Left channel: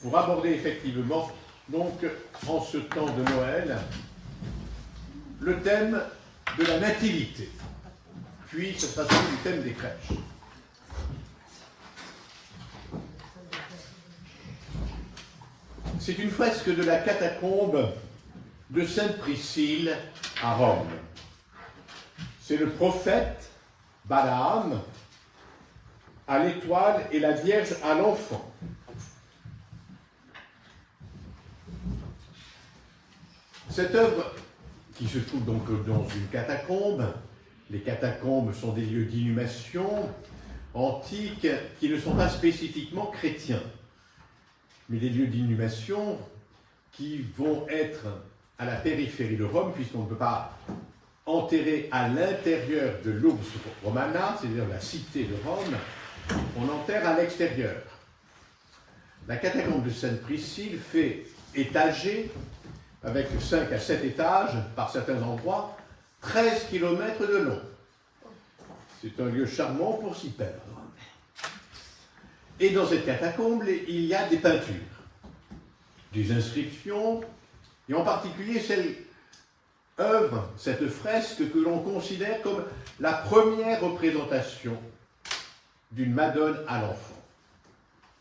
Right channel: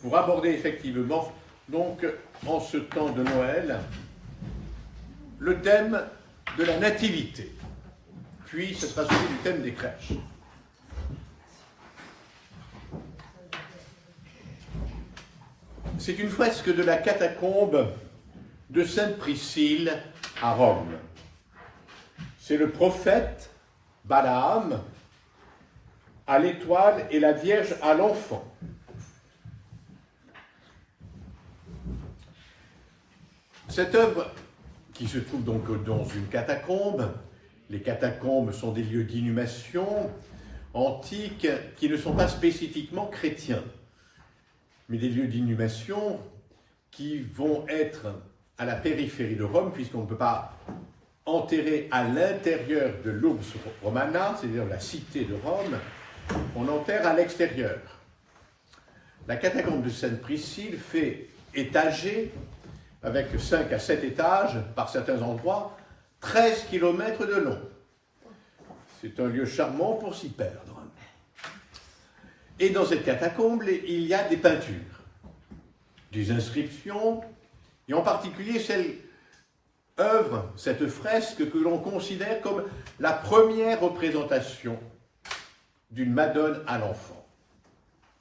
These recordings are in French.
pour aborder effectivement, donc, en ce temps de Noël, le thème de la nativité, puis cette fois-ci du thème des crèches. C'est une fresque de la catacombe de Sainte Priscille à Rome. C'est le prophète Balaam à l'étoile et la Vierge à l'enfant. Cette œuvre, qui se trouve donc dans une catacombe, les catacombes sont des lieux d'inhumation antiques qui ne sont pas spécifiquement chrétiens, mais des lieux d'inhumation qui vont être à la périphérie de Rome, puisqu'on ne peut pas enterrer à l'intérieur de l'Urbs Romana, c'est-à-dire la cité de Rome, on enterre à l'extérieur. La catacombe de Sainte Priscille fait étager, avec 5 à 7 étages par certains endroits, 13 km de long. C'est un lieu charmant pour s'y perdre. Et dans cette catacombe, il y a des peintures, des inscriptions, et en particulier cette fresque que l'on considère comme la première représentation d'une Madone à l'enfant,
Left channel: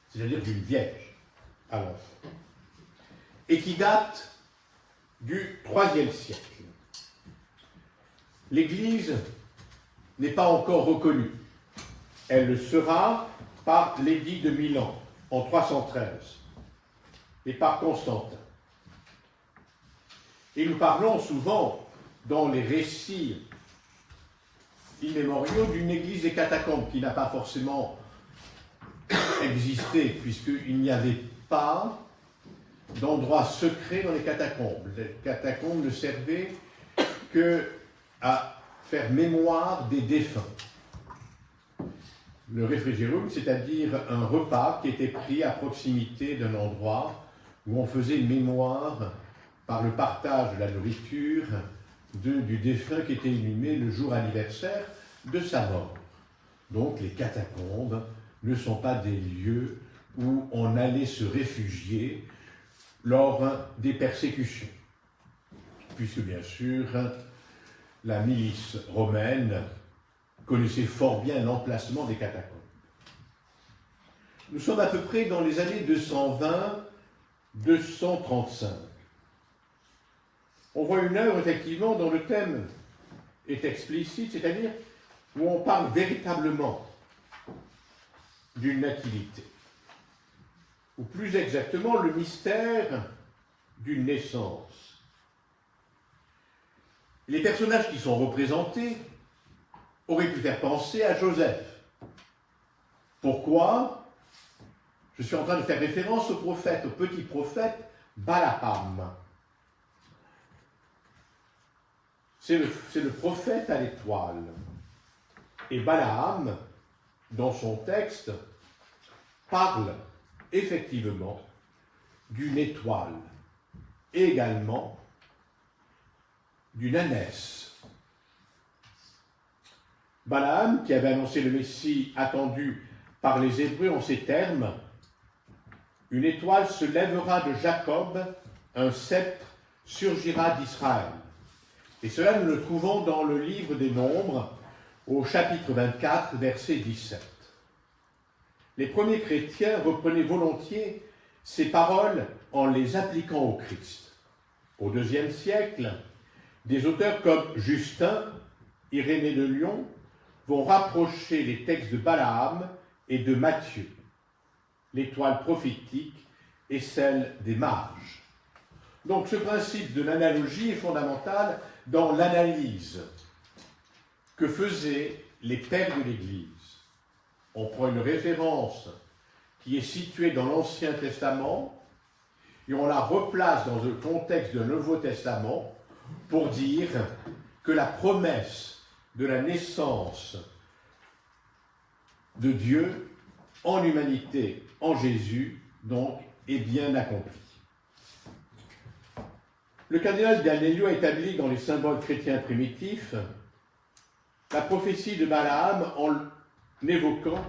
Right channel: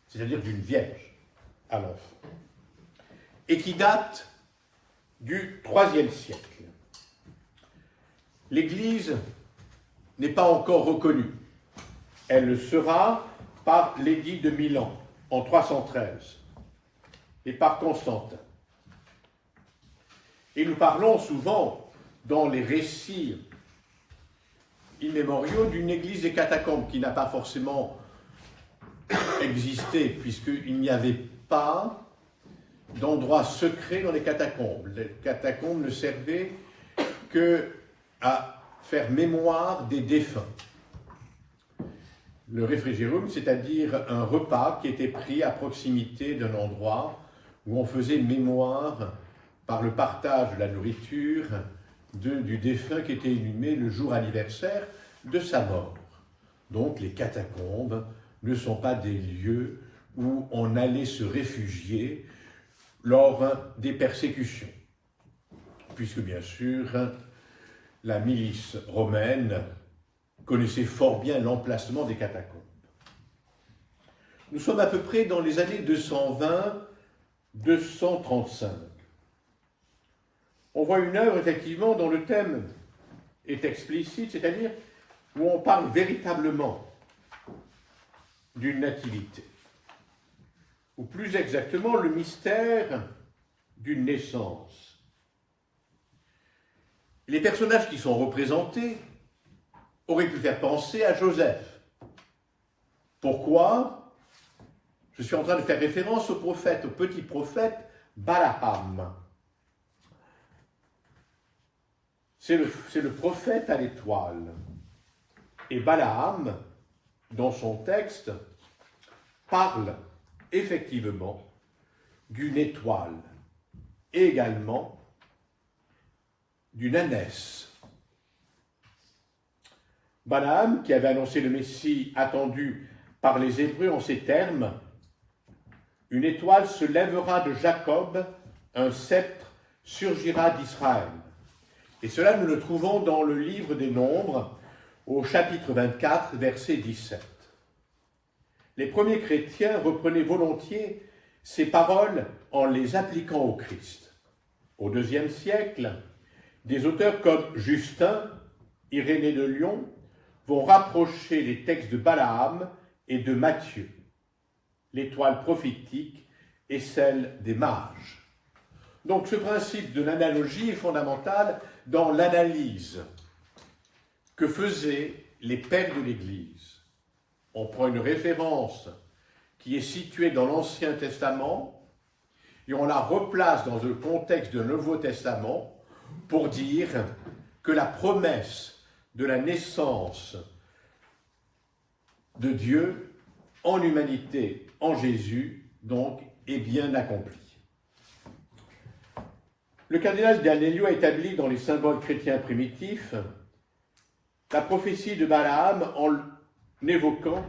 c'est-à-dire d'une Vierge à l'enfant, et qui date du IIIe siècle. L'Église n'est pas encore reconnue. Elle le sera par l'édit de Milan en 313 et par Constantin. Et nous parlons souvent dans les récits immémoriaux d'une église des catacombes qui n'a pas forcément existé puisqu'il n'y avait pas d'endroits secrets dans les catacombes. Les catacombes ne servaient qu'à faire mémoire des défunts. Le réfrigérum, c'est-à-dire un repas qui était pris à proximité d'un endroit où on faisait mémoire par le partage de la nourriture du défunt qui était inhumé le jour anniversaire de sa mort. Donc les catacombes ne sont pas des lieux où on allait se réfugier lors des persécutions, puisque bien sûr la milice romaine connaissait fort bien l'emplacement des catacombes. Nous sommes à peu près dans les années 220-235. On voit une œuvre effectivement dont le thème est explicite, c'est-à-dire où on parle véritablement d'une nativité, ou plus exactement le mystère d'une naissance. Les personnages qui sont représentés auraient pu faire penser à Joseph. Pourquoi ? Je suis en train de faire référence au petit prophète Balaam. C'est le prophète à l'étoile. Et Balaam, dans son texte, parle effectivement d'une étoile, et également d'une ânesse. Balaam, qui avait annoncé le Messie attendu par les Hébreux en ces termes, « Une étoile se lèvera de Jacob, un sceptre surgira d'Israël ». Et cela, nous le trouvons dans le livre des Nombres, au chapitre 24, verset 17. Les premiers chrétiens reprenaient volontiers ces paroles en les appliquant au Christ. Au IIe siècle, des auteurs comme Justin, Irénée de Lyon, vont rapprocher les textes de Balaam et de Matthieu, l'étoile prophétique et celle des mages. Donc ce principe de l'analogie est fondamental dans l'analyse que faisaient les pères de l'Église. On prend une référence qui est située dans l'Ancien Testament et on la replace dans le contexte du Nouveau Testament pour dire que la promesse de la naissance de Dieu en humanité, en Jésus, donc, est bien accomplie. Le cardinal d'Agnello a établi dans les symboles chrétiens primitifs la prophétie de Balaam en évoquant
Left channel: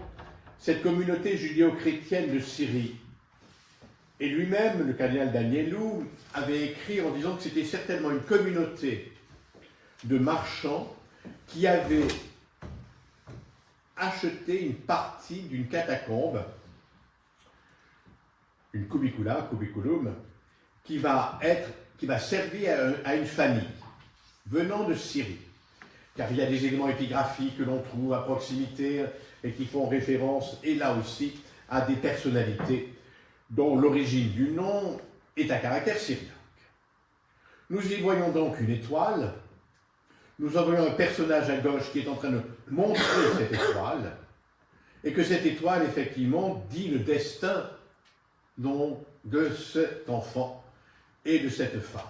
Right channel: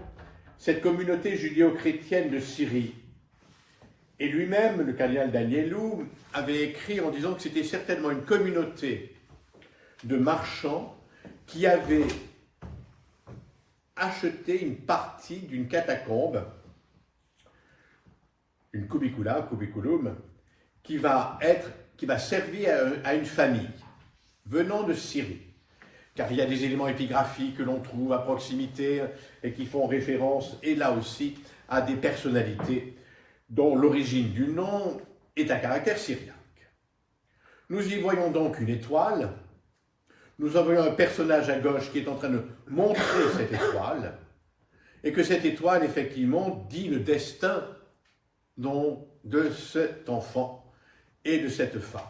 cette communauté judéo-chrétienne de Syrie Et lui-même, le cardinal d'Agnello, avait écrit en disant que c'était certainement une communauté de marchands qui avaient acheté une partie d'une catacombe, une cubiculum, qui va servir à une famille venant de Syrie. Car il y a des éléments épigraphiques que l'on trouve à proximité et qui font référence, et là aussi, à des personnalités dont l'origine du nom est à caractère syriaque. Nous y voyons donc une étoile. Nous en voyons un personnage à gauche qui est en train de montrer cette étoile, et que cette étoile, effectivement, dit le destin de cet enfant et de cette femme.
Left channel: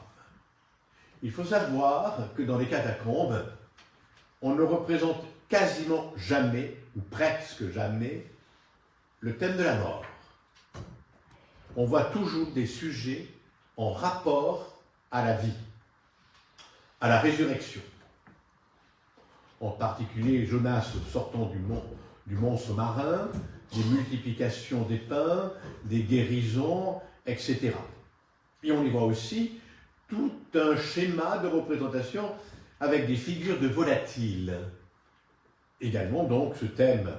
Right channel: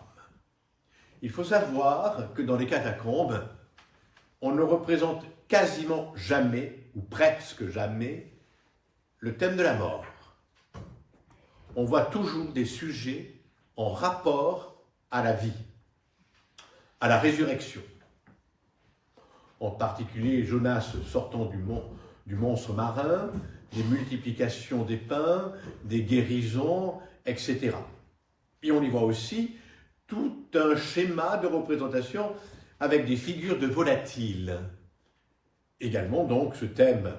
Il faut savoir que dans les catacombes, on ne représente quasiment jamais, ou presque jamais, le thème de la mort. On voit toujours des sujets en rapport à la vie, à la résurrection. En particulier Jonas sortant du mont sous-marin, des multiplications des pains, des guérisons, etc. Et on y voit aussi tout un schéma de représentation avec des figures de volatiles. Également donc ce thème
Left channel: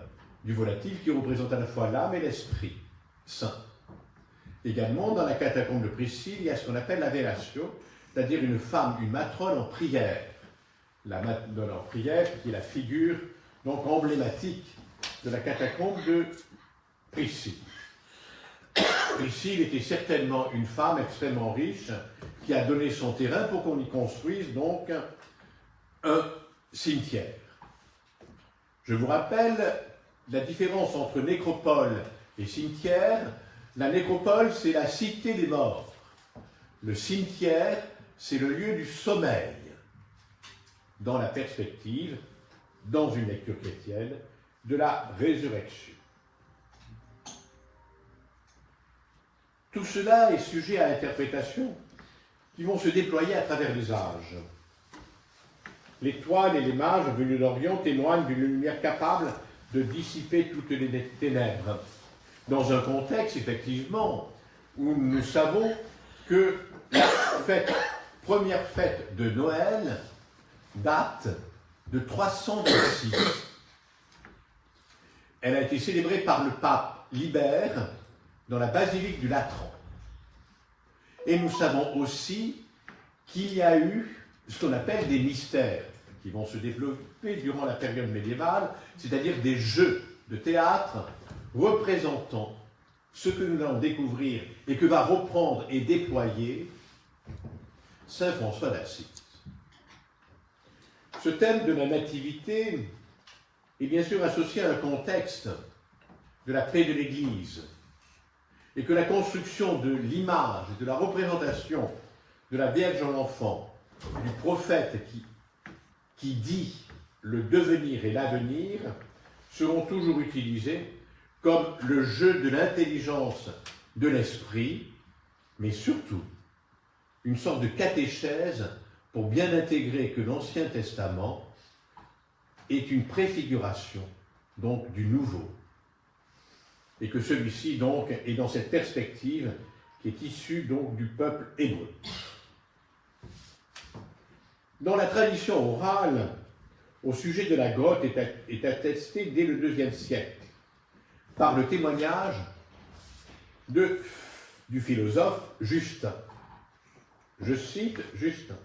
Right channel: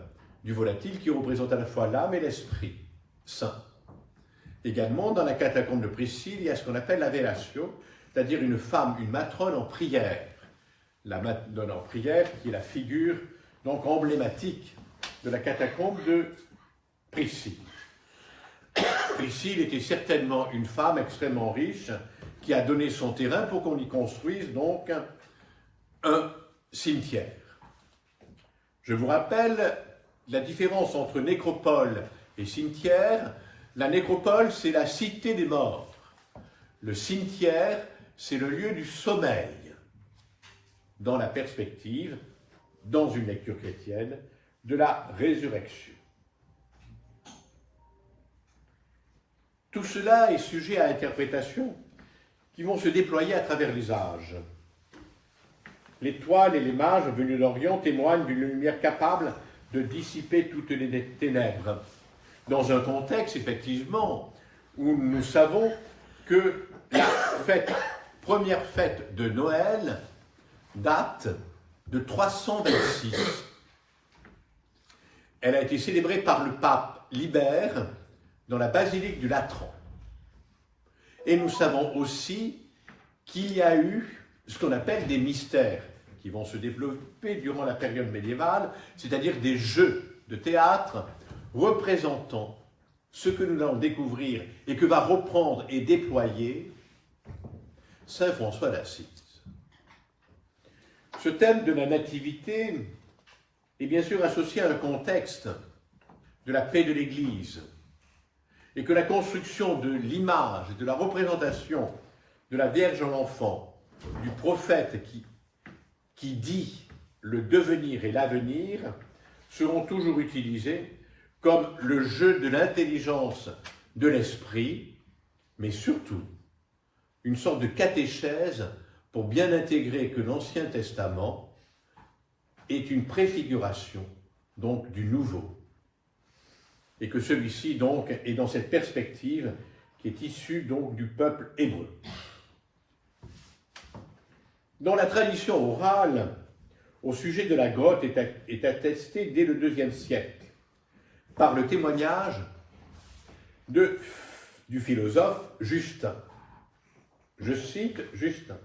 du volatile qui représente à la fois l'âme et l'esprit saint. Également dans la catacombe de Priscille, il y a ce qu'on appelle la velatio, c'est-à-dire une femme, une matrone en prière. La matrone en prière qui est la figure donc emblématique de la catacombe de Priscille. Priscille était certainement une femme extrêmement riche qui a donné son terrain pour qu'on y construise donc un cimetière. Je vous rappelle la différence entre nécropole et cimetière. La nécropole, c'est la cité des morts. Le cimetière, c'est le lieu du sommeil. Dans la perspective, dans une lecture chrétienne, de la résurrection. Tout cela est sujet à interprétation qui vont se déployer à travers les âges. L'étoile et les mages venus d'Orient témoignent d'une lumière capable de dissiper toutes les ténèbres. Dans un contexte, effectivement, où nous savons que la première fête de Noël date de 326. Elle a été célébrée par le pape Libère dans la basilique du Latran. Et nous savons aussi qu'il y a eu ce qu'on appelle des mystères qui vont se développer durant la période médiévale, c'est-à-dire des jeux de théâtre représentant ce que nous allons découvrir et que va reprendre et déployer saint François d'Assise. Ce thème de la nativité est bien sûr associé à un contexte de la paix de l'Église et que la construction de l'image, de la représentation de la Vierge en enfant, du prophète qui dit le devenir et l'avenir, seront toujours utilisés comme le jeu de l'intelligence de l'esprit, mais surtout une sorte de catéchèse pour bien intégrer que l'Ancien Testament est une préfiguration donc du Nouveau, et que celui-ci donc est dans cette perspective qui est issue donc du peuple hébreu. Dans la tradition orale, au sujet de la grotte est attesté dès le IIe siècle par le témoignage du philosophe Justin. Je cite Justin,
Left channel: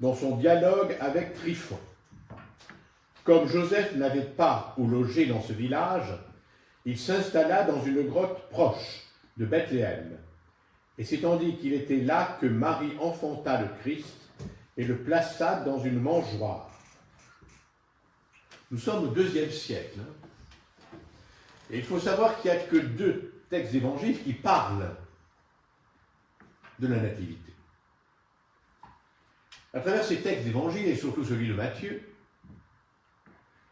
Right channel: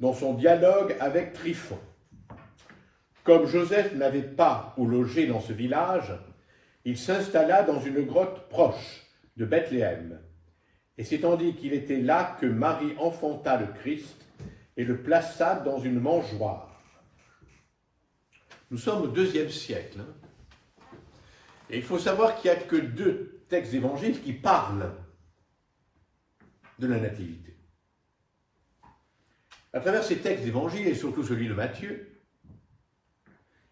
dans son dialogue avec Tryphon. Comme Joseph n'avait pas où loger dans ce village, il s'installa dans une grotte proche de Bethléem. Et c'est tandis qu'il était là que Marie enfanta le Christ et le plaça dans une mangeoire. Nous sommes au IIe siècle. Et il faut savoir qu'il n'y a que 2 textes d'évangile qui parlent de la nativité. À travers ces textes d'évangile, et surtout celui de Matthieu,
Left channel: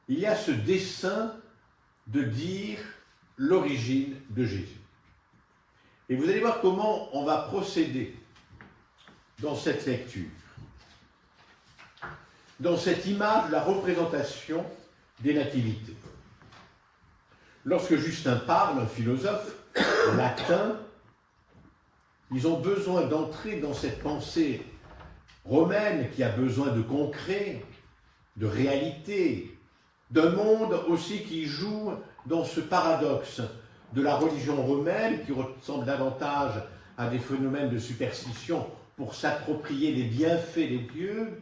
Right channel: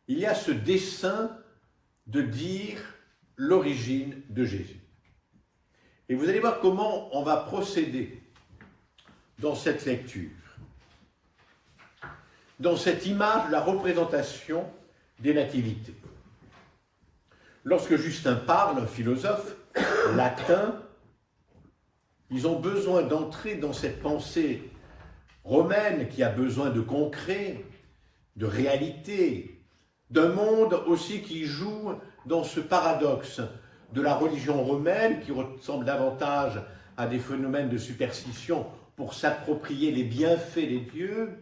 il y a ce dessein de dire l'origine de Jésus. Et vous allez voir comment on va procéder dans cette lecture, dans cette image de la représentation des nativités. Lorsque Justin parle, un philosophe latin, Ils ont besoin d'entrer dans cette pensée romaine qui a besoin de concret, de réalité, d'un monde aussi qui joue dans ce paradoxe de la religion romaine qui ressemble davantage à des phénomènes de superstition pour s'approprier les bienfaits des dieux,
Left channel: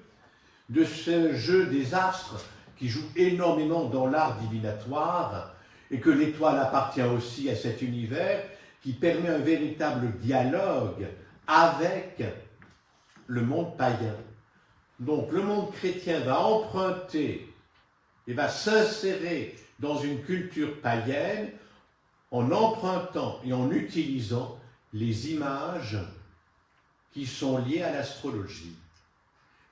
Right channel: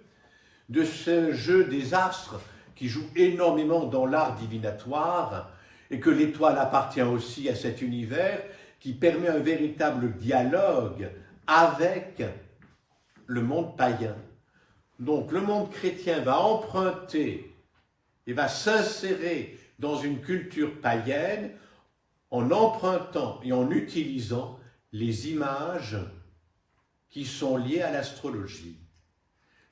de ce jeu des astres qui joue énormément dans l'art divinatoire et que l'étoile appartient aussi à cet univers qui permet un véritable dialogue avec le monde païen. Donc le monde chrétien va emprunter et va s'insérer dans une culture païenne en empruntant et en utilisant les images qui sont liées à l'astrologie.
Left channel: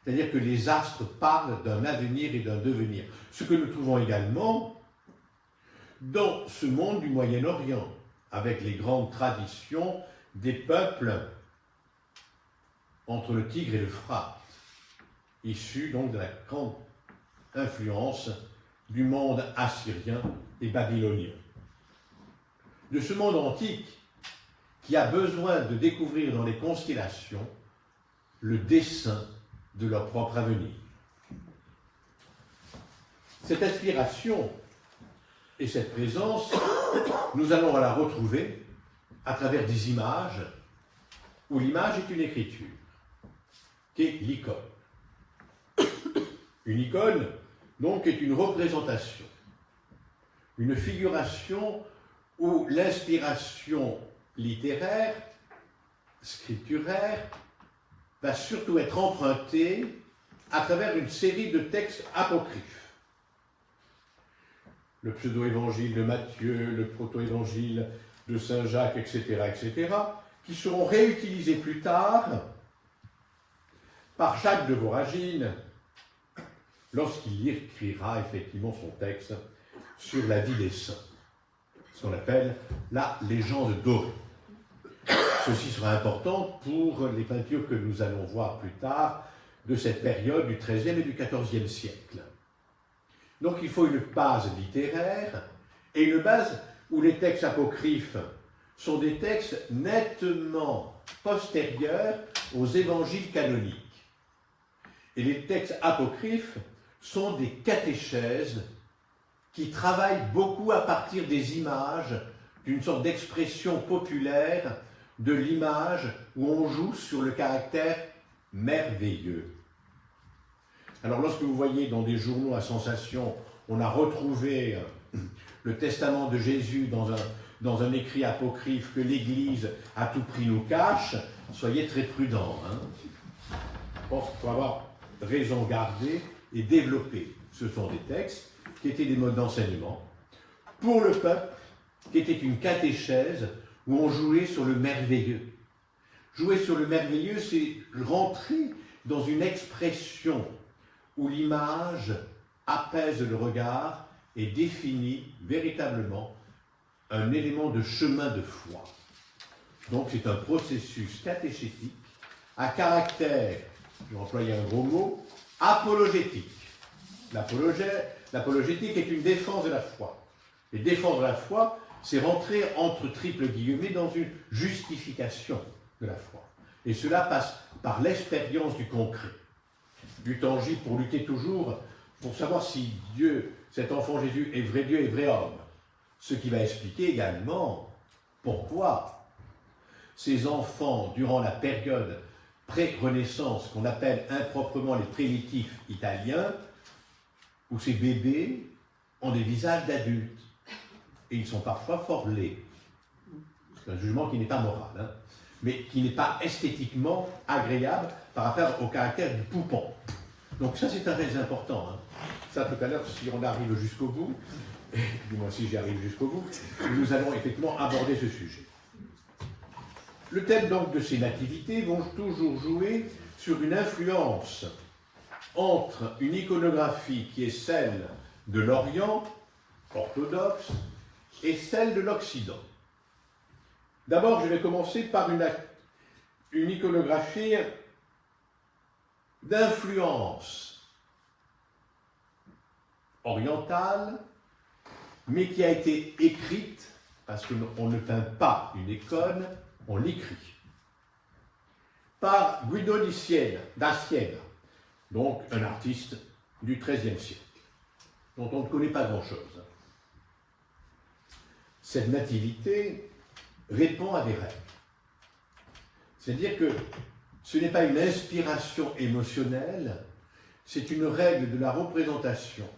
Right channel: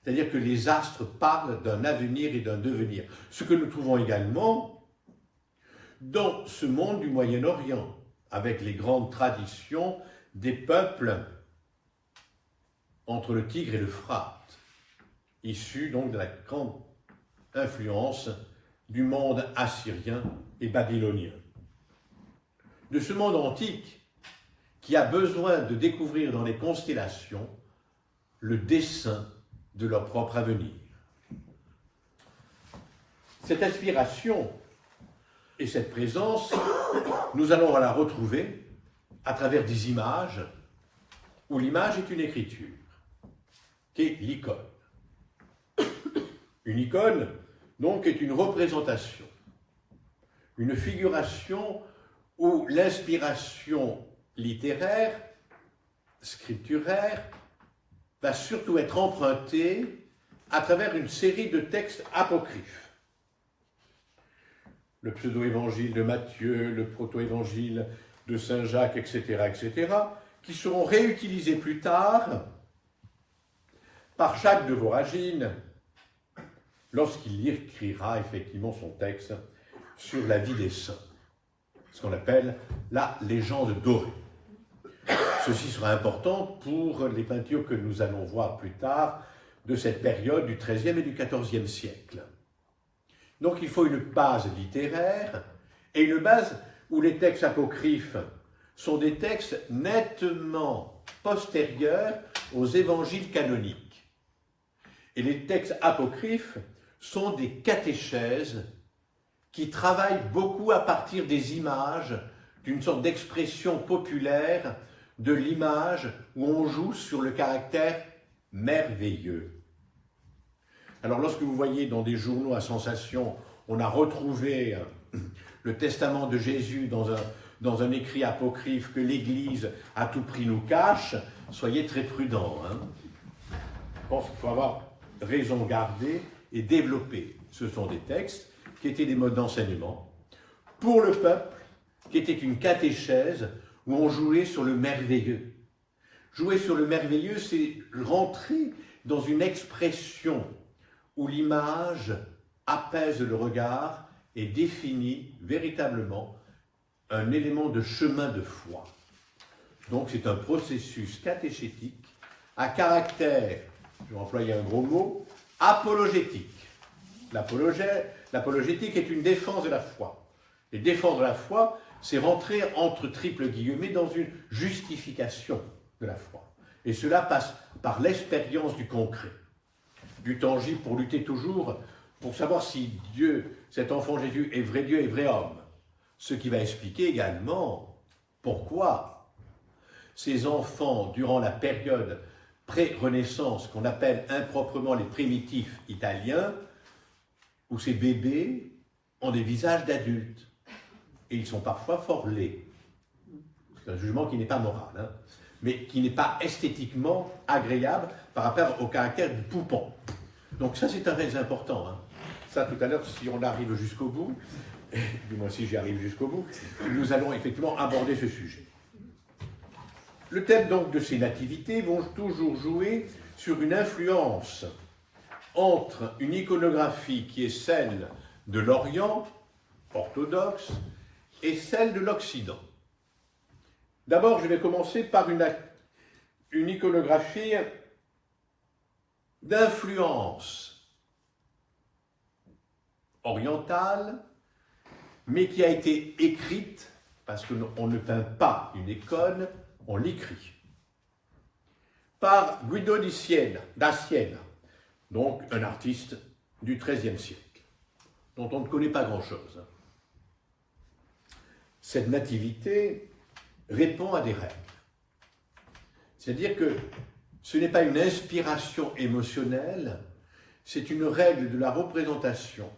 C'est-à-dire que les astres parlent d'un avenir et d'un devenir. Ce que nous trouvons également dans ce monde du Moyen-Orient, avec les grandes traditions des peuples entre le Tigre et l'Euphrate, issus donc de la grande influence du monde assyrien et babylonien. De ce monde antique qui a besoin de découvrir dans les constellations le dessein de leur propre avenir. Cette inspiration et cette présence, nous allons la retrouver à travers des images où l'image est une écriture, qui est l'icône. Une icône, donc, est une représentation, une figuration où l'inspiration littéraire, scripturaire, va surtout être empruntée à travers une série de textes apocryphes. Le pseudo-évangile de Matthieu, le proto-évangile de Saint Jacques, etc., qui seront réutilisés plus tard par Jacques de Voragine lorsqu'il écrira effectivement son texte sur la vie des saints, ce qu'on appelle la légende dorée. Ceci sera important pour les peintures que nous allons voir plus tard de cette période du XIIIe et du XIVe siècle. Donc il faut une base littéraire et une base où les textes apocryphes sont des textes nettement postérieurs aux évangiles canoniques. Et les textes apocryphes sont des catéchèses qui travaillent beaucoup à partir des images, d'une sorte d'expression populaire de l'image où on joue sur le caractère merveilleux. Alors lorsque vous voyez dans des journaux à sensation, on a retrouvé le testament de Jésus dans un écrit apocryphe que l'Église à tout prix nous cache, soyez très prudents. Je pense qu'il faut avoir raison gardée et développer. Ce sont des textes qui étaient des modes d'enseignement pour le peuple, qui était une catéchèse où on jouait sur le merveilleux. Jouer sur le merveilleux, c'est rentrer dans une expression où l'image apaise le regard et définit véritablement un élément de chemin de foi. Donc c'est un processus catéchétique à caractère, je vais employer un gros mot, apologétique. L'apologétique est une défense de la foi. Et défendre la foi, c'est rentrer entre triples guillemets dans une justification de la foi. Et cela passe par l'expérience du concret, du tangible, pour lutter toujours, pour savoir si Dieu, cet enfant Jésus, est vrai Dieu et vrai homme. Ce qui va expliquer également pourquoi ces enfants, durant la période pré-Renaissance, qu'on appelle improprement les primitifs italiens, où ces bébés ont des visages d'adultes. Et ils sont parfois fort laids. C'est un jugement qui n'est pas moral, mais qui n'est pas esthétiquement agréable par rapport au caractère du poupon. Donc ça, c'est très important. Ça, tout à l'heure, si on arrive jusqu'au bout, du moins si j'y arrive jusqu'au bout, nous allons effectivement aborder ce sujet. Le thème donc de ces nativités vont toujours jouer sur une influence entre une iconographie qui est celle de l'Orient, orthodoxe, et celle de l'Occident. D'abord, je vais commencer par une iconographie d'influence orientale, mais qui a été écrite, parce qu'on ne peint pas une icône, on l'écrit. par Guido da Siena, donc un artiste du XIIIe siècle, dont on ne connaît pas grand-chose. Cette nativité répond à des règles. C'est-à-dire que ce n'est pas une inspiration émotionnelle, c'est une règle de la représentation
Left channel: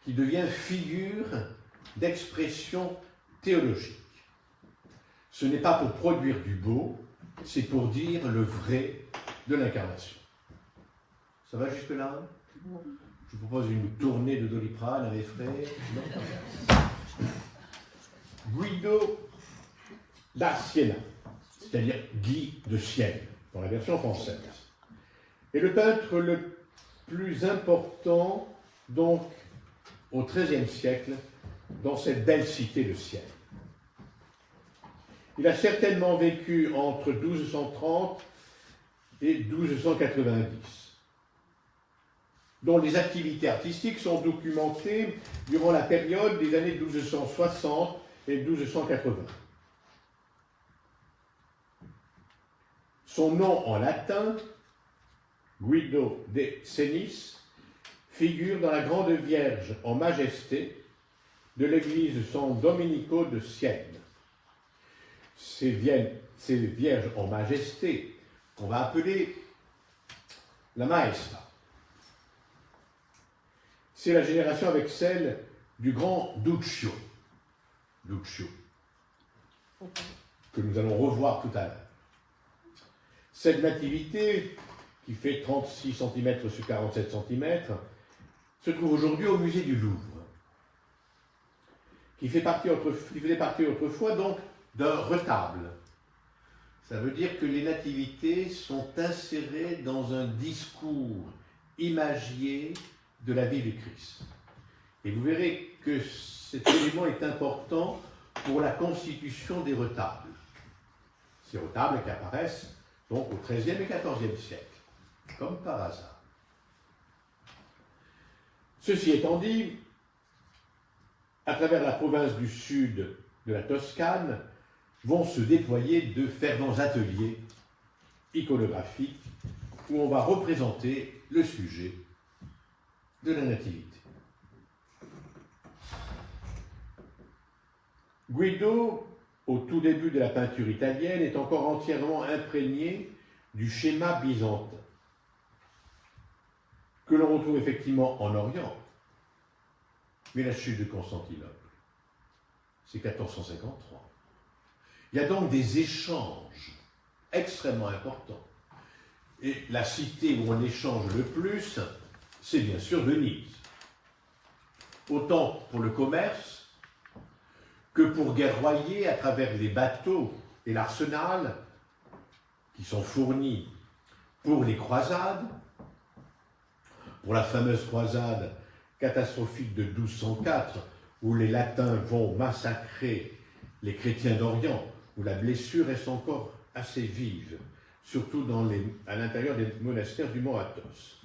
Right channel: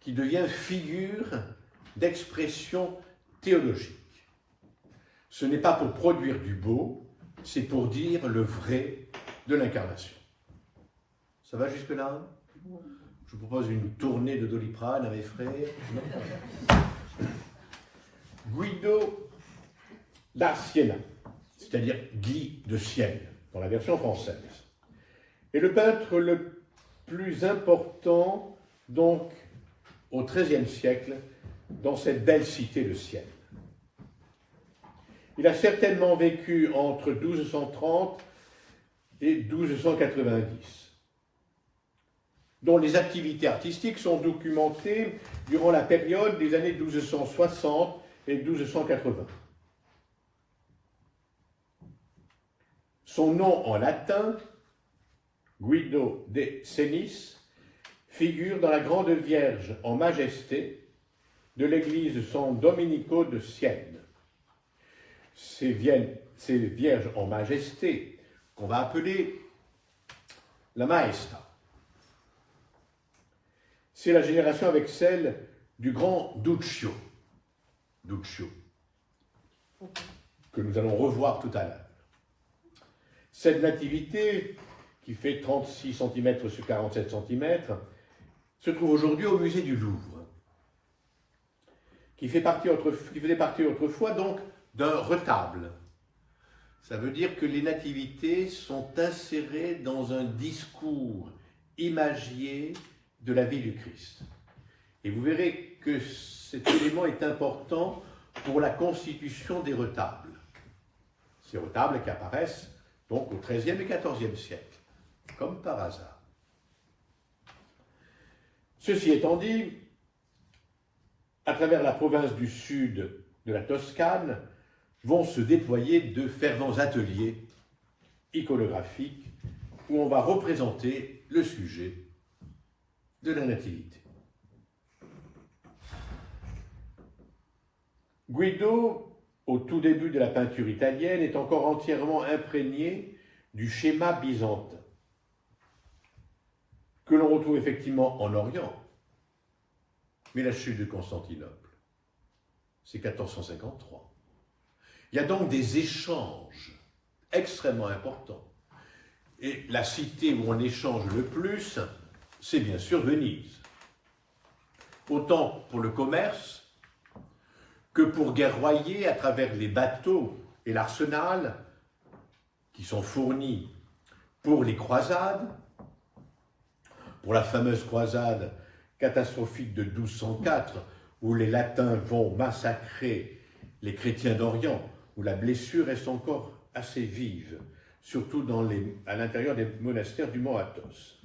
qui devient figure d'expression théologique. Ce n'est pas pour produire du beau, c'est pour dire le vrai de l'incarnation. Ça va jusque-là? Je vous propose une tournée de Doliprane à mes frères. Guido da Siena, c'est-à-dire Guy de Sienne, dans la version française, est le peintre le plus important, donc, au XIIIe siècle, dans cette belle cité de Sienne. Il a certainement vécu entre 1230 et 1290, dont les activités artistiques sont documentées durant la période des années 1260 et 1280. Son nom en latin, Guido de Senis, figure dans la Grande Vierge en majesté de l'église San Domenico de Sienne. Ces vierges en majesté, qu'on va appeler la Maestra. C'est la génération avec celle du grand Duccio, que nous allons revoir tout à l'heure. Cette nativité, qui fait 36 cm sur 47 cm, se trouve aujourd'hui au musée du Louvre, qui faisait partie autrefois donc d'un retable. Ça veut dire que les nativités sont insérées dans un discours imagier de la vie du Christ. Et vous verrez que cet élément est important pour la constitution des retables. Ces retables qui apparaissent donc au XIIIe et XIVe siècle, comme par hasard. Ceci étant dit, à travers la province du sud de la Toscane, vont se déployer de fervents ateliers iconographiques où on va représenter le sujet de la nativité. Guido, au tout début de la peinture italienne, est encore entièrement imprégné du schéma byzantin, que l'on retrouve effectivement en Orient. Mais la chute de Constantinople, c'est 1453. Il y a donc des échanges extrêmement importants. Et la cité où on échange le plus, c'est bien sûr Venise. Autant pour le commerce que pour guerroyer à travers les bateaux et l'arsenal qui sont fournis pour les croisades, pour la fameuse croisade catastrophique de 1204, où les Latins vont massacrer les chrétiens d'Orient, où la blessure reste encore assez vive, surtout à l'intérieur des monastères du mont Athos.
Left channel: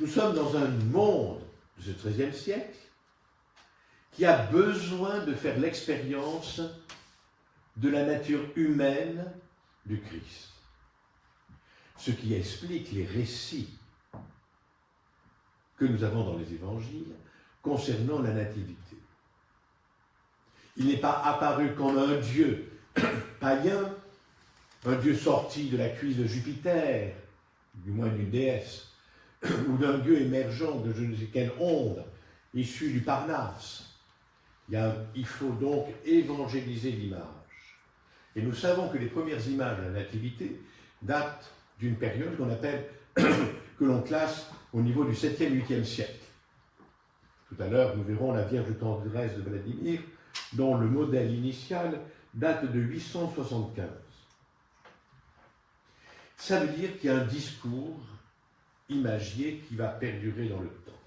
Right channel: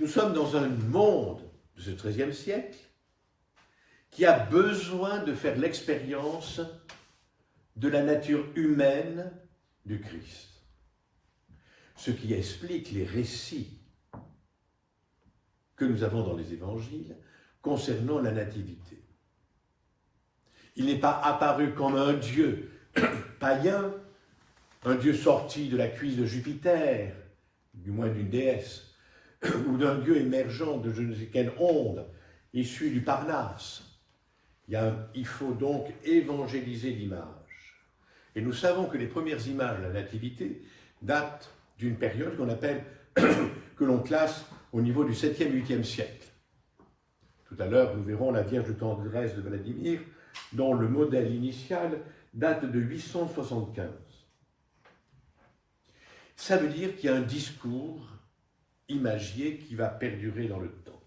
Nous sommes dans un monde de ce XIIIe siècle qui a besoin de faire l'expérience de la nature humaine du Christ, ce qui explique les récits que nous avons dans les évangiles concernant la nativité. Il n'est pas apparu comme un dieu païen, un dieu sorti de la cuisse de Jupiter, du moins d'une déesse, ou d'un dieu émergent de je ne sais quelle onde, issu du Parnasse. Il faut donc évangéliser l'image. Et nous savons que les premières images de la nativité datent d'une période que l'on classe au niveau du 7e, 8e siècle. Tout à l'heure, nous verrons la Vierge tendresse de Vladimir, dont le modèle initial date de 875. Ça veut dire qu'il y a un discours imagier qui va perdurer dans le temps.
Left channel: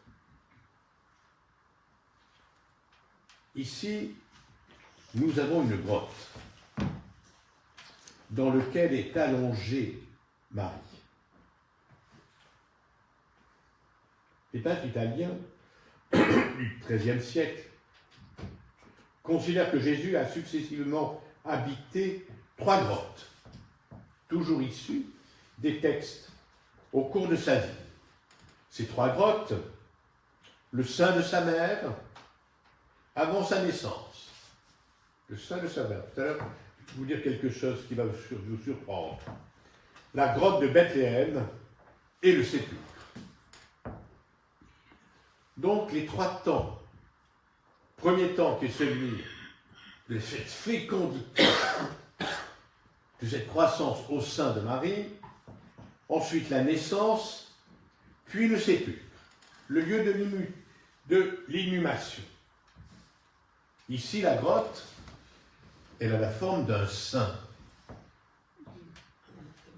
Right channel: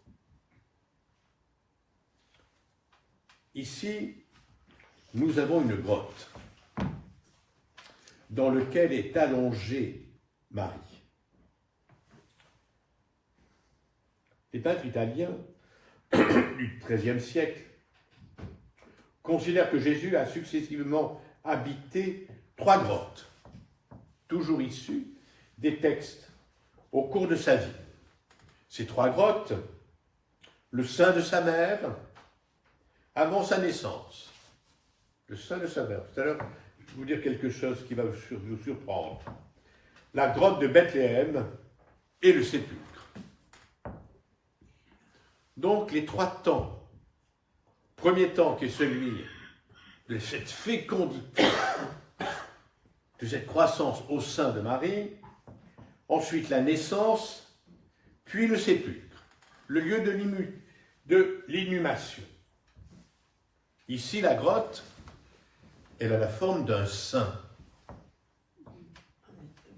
Ici, nous avons une grotte dans laquelle est allongée Marie. Les peintres italiens du XIIIe siècle considèrent que Jésus a successivement habité 3 grottes, toujours issus des textes au cours de sa vie. Ces 3 grottes, le sein de sa mère, avant sa naissance. Le sein de sa mère. Tout à l'heure, je vais vous dire quelque chose qui va vous surprendre. La grotte de Bethléem et le sépulcre. Donc, les 3 temps. Premier temps qui est celui de cette fécondité, de cette croissance au sein de Marie. Ensuite, la naissance, puis le sépulcre, le lieu de l'inhumation. Ici, la grotte, elle a la forme d'un sein.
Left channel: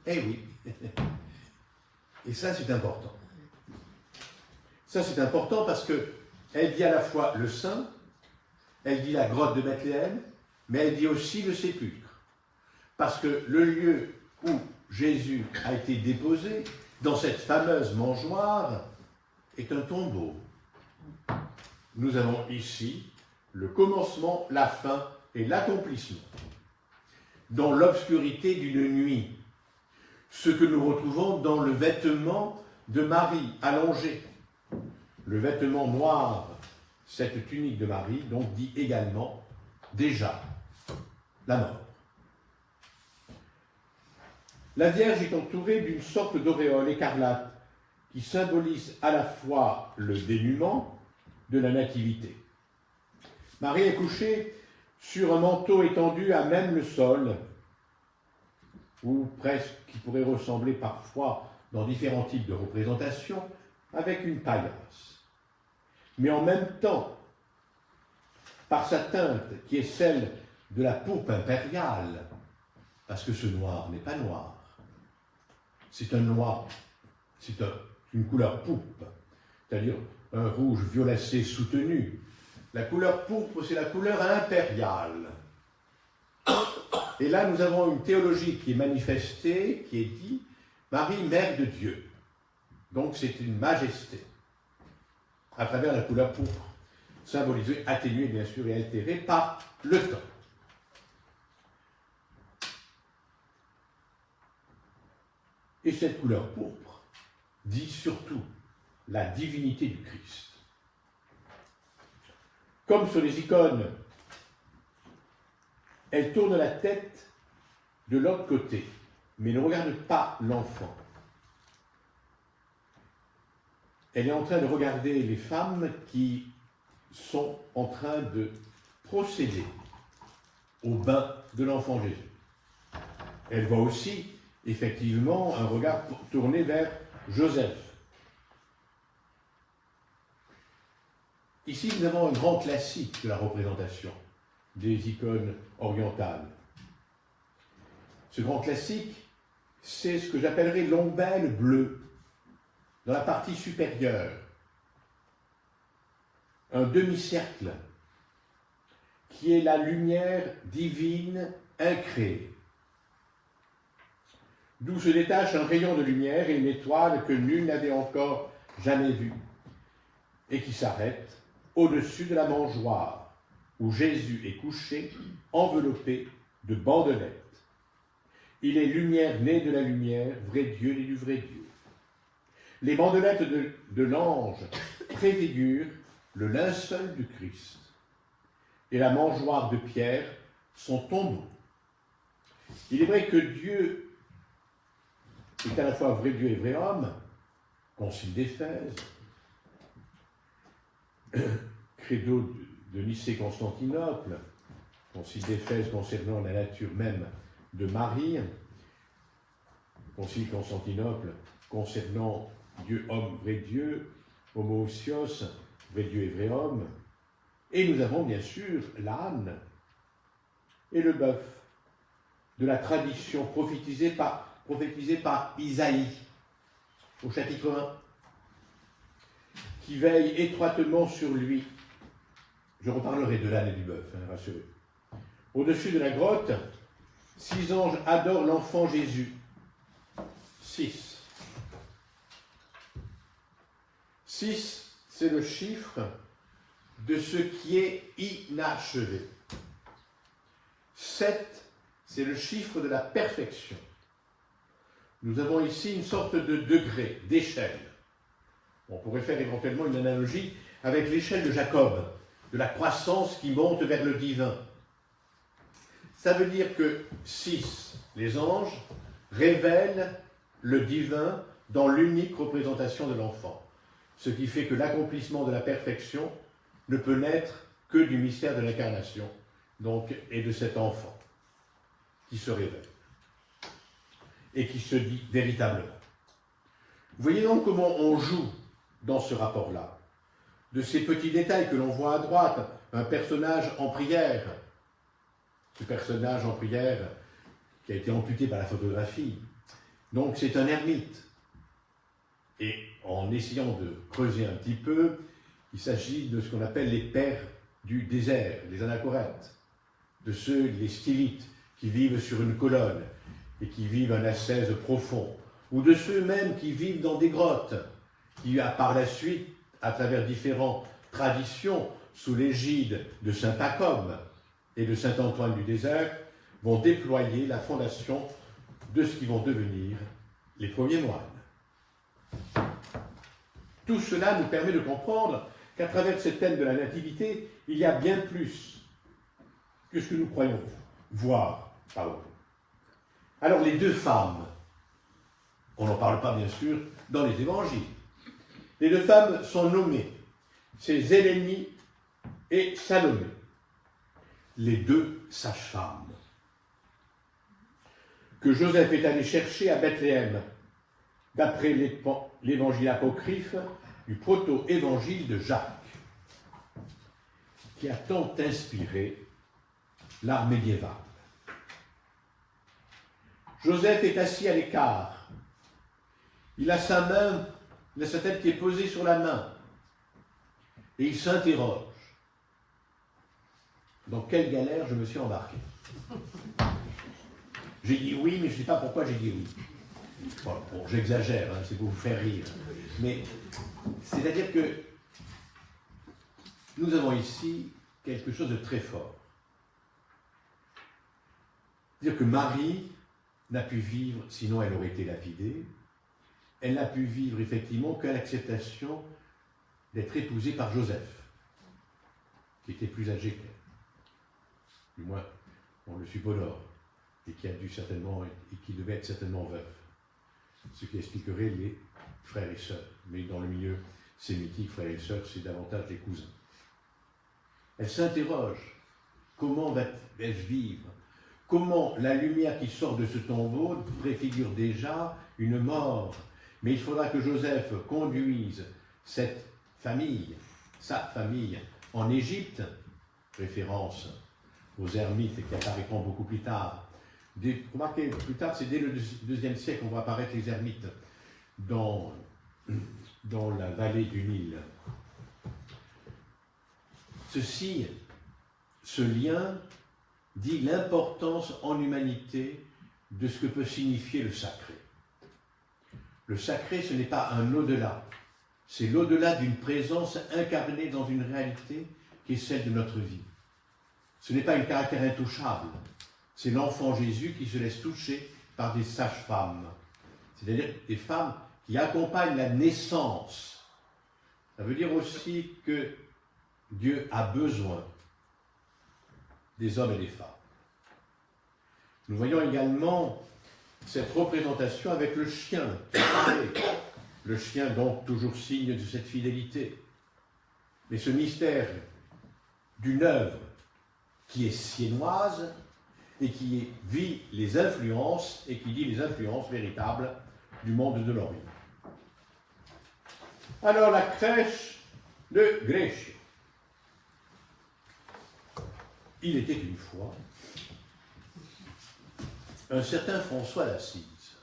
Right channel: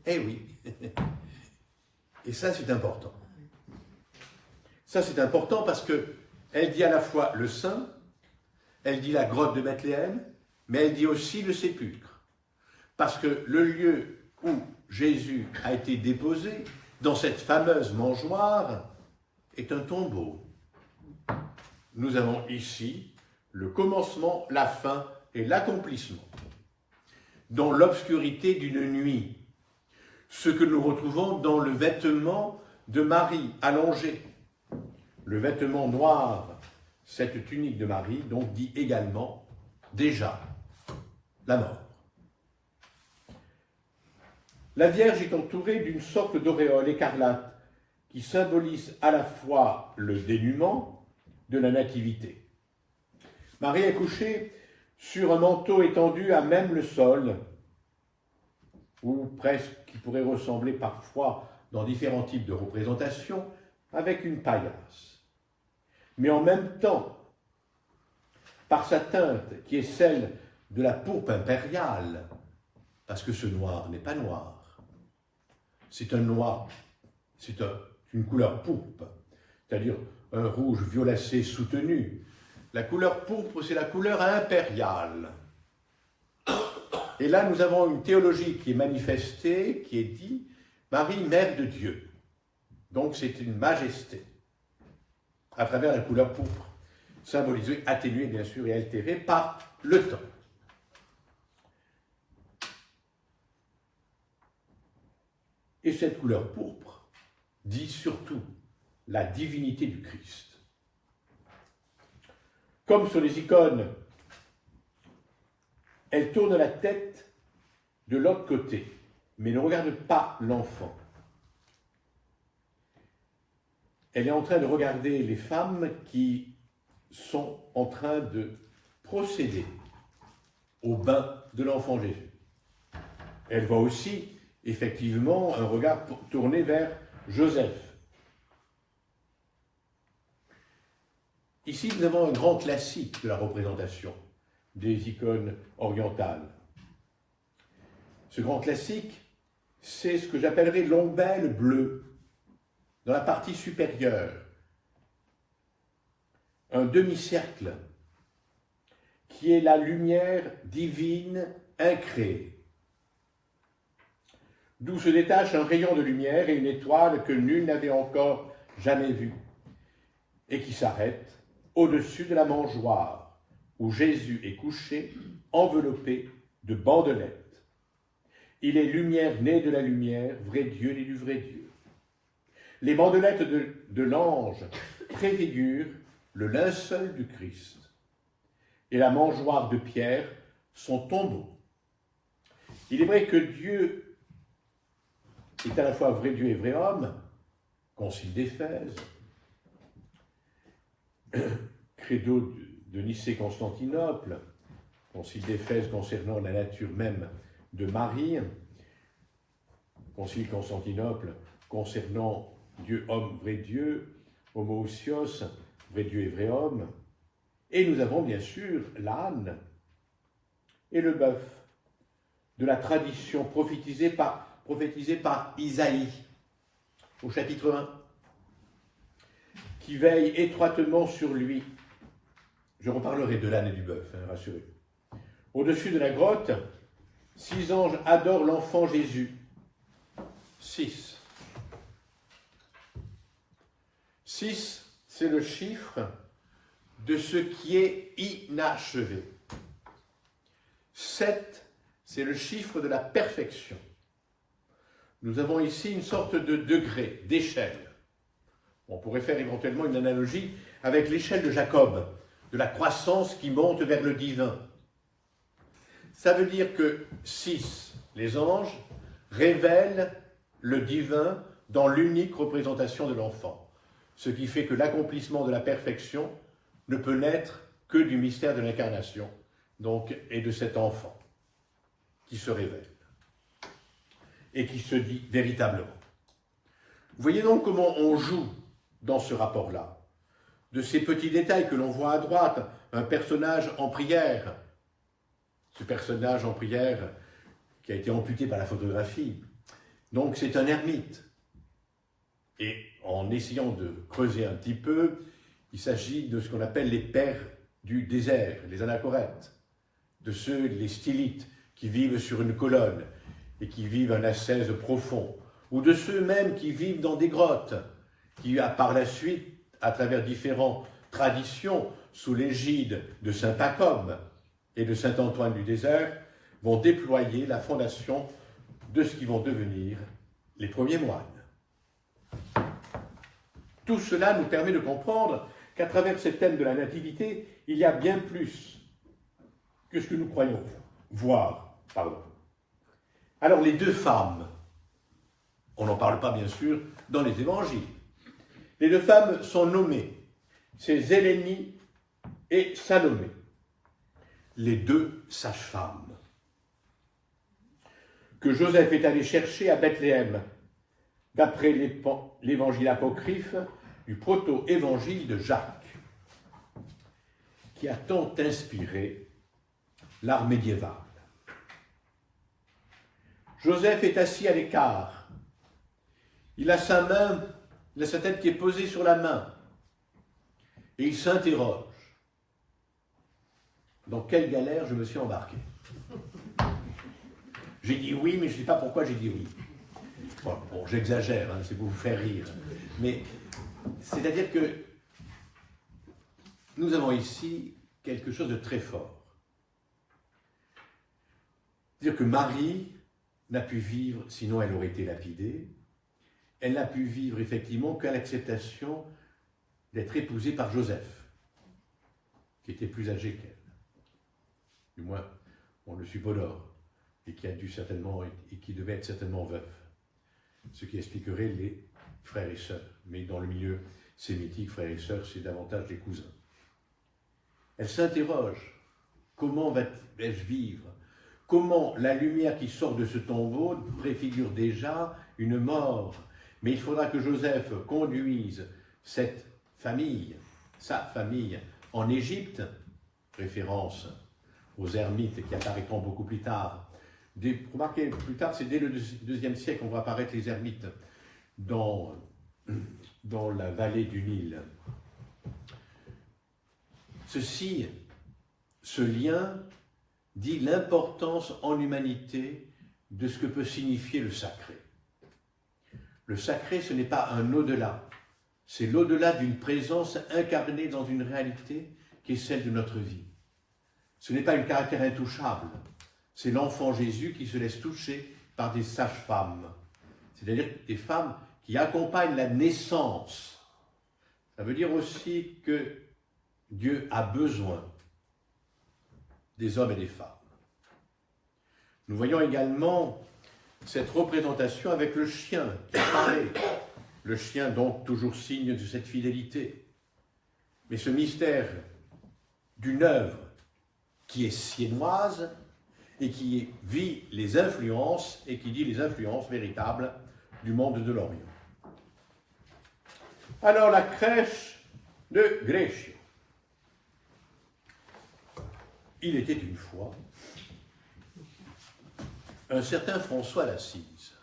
Eh oui. Et ça, c'est important. Ça, c'est important parce qu'elle dit à la fois le sein, elle dit la grotte de Bethléem, mais elle dit aussi le sépulcre. Parce que le lieu où Jésus a été déposé, dans cette fameuse mangeoire, est un tombeau. Nous avons ici le commencement, la fin et l'accomplissement. Dans l'obscurité d'une nuit, ce que nous retrouvons dans le vêtement de Marie allongé. Le vêtement noir, cette tunique de Marie, donc dit également déjà la mort. La Vierge est entourée d'une sorte d'auréole écarlate qui symbolise à la fois le dénuement de la nativité. Marie est couchée sur un manteau étendu à même le sol, ou presque qui pourrait ressembler parfois dans différents types de représentations, avec une paillasse. Mais en même temps, par sa teinte qui est celle de la pourpre impériale, parce que ce noir n'est pas noir, c'est un noir, c'est une couleur pourpre, c'est-à-dire un rouge violacé soutenu. La couleur pourpre, c'est la couleur impériale. Et là, nous avons une théologie qui est manifestée, qui est dit Marie, mère de Dieu. Donc, c'est une majesté, à travers la couleur pourpre, symbolisée, atténuée, bien sûr, et altérée par le temps. Et cette couleur pourpre dit surtout la divinité du Christ. Comme sur les icônes, elle tourne la tête de l'autre côté, mais ne regarde pas l'enfant. Elle est en train de regarder les femmes qui sont en train de procéder au bain de l'enfant Jésus. Elle voit aussi, effectivement, un regard tourné vers Joseph. Ici, nous avons un grand classique de la représentation des icônes orientales. Ce grand classique, c'est ce que j'appellerais l'ombelle bleue, dans la partie supérieure. Un demi-cercle qui est la lumière divine incréée. D'où se détache un rayon de lumière et une étoile que nul n'avait encore jamais vue, et qui s'arrête au-dessus de la mangeoire, où Jésus est couché, enveloppé de bandelettes. Il est lumière née de la lumière, vrai Dieu né du vrai Dieu. Les bandelettes de l'ange préfigurent le linceul du Christ, et la mangeoire de Pierre, son tombeau. Il est vrai que Dieu est à la fois vrai Dieu et vrai homme, concile d'Éphèse, credo de Nicée-Constantinople, concile d'Éphèse concernant la nature même de Marie, concile Constantinople concernant Dieu, homme, vrai Dieu, homoousios, vrai Dieu et vrai homme. Et nous avons bien sûr l'âne et le bœuf de la tradition prophétisée par Isaïe au chapitre 1, qui veille étroitement sur lui. Je reparlerai de l'âne et du bœuf, rassurez. Au-dessus de la grotte, 6 anges adorent l'enfant Jésus. 6. 6, c'est le chiffre de ce qui est inachevé. 7, c'est le chiffre de la perfection. nous avons ici une sorte de degré, d'échelle. On pourrait faire éventuellement une analogie avec l'échelle de Jacob, de la croissance qui monte vers le divin. Ça veut dire que 6, les anges, révèlent le divin dans l'unique représentation de l'enfant. Ce qui fait que l'accomplissement de la perfection ne peut naître que du mystère de l'incarnation, donc, et de cet enfant qui se révèle et qui se dit véritablement. Vous voyez donc comment on joue dans ce rapport-là. De ces petits détails que l'on voit à droite, un personnage en prière, ce personnage en prière qui a été amputé par la photographie, donc c'est un ermite. Et en essayant de creuser un petit peu, il s'agit de ce qu'on appelle les pères du désert, les anachorètes, de ceux, les stylites, qui vivent sur une colonne et qui vivent un ascèse profond, ou de ceux-mêmes qui vivent dans des grottes, qui, par la suite, à travers différentes traditions, sous l'égide de saint Pacob et de saint Antoine du désert, vont déployer la fondation de ce qui vont devenir les premiers moines. Tout cela nous permet de comprendre qu'à travers ce thème de la nativité, il y a bien plus que ce que nous croyons voir. Alors les deux femmes, on n'en parle pas bien sûr dans les évangiles. Les deux femmes sont nommées, c'est Zélénie et Salomé, les deux sages-femmes que Joseph est allé chercher à Bethléem, d'après l'évangile apocryphe du proto-évangile de Jacques, qui a tant inspiré l'art médiéval. Joseph est assis à l'écart. Il a sa main, il a sa tête qui est posée sur la main. Et il s'interroge. Dans quelle galère je me suis embarqué? J'ai dit oui, mais je ne sais pas pourquoi j'ai dit oui. Bon, j'exagère, hein, c'est pour vous faire rire. Mais c'est-à-dire que nous avons ici quelque chose de très fort. C'est-à-dire que Marie n'a pu vivre, sinon elle aurait été lapidée, elle n'a pu vivre effectivement qu'à l'acceptation d'être épousée par Joseph, qui était plus âgé qu'elle. Du moins, on le suppose, et qui a dû certainement, et qui devait être certainement veuf. Ce qui expliquerait les frères et sœurs. Mais dans le milieu sémitique, frères et sœurs, c'est davantage des cousins. Elle s'interroge, comment vais-je vivre? Comment la lumière qui sort de ce tombeau préfigure déjà une mort? Mais il faudra que Joseph conduise cette famille, sa famille, en Égypte, référence aux ermites qui apparaîtront beaucoup plus tard. Remarquez, plus tard, c'est dès le IIe siècle qu'on voit apparaître les ermites dans la vallée du Nil. Ce lien dit l'importance en humanité de ce que peut signifier le sacré. Le sacré, ce n'est pas un au-delà, c'est l'au-delà d'une présence incarnée dans une réalité qui est celle de notre vie. Ce n'est pas un caractère intouchable, c'est l'enfant Jésus qui se laisse toucher par des sages-femmes, c'est-à-dire des femmes qui accompagnent la naissance. Ça veut dire aussi que Dieu a besoin des hommes et des femmes. Nous voyons également cette représentation avec le chien qui parlait. Le chien, donc, toujours signe de cette fidélité. Mais ce mystère d'une œuvre qui est siennoise et qui vit les influences, et qui dit les influences véritables du monde de l'Orient. Alors, la crèche de Grécia. Il était une fois un certain François d'Assise.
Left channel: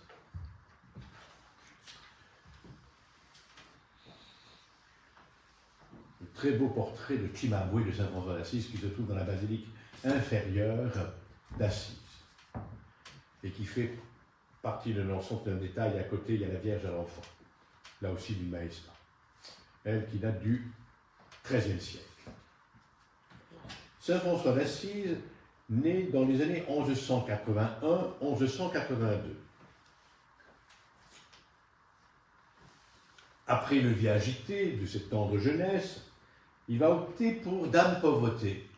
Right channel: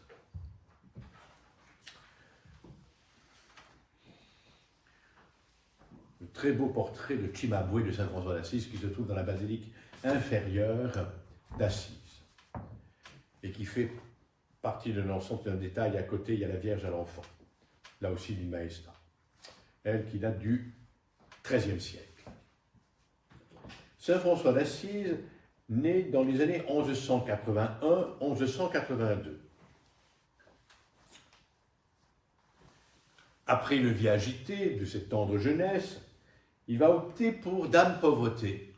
Un très beau portrait de Cimabue de saint François d'Assise qui se trouve dans la basilique inférieure d'Assise et qui fait partie de l'ensemble d'un détail. À côté, il y a la Vierge à l'enfant, là aussi d'une Maesta, elle qui date du XIIIe siècle. Saint François d'Assise, né dans les années 1181-1182. après une vie agitée de cette tendre jeunesse, il va opter pour Dame Pauvreté.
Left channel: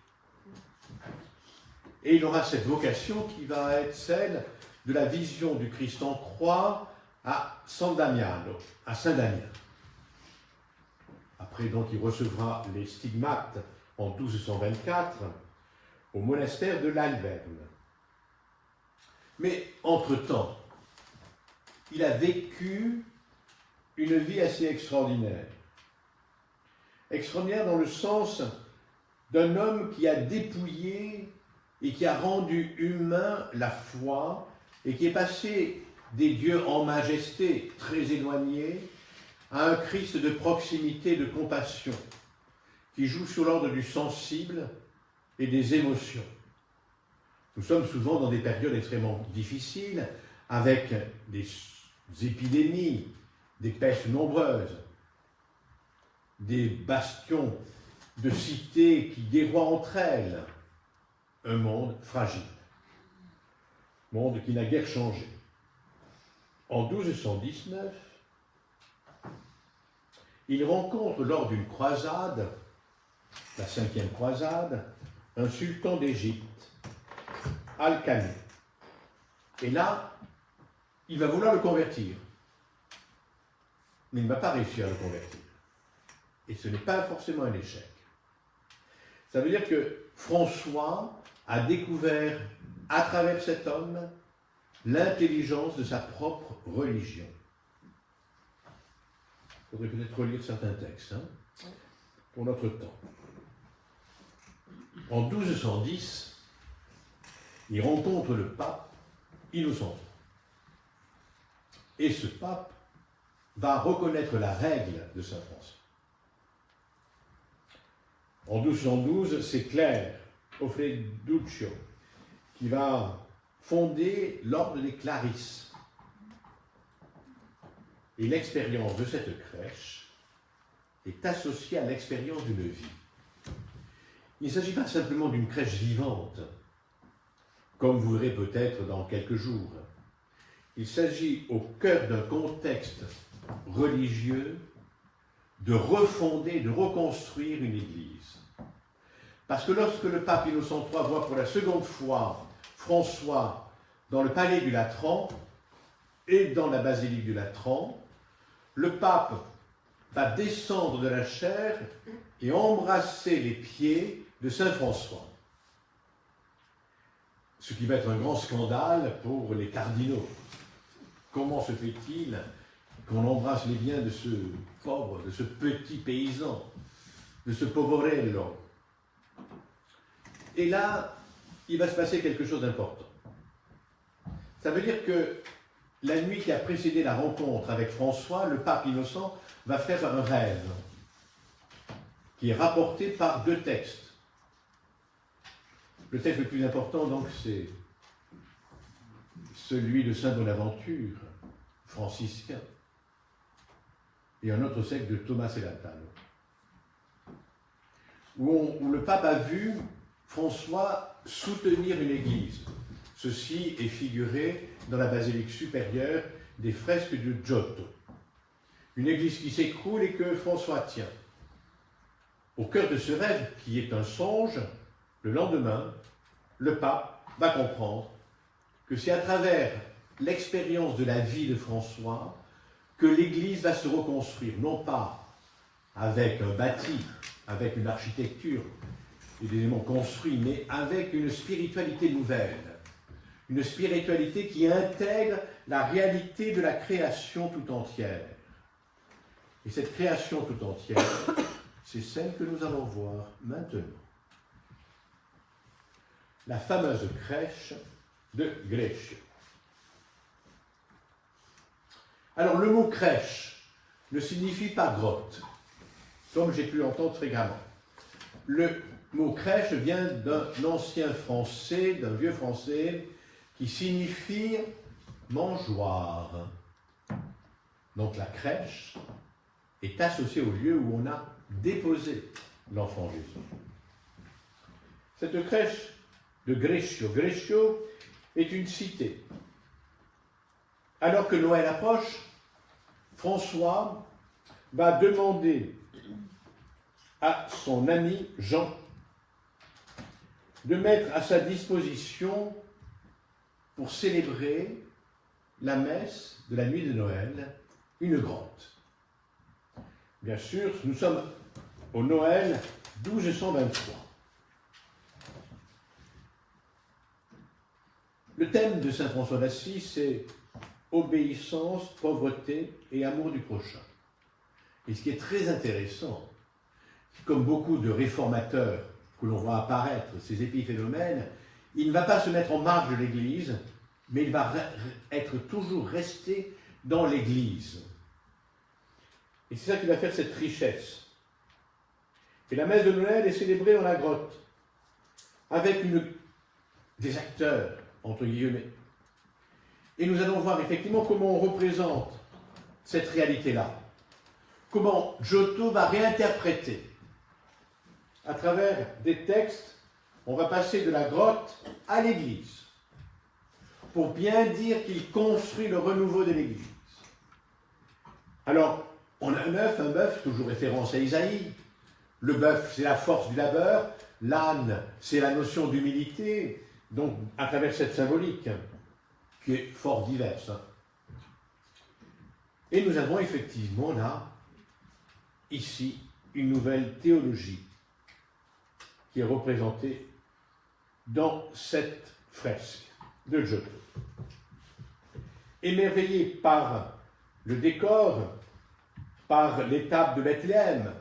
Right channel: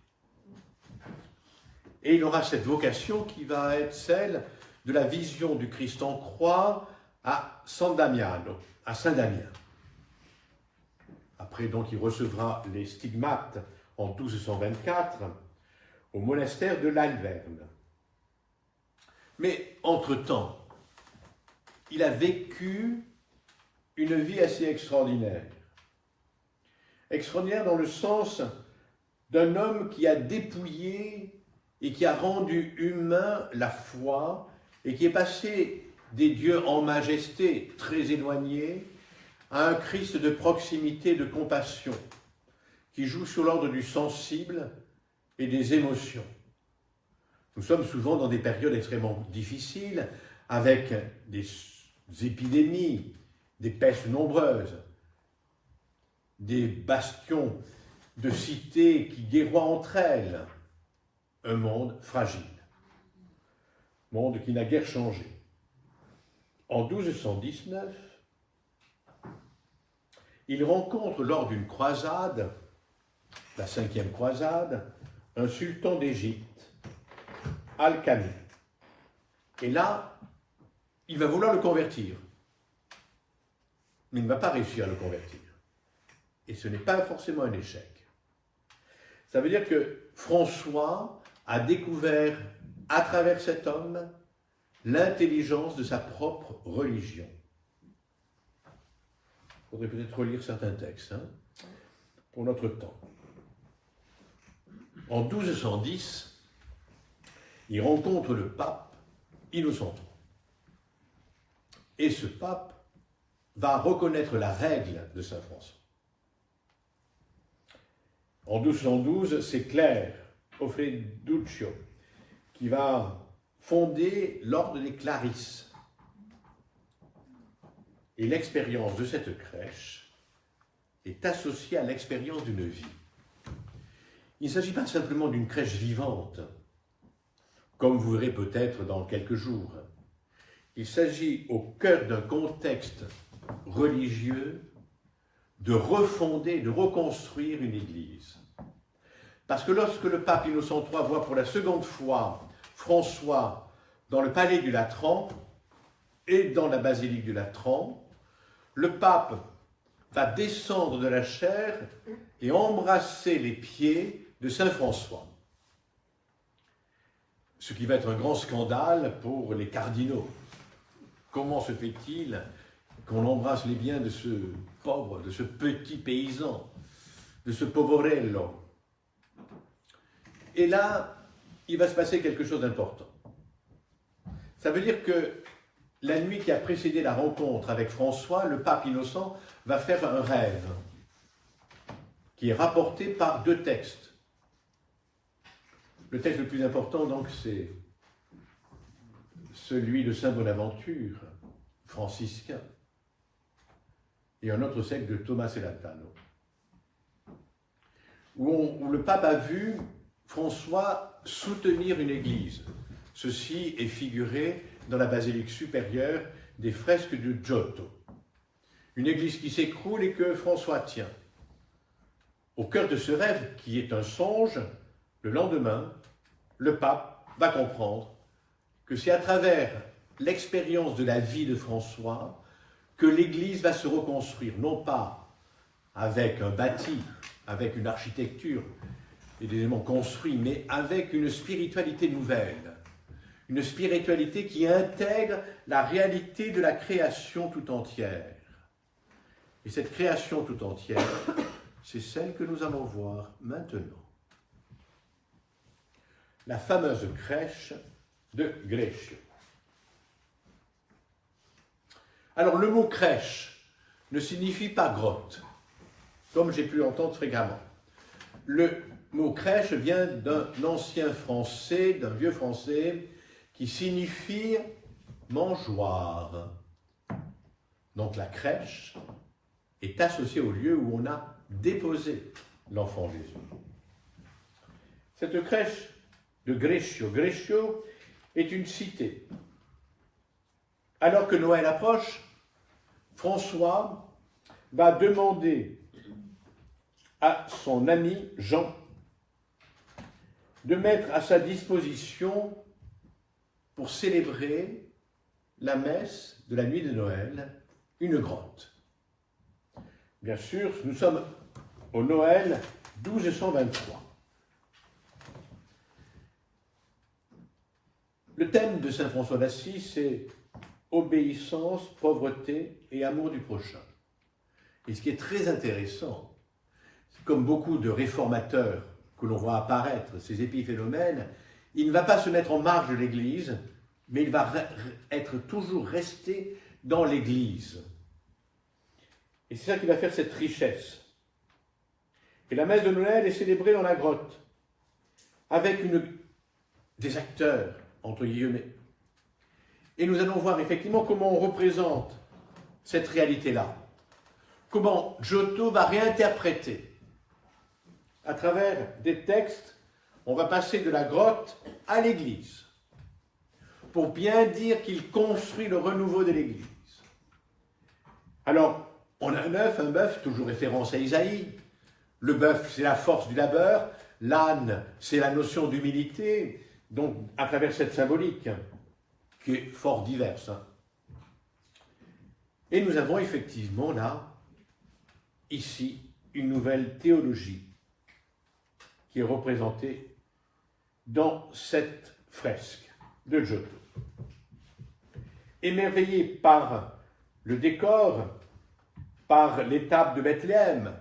Et il aura cette vocation qui va être celle de la vision du Christ en croix à San Damiano, à Saint-Damien. Après, donc, il recevra les stigmates en 1224 au monastère de l'Alverne. Mais, entre-temps, il a vécu une vie assez extraordinaire. Extraordinaire dans le sens d'un homme qui a dépouillé et qui a rendu humain la foi et qui est passé des dieux en majesté très éloignés à un Christ de proximité et de compassion qui joue sur l'ordre du sensible et des émotions. Nous sommes souvent dans des périodes extrêmement difficiles avec des épidémies, des pestes nombreuses, des bastions de cités qui guerroient entre elles, un monde fragile, monde qui n'a guère changé. En 1219, il rencontre lors d'une croisade, la 5e croisade, un sultan d'Égypte, Al-Qani. Et là, il va vouloir le convertir. Mais il ne va pas réussir à le convertir. Et ce n'est pas forcément un échec. Ça veut dire que François a découvert, à travers cet homme, l'intelligence de sa propre religion. Il faudrait peut-être relire certains textes, pour notre temps. En 1210, il rencontre le pape Innocent. Et ce pape va reconnaître la règle de saint François. En 1212, c'est Claire Offreduccio qui va fonder l'ordre des Clarisses. Et l'expérience de cette crèche est associée à l'expérience d'une vie. Il ne s'agit pas simplement d'une crèche vivante, comme vous verrez peut-être dans quelques jours. Il s'agit au cœur d'un contexte religieux de refonder, de reconstruire une église. Parce que lorsque le pape Innocent III voit pour la seconde fois François dans le palais du Latran et dans la basilique du Latran, le pape va descendre de la chaire et embrasser les pieds de saint François. Ce qui va être un grand scandale pour les cardinaux. Comment se fait-il qu'on embrasse les biens de ce pauvre, de ce petit paysan, de ce poverello? Et là, il va se passer quelque chose d'important. Ça veut dire que la nuit qui a précédé la rencontre avec François, le pape Innocent va faire un rêve qui est rapporté par 2 textes. Le texte le plus important, donc, c'est celui de saint Bonaventure, franciscain, et un autre texte de Thomas Elatano, où le pape a vu François soutenir une église. Ceci est figuré dans la basilique supérieure des fresques de Giotto. Une église qui s'écroule et que François tient. Au cœur de ce rêve, qui est un songe, le lendemain, le pape va comprendre que c'est à travers l'expérience de la vie de François que l'Église va se reconstruire, non pas avec un bâti, avec une architecture et des éléments construits, mais avec une spiritualité nouvelle, une spiritualité qui intègre la réalité de la création tout entière. Et cette création tout entière, c'est celle que nous allons voir maintenant. La fameuse crèche de Greccio. Alors, le mot crèche ne signifie pas grotte, comme j'ai pu entendre fréquemment. Le mot crèche vient d'un ancien français, d'un vieux français, qui signifie mangeoire. Donc, la crèche est associée au lieu où on a déposé l'enfant Jésus. Cette crèche de Greccio, Greccio est une cité. Alors que Noël approche, François va demander à son ami Jean de mettre à sa disposition pour célébrer la messe de la nuit de Noël une grotte. Bien sûr, nous sommes au Noël 1223. Le thème de saint François d'Assise, c'est obéissance, pauvreté et amour du prochain. Et ce qui est très intéressant, comme beaucoup de réformateurs que l'on voit apparaître, ces épiphénomènes, il ne va pas se mettre en marge de l'Église, mais il va être toujours resté dans l'Église. Et c'est ça qui va faire cette richesse. Et la messe de Noël est célébrée dans la grotte, avec des acteurs, entre guillemets. Et nous allons voir effectivement comment on représente cette réalité-là. Comment Giotto va réinterpréter. À travers des textes, on va passer de la grotte à l'église, pour bien dire qu'il construit le renouveau de l'église. Alors, on a un bœuf, toujours référence à Isaïe. Le bœuf, c'est la force du labeur. L'âne, c'est la notion d'humilité. Donc, à travers cette symbolique, qui est fort diverse. Et nous avons effectivement là, ici, une nouvelle théologie qui est représentée dans cette fresque de Giotto. Émerveillé par le décor, par l'étape de Bethléem,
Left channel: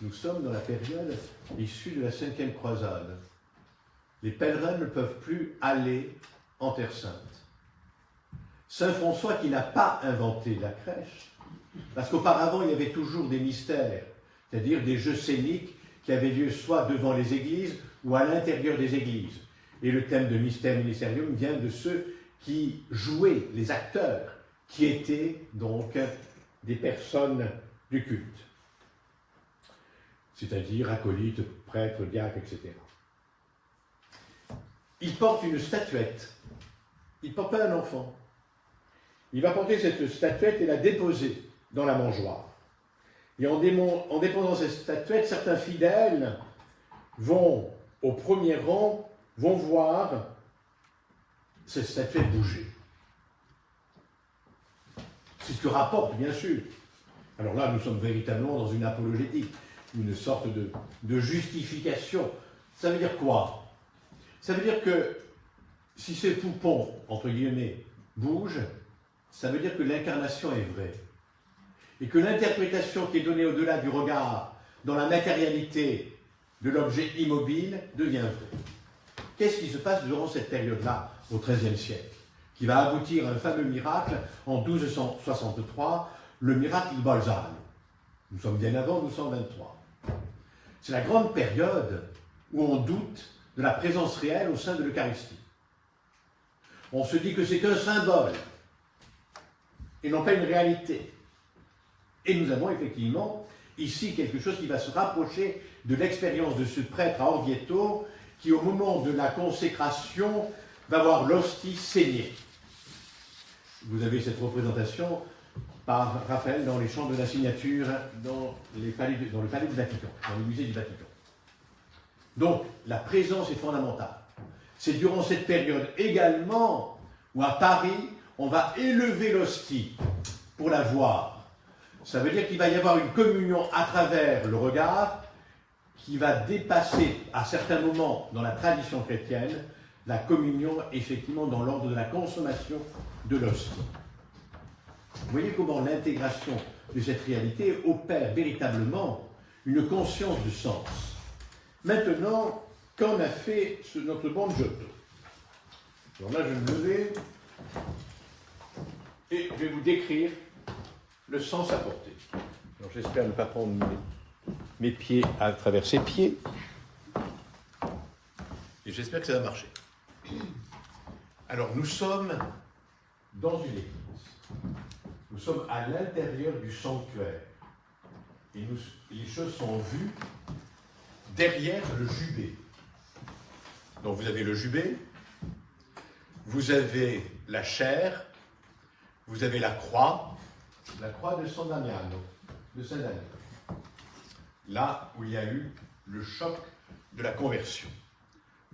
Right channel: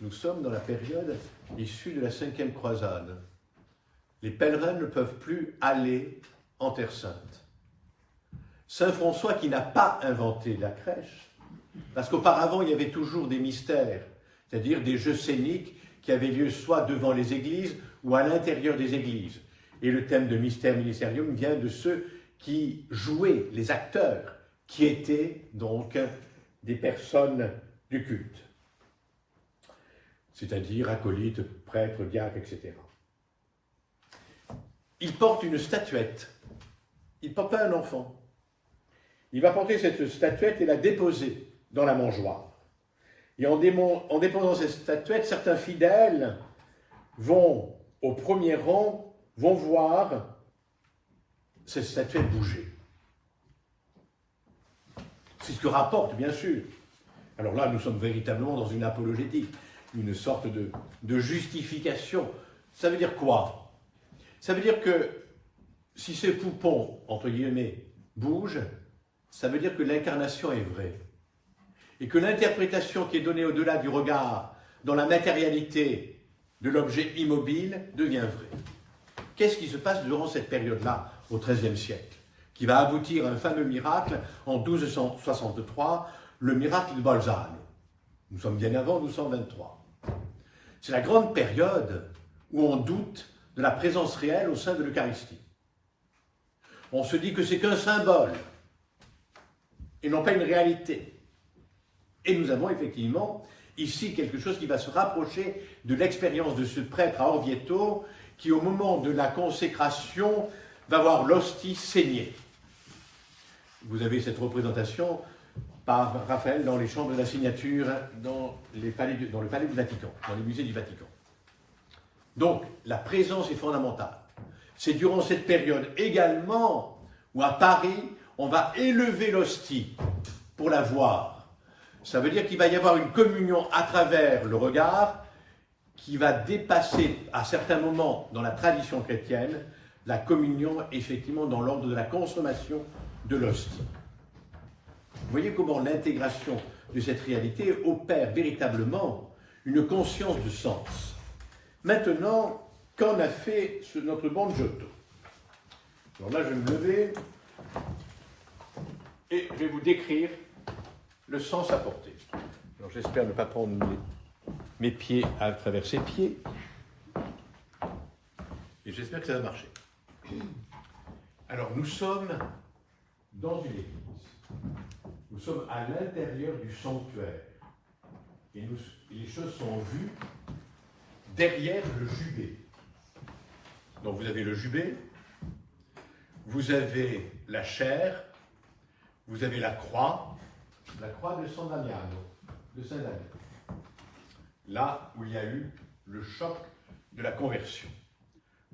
nous sommes dans la période issue de la 5e croisade. Les pèlerins ne peuvent plus aller en Terre Sainte. Saint François, qui n'a pas inventé la crèche, parce qu'auparavant il y avait toujours des mystères, c'est-à-dire des jeux scéniques qui avaient lieu soit devant les églises ou à l'intérieur des églises. Et le thème de Mystère Ministerium vient de ceux qui jouaient, les acteurs, qui étaient donc des personnes du culte, c'est-à-dire acolytes, prêtres, diacres, etc. Il porte une statuette. Il ne porte pas un enfant. Il va porter cette statuette et la déposer dans la mangeoire. Et en déposant cette statuette, certains fidèles vont, au premier rang, vont voir cette statuette bouger. C'est ce que rapporte, bien sûr. Alors là, nous sommes véritablement dans une apologétique, une sorte de justification. Ça veut dire quoi? Ça veut dire que si ces poupons, entre guillemets, bougent, ça veut dire que l'incarnation est vraie. Et que l'interprétation qui est donnée au-delà du regard, dans la matérialité de l'objet immobile, devient vraie. Qu'est-ce qui se passe durant cette période-là, au XIIIe siècle, qui va aboutir à un fameux miracle en 1263, le miracle de Bolzano. Nous sommes bien avant 1223. C'est la grande période où on doute de la présence réelle au sein de l'Eucharistie. On se dit que c'est qu'un symbole et non pas une réalité. Et nous avons effectivement ici quelque chose qui va se rapprocher de l'expérience de ce prêtre à Orvieto qui, au moment de la consécration, va voir l'hostie saigner. Vous avez cette représentation par Raphaël dans les chambres de la signature dans le palais du Vatican, dans le musée du Vatican. Donc, la présence est fondamentale. C'est durant cette période également où, à Paris, on va élever l'hostie pour la voir. Ça veut dire qu'il va y avoir une communion à travers le regard qui va dépasser, à certains moments, dans la tradition chrétienne, la communion, effectivement, dans l'ordre de la consommation de l'hostie. Vous voyez comment l'intégration de cette réalité opère véritablement une conscience de sens. Maintenant, qu'en a fait notre bon Giotto? Alors là, je vais me lever et je vais vous décrire le sens apporté. J'espère ne pas prendre mes pieds à travers ses pieds. Et j'espère que ça va marcher. Alors, nous sommes dans une église. Nous sommes à l'intérieur du sanctuaire. Et les choses sont vues derrière le jubé. Donc vous avez le jubé, vous avez la chaire, vous avez la croix, la croix de San Damiano, de Saint-Damien. Là où il y a eu le choc de la conversion.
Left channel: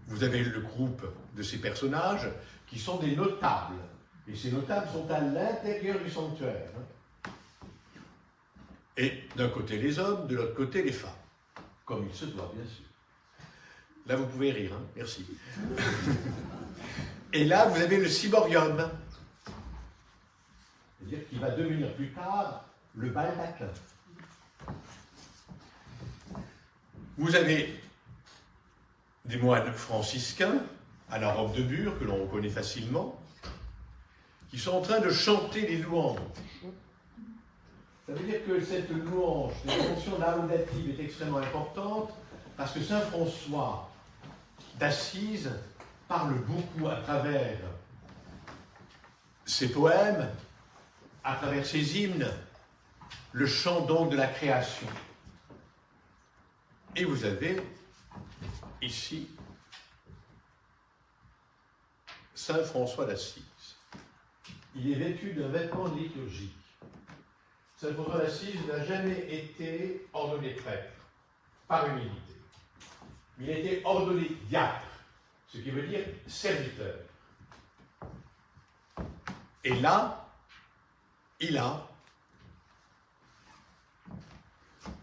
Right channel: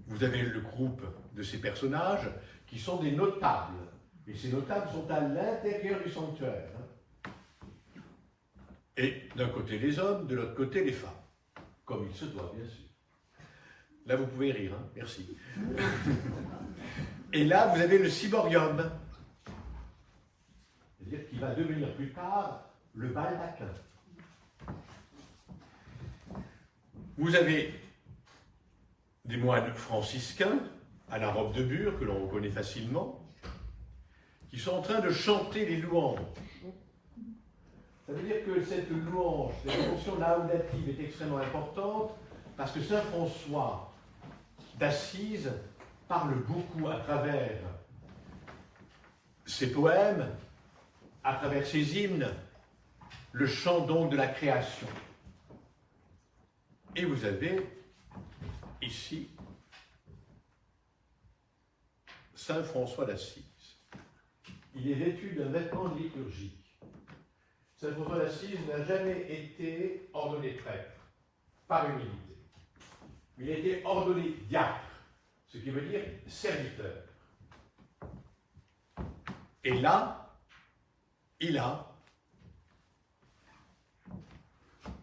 Vous avez le groupe de ces personnages qui sont des notables. Et ces notables sont à l'intérieur du sanctuaire. Et d'un côté les hommes, de l'autre côté les femmes. Comme il se doit, bien sûr. Là, vous pouvez rire, hein, merci. Et là, vous avez le ciborium. C'est-à-dire qu'il va devenir plus tard le baldaquin. Vous avez des moines franciscains, à la robe de bure, que l'on reconnaît facilement, qui sont en train de chanter les louanges. Ça veut dire que cette louange, cette dimension laudative est extrêmement importante, parce que saint François d'Assise parle beaucoup à travers ses poèmes, à travers ses hymnes, le chant donc de la création. Et vous avez ici saint François d'Assise. Il est vêtu d'un vêtement liturgique. Saint François d'Assise n'a jamais été ordonné prêtre par humilité. Il a été ordonné diacre, ce qui veut dire serviteur. Et là, il a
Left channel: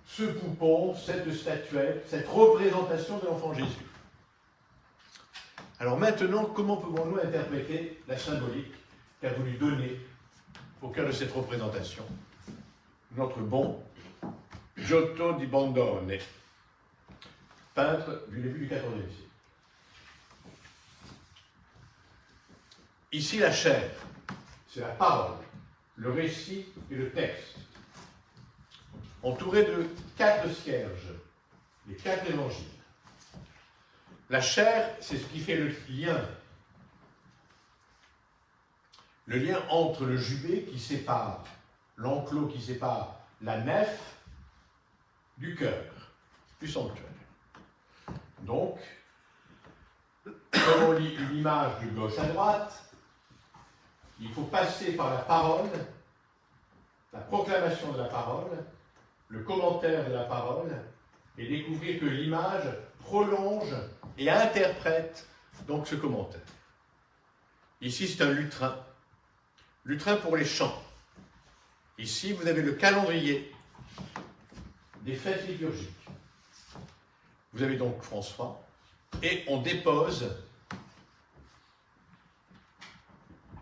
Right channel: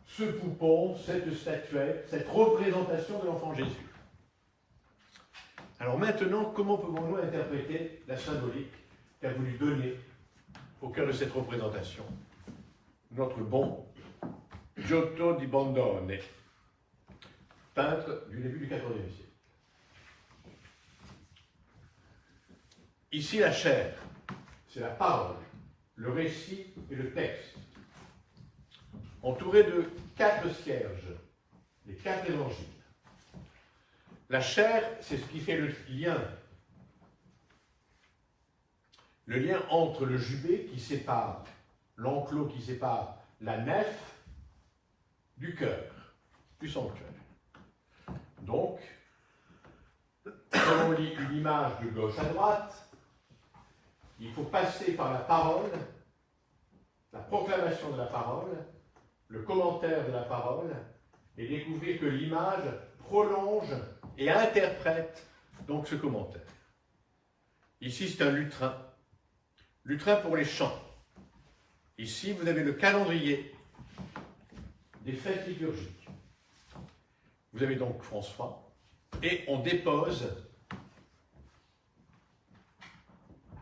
ce poupon, cette statuette, cette représentation de l'enfant Jésus. Alors maintenant, comment pouvons-nous interpréter la symbolique qu'a voulu donner au cœur de cette représentation notre bon Giotto di Bondone, peintre du début du XIVe siècle. Ici, la chair, c'est la parole, le récit et le texte, entouré de 4 cierges, les 4 évangiles. La chair, c'est ce qui fait le lien entre le jubé qui sépare, l'enclos qui sépare la nef du cœur, du sanctuaire. Donc, comme on lit une image de gauche à droite, il faut passer par la parole, la proclamation de la parole, le commentaire de la parole, et découvrir que l'image prolonge et interprète donc ce commentaire. Ici, c'est un lutrin. Lutrin pour les chants. Ici, vous avez le calendrier des fêtes liturgiques. Vous avez donc François, et on dépose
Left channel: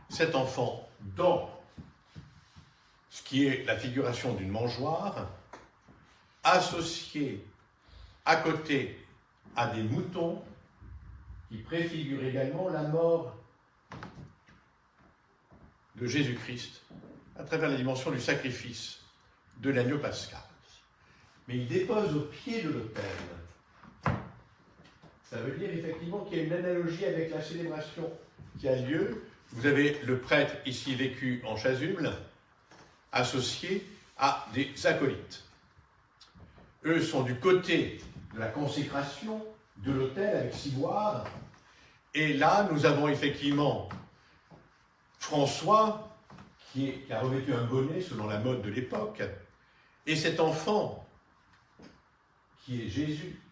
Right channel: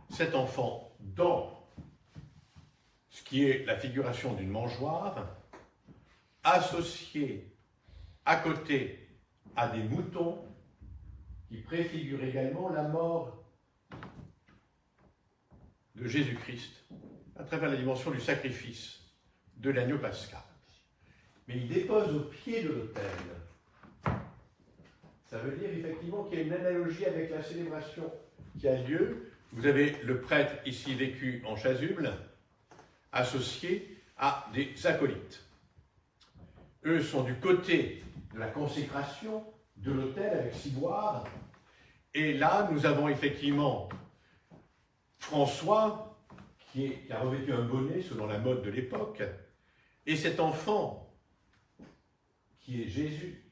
cet enfant dans ce qui est la figuration d'une mangeoire, associée à côté à des moutons qui préfigurent également la mort de Jésus-Christ à travers la dimension du sacrifice de l'agneau pascal. Mais il dépose au pied de l'autel. Ça veut dire effectivement qu'il y a une analogie avec la célébration qui a lieu. Vous avez le prêtre ici vécu en chasuble, associé à des acolytes. Eux sont du côté de la consécration de l'autel avec ciboire. Et là, nous avons effectivement François, qui a revêtu un bonnet selon la mode de l'époque, et cet enfant, qui est Jésus,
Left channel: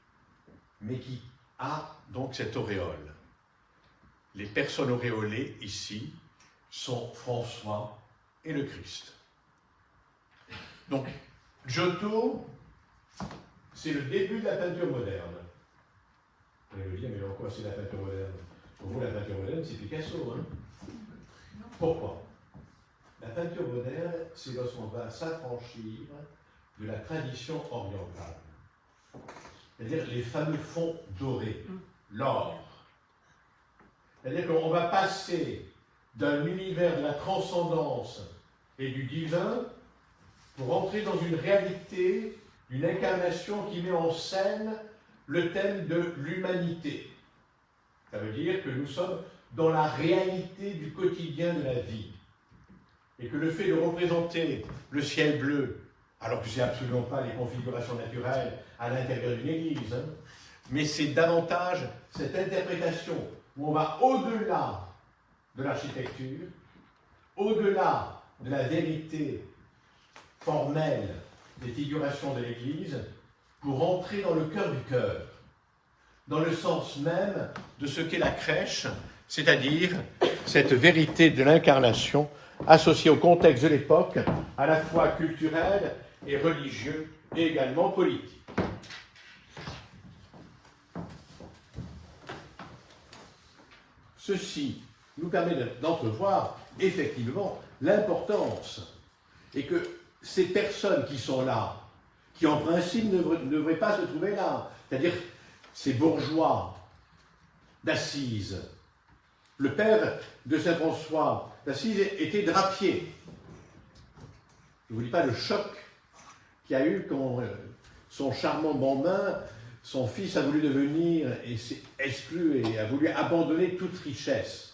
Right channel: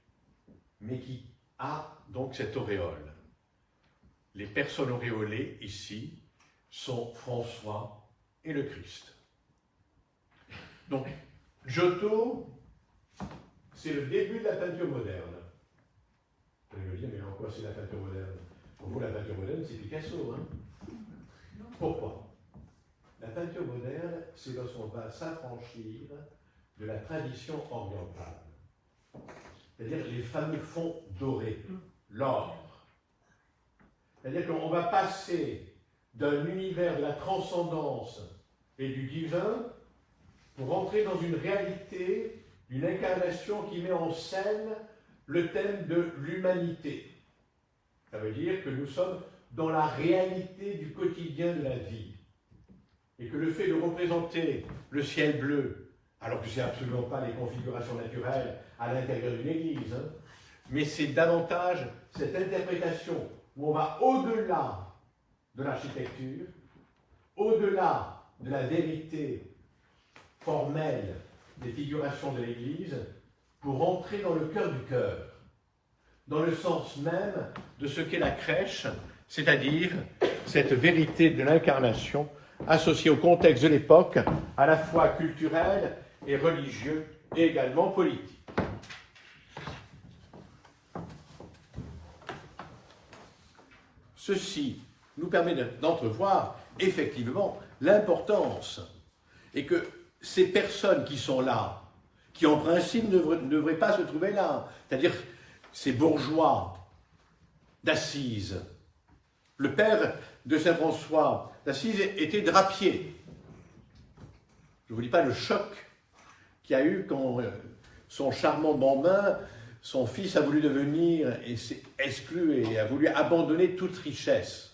mais qui a donc cette auréole. Les personnes auréolées ici sont François et le Christ. Donc, Giotto, c'est le début de la peinture moderne. Vous allez me dire, mais en quoi c'est la peinture moderne? Pour vous, la peinture moderne, c'est Picasso, hein? Pourquoi? La peinture moderne, c'est lorsqu'on va s'affranchir de la tradition orientale. C'est-à-dire les fameux fonds dorés, l'or. C'est-à-dire qu'on va passer d'un univers de la transcendance et du divin pour entrer dans une réalité, une incarnation qui met en scène le thème de l'humanité. Ça veut dire que nous sommes dans la réalité du quotidien de la vie. Et que le fait de représenter le ciel bleu, alors que ce n'est absolument pas les configurations naturelles à l'intérieur d'une église, hein, mais c'est davantage cette interprétation où on va au-delà de l'architecture, au-delà de la vérité formelle des figurations de l'Église pour entrer dans le cœur du cœur, dans le sens même de ce qu'est la crèche, c'est-à-dire cette vérité de l'incarnation associée au contexte de l'époque, à la fois culturel et religieux et également politique. Ceci nous permet d'entrevoir effectivement l'importance et que ces personnes qui sont là, qui en principe ne devraient pas se trouver là, c'est-à-dire ces bourgeois d'Assise. Le père de Saint François d'Assise était drapier. Je ne vous dis pas le choc qu'il y a eu quand son charmant bambin, son fils a voulu devenir et s'est exclu et a voulu abandonner toute richesse.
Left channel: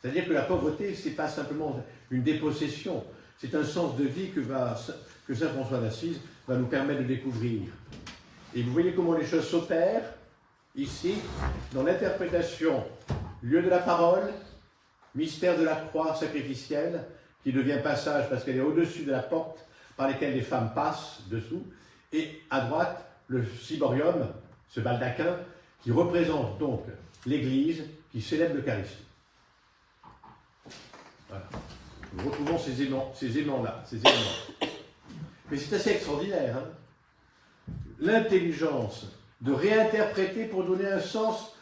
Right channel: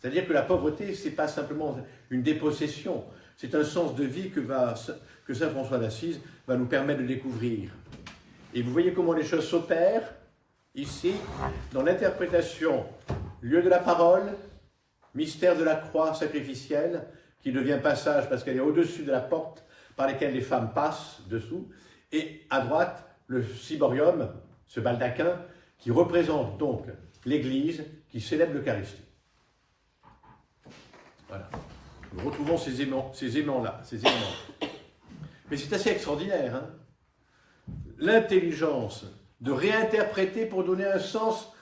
C'est-à-dire que la pauvreté, ce n'est pas simplement une dépossession, c'est un sens de vie que Saint François d'Assise va nous permettre de découvrir. Et vous voyez comment les choses s'opèrent ici, dans l'interprétation, lieu de la parole, mystère de la croix sacrificielle, qui devient passage parce qu'elle est au-dessus de la porte par laquelle les femmes passent dessous, et à droite, le ciborium, ce baldaquin, qui représente donc l'Église qui célèbre l'Eucharistie. Voilà. Nous retrouvons ces éléments-là, ces éléments. Mais c'est assez extraordinaire, hein, l'intelligence de réinterpréter pour donner un sens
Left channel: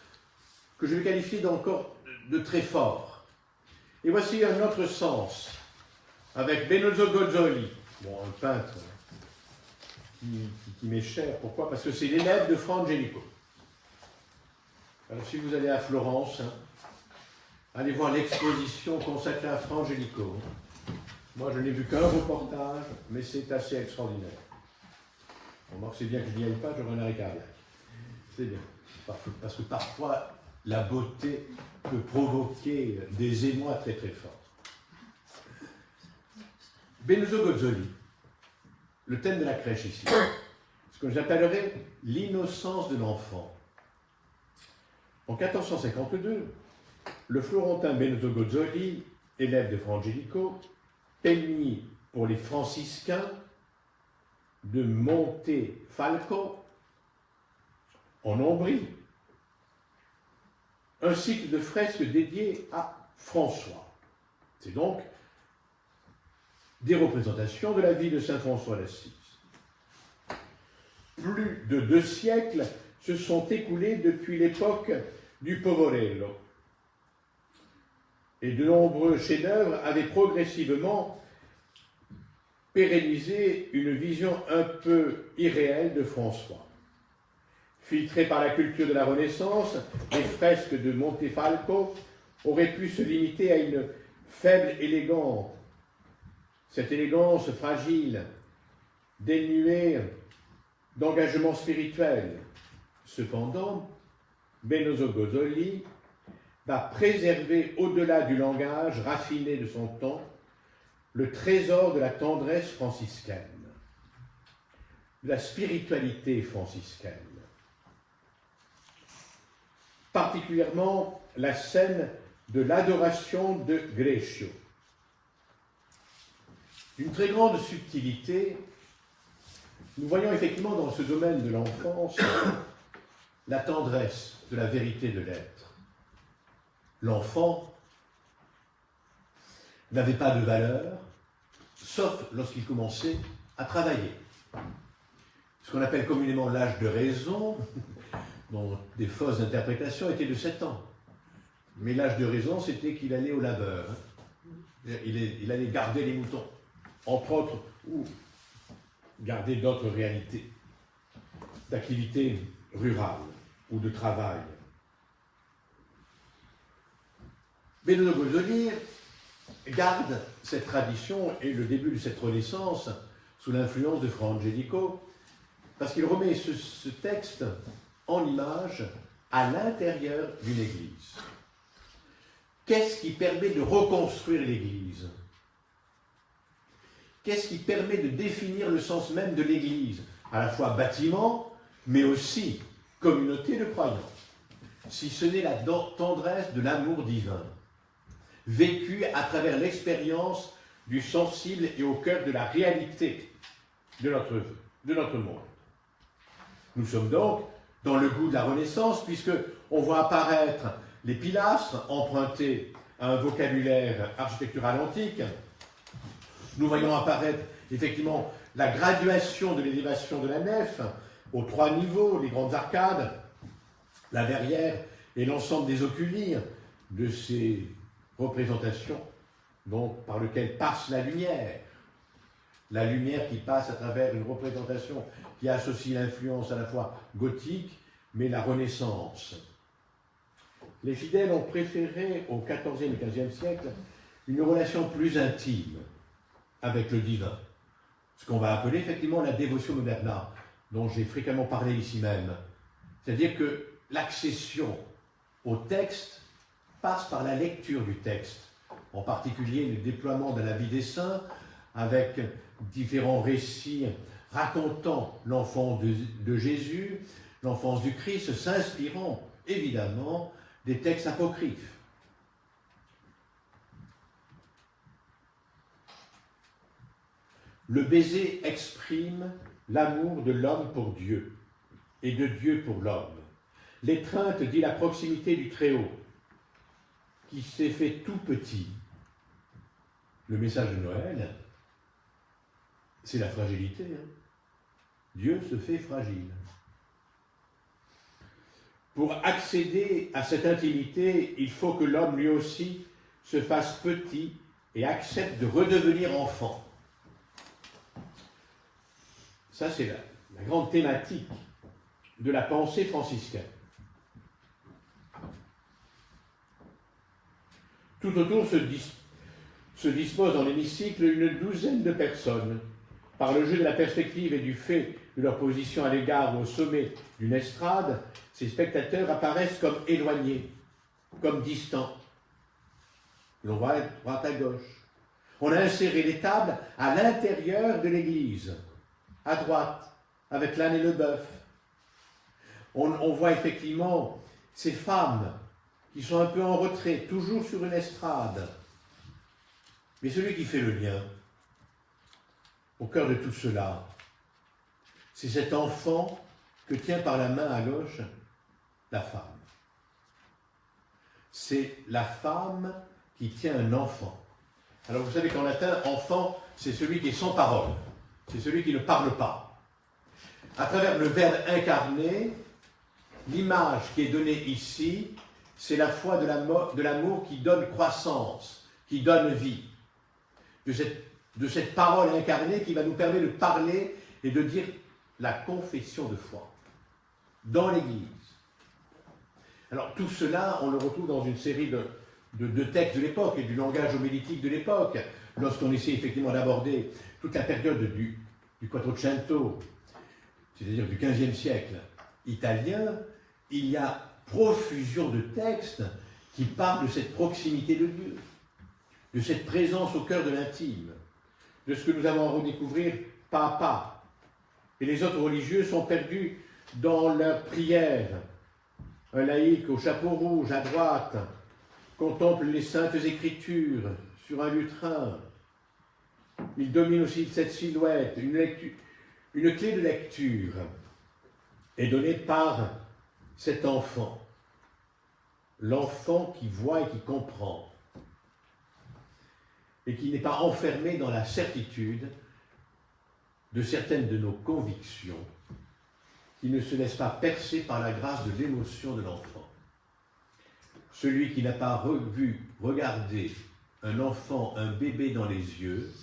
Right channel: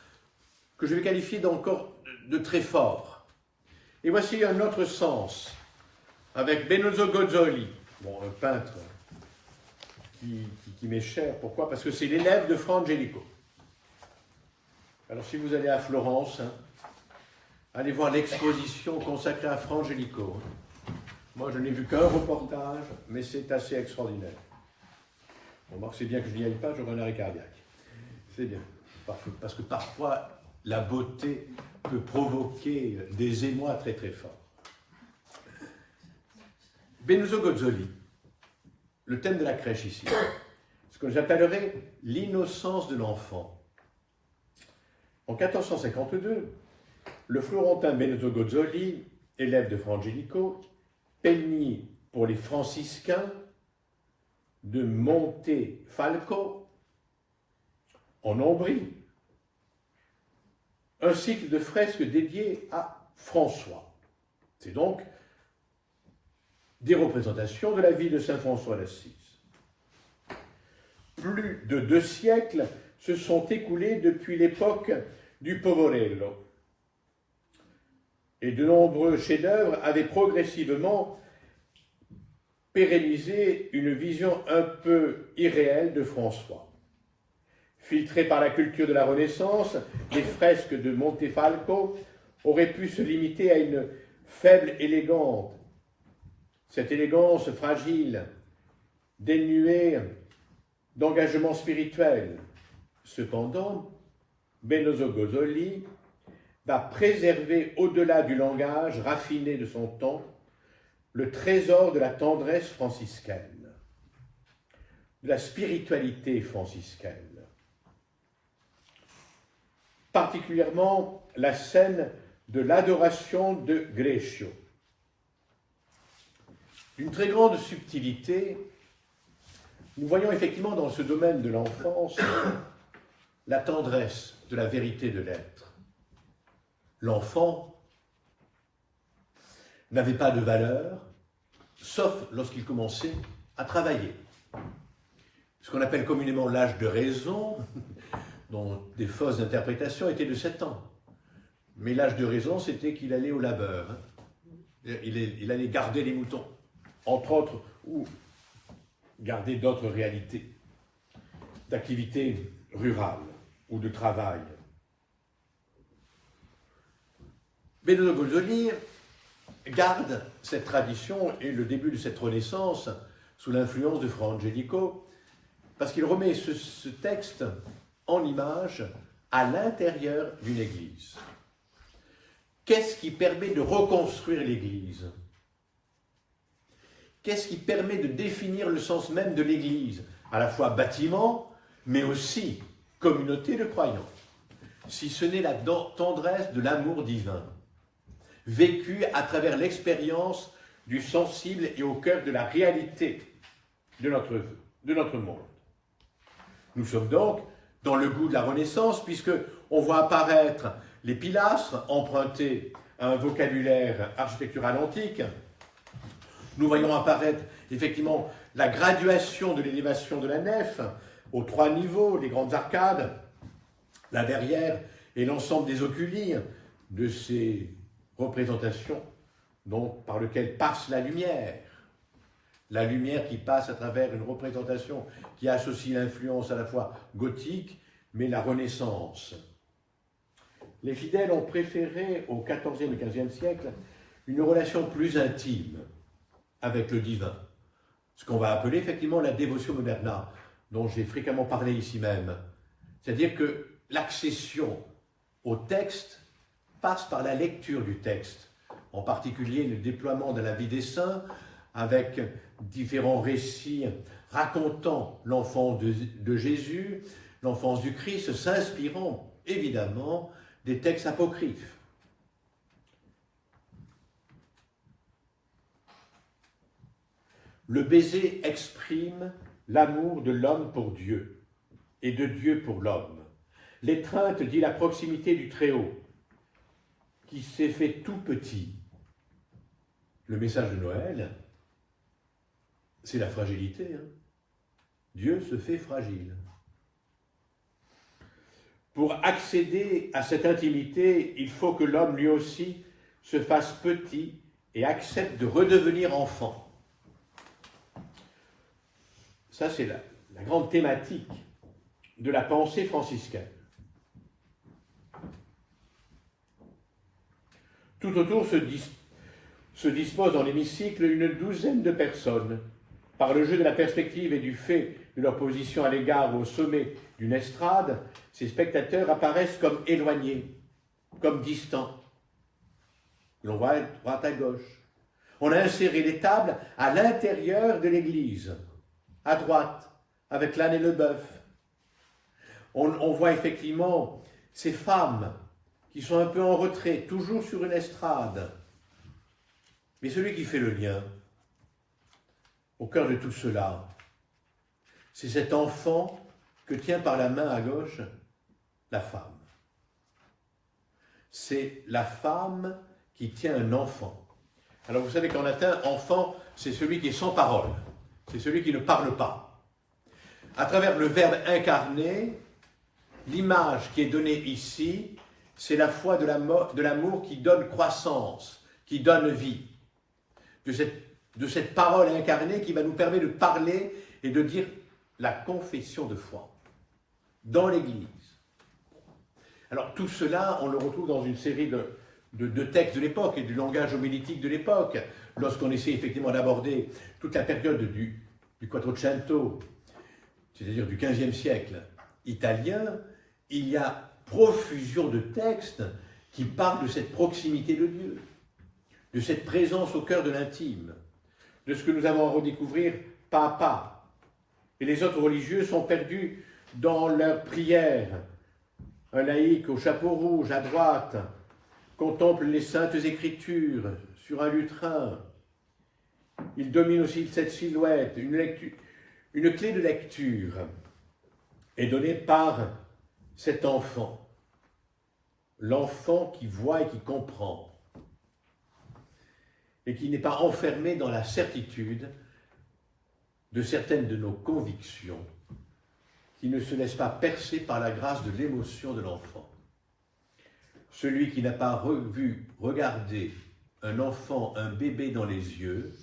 que je vais qualifier d'encore de très fort. Et voici un autre sens, avec Benozzo Gozzoli, un peintre qui m'est cher. Pourquoi? Parce que c'est l'élève de Fra Angelico. Alors si vous allez à Florence, hein, allez voir l'exposition consacrée à Fra Angelico. Moi, je n'ai vu qu'un reportage, mais c'est assez extraordinaire. Bon, c'est bien que je n'y aille pas, j'aurai un arrêt cardiaque. C'est bien. Parce que parfois, la beauté peut provoquer des émois très très forts. Benozzo Gozzoli, le thème de la crèche ici, ce que j'appellerais l'innocence de l'enfant. En 1452, le Florentin Benozzo Gozzoli, élève de Fra Angelico, peignit pour les franciscains de Montefalco, en Ombrie, un cycle de fresques dédié à François. C'est donc des représentations de la vie de Saint François d'Assise. Plus de 2 siècles se sont écoulés depuis l'époque du Poverello. Et de nombreux chefs-d'œuvre avaient progressivement pérennisé une vision un peu irréelle de François. Filtrés par la culture de la Renaissance, les fresques de Montefalco auraient pu se limiter à une faible élégance. Cette élégance fragile, dénuée d'engagement spirituel. Cependant, Benozzo Gozzoli va préserver au-delà du langage raffiné de son temps le trésor de la tendresse franciscaine, de la spiritualité franciscaine. Particulièrement la scène de l'adoration de Greccio. D'une très grande subtilité, nous voyons effectivement dans ce domaine de l'enfance la tendresse de la vérité de l'être. L'enfant n'avait pas de valeur, sauf lorsqu'il commençait à travailler. Ce qu'on appelle communément l'âge de raison, dont des fausses interprétations, était de 7 ans. Mais l'âge de raison, c'était qu'il allait au labeur. Il allait garder les moutons, entre autres, ou garder d'autres réalités, d'activité rurale ou de travail. Benozzo Gozzoli garde cette tradition et le début de cette renaissance sous l'influence de Fra Angelico, parce qu'il remet ce texte en image à l'intérieur d'une église. Qu'est-ce qui permet de reconstruire l'église? Qu'est-ce qui permet de définir le sens même de l'église? À la fois bâtiment, mais aussi communauté de croyants. Si ce n'est la tendresse de l'amour divin, vécu à travers l'expérience du sensible et au cœur de la réalité de notre monde. Nous sommes donc dans le goût de la Renaissance, puisque on voit apparaître les pilastres empruntés à un vocabulaire architectural antique. Nous voyons apparaître effectivement la graduation de l'élévation de la nef aux 3 niveaux, les grandes arcades, la verrière et l'ensemble des oculis de ces représentations donc, par lesquelles passe la lumière qui passe à travers une représentation qui associe l'influence à la fois gothique mais la Renaissance. Les fidèles ont préféré au XIVe et XVe siècle une relation plus intime avec le divin, ce qu'on va appeler effectivement la dévotion moderna, dont j'ai fréquemment parlé ici même. C'est-à-dire que l'accession au texte passe par la lecture du texte, en particulier le déploiement de la vie des saints, avec différents récits racontant l'enfance de Jésus, l'enfance du Christ, s'inspirant évidemment des textes apocryphes. Le baiser exprime l'amour de l'homme pour Dieu et de Dieu pour l'homme. L'étreinte dit la proximité du Très-Haut, qui s'est fait tout petit. Le message de Noël, c'est la fragilité. Dieu se fait fragile. Pour accéder à cette intimité, il faut que l'homme lui aussi se fasse petit et accepte de redevenir enfant. Ça, c'est la grande thématique de la pensée franciscaine. Tout autour se dispose dans l'hémicycle une douzaine de personnes. Par le jeu de la perspective et du fait de leur position à l'égard au sommet d'une estrade, ces spectateurs apparaissent comme éloignés, comme distants. L'on voit à droite à gauche. On a inséré les tables à l'intérieur de l'église, à droite, avec l'âne et le bœuf. On voit effectivement ces femmes qui sont un peu en retrait, toujours sur une estrade. Mais celui qui fait le lien, au cœur de tout cela, c'est cet enfant que tient par la main à gauche la femme. C'est la femme qui tient un enfant. Alors vous savez qu'en latin, enfant, c'est celui qui est sans parole, c'est celui qui ne parle pas. À travers le Verbe incarné, l'image qui est donnée ici, c'est la foi de l'amour qui donne croissance, qui donne vie. De cette parole incarnée qui va nous permettre de parler et de dire la confession de foi dans l'Église. Alors tout cela, on le retrouve dans une série de textes de l'époque et du langage homilétique de l'époque, lorsqu'on essaie effectivement d'aborder toute la période du Quattrocento, c'est-à-dire du XVe siècle italien. Il y a profusion de textes qui parlent de cette proximité de Dieu, de cette présence au cœur de l'intime, de ce que nous avons à redécouvrir pas à pas. Et les autres religieux sont perdus dans leurs prières. Un laïc au chapeau rouge à droite contemple les saintes écritures sur un lutrin. Il domine aussi cette silhouette. Une clé de lecture est donnée par cet enfant. L'enfant qui voit et qui comprend. Et qui n'est pas enfermé dans la certitude de certaines de nos convictions, qui ne se laisse pas percer par la grâce de l'émotion de l'enfant. Celui qui n'a pas regardé un enfant, un bébé dans les yeux,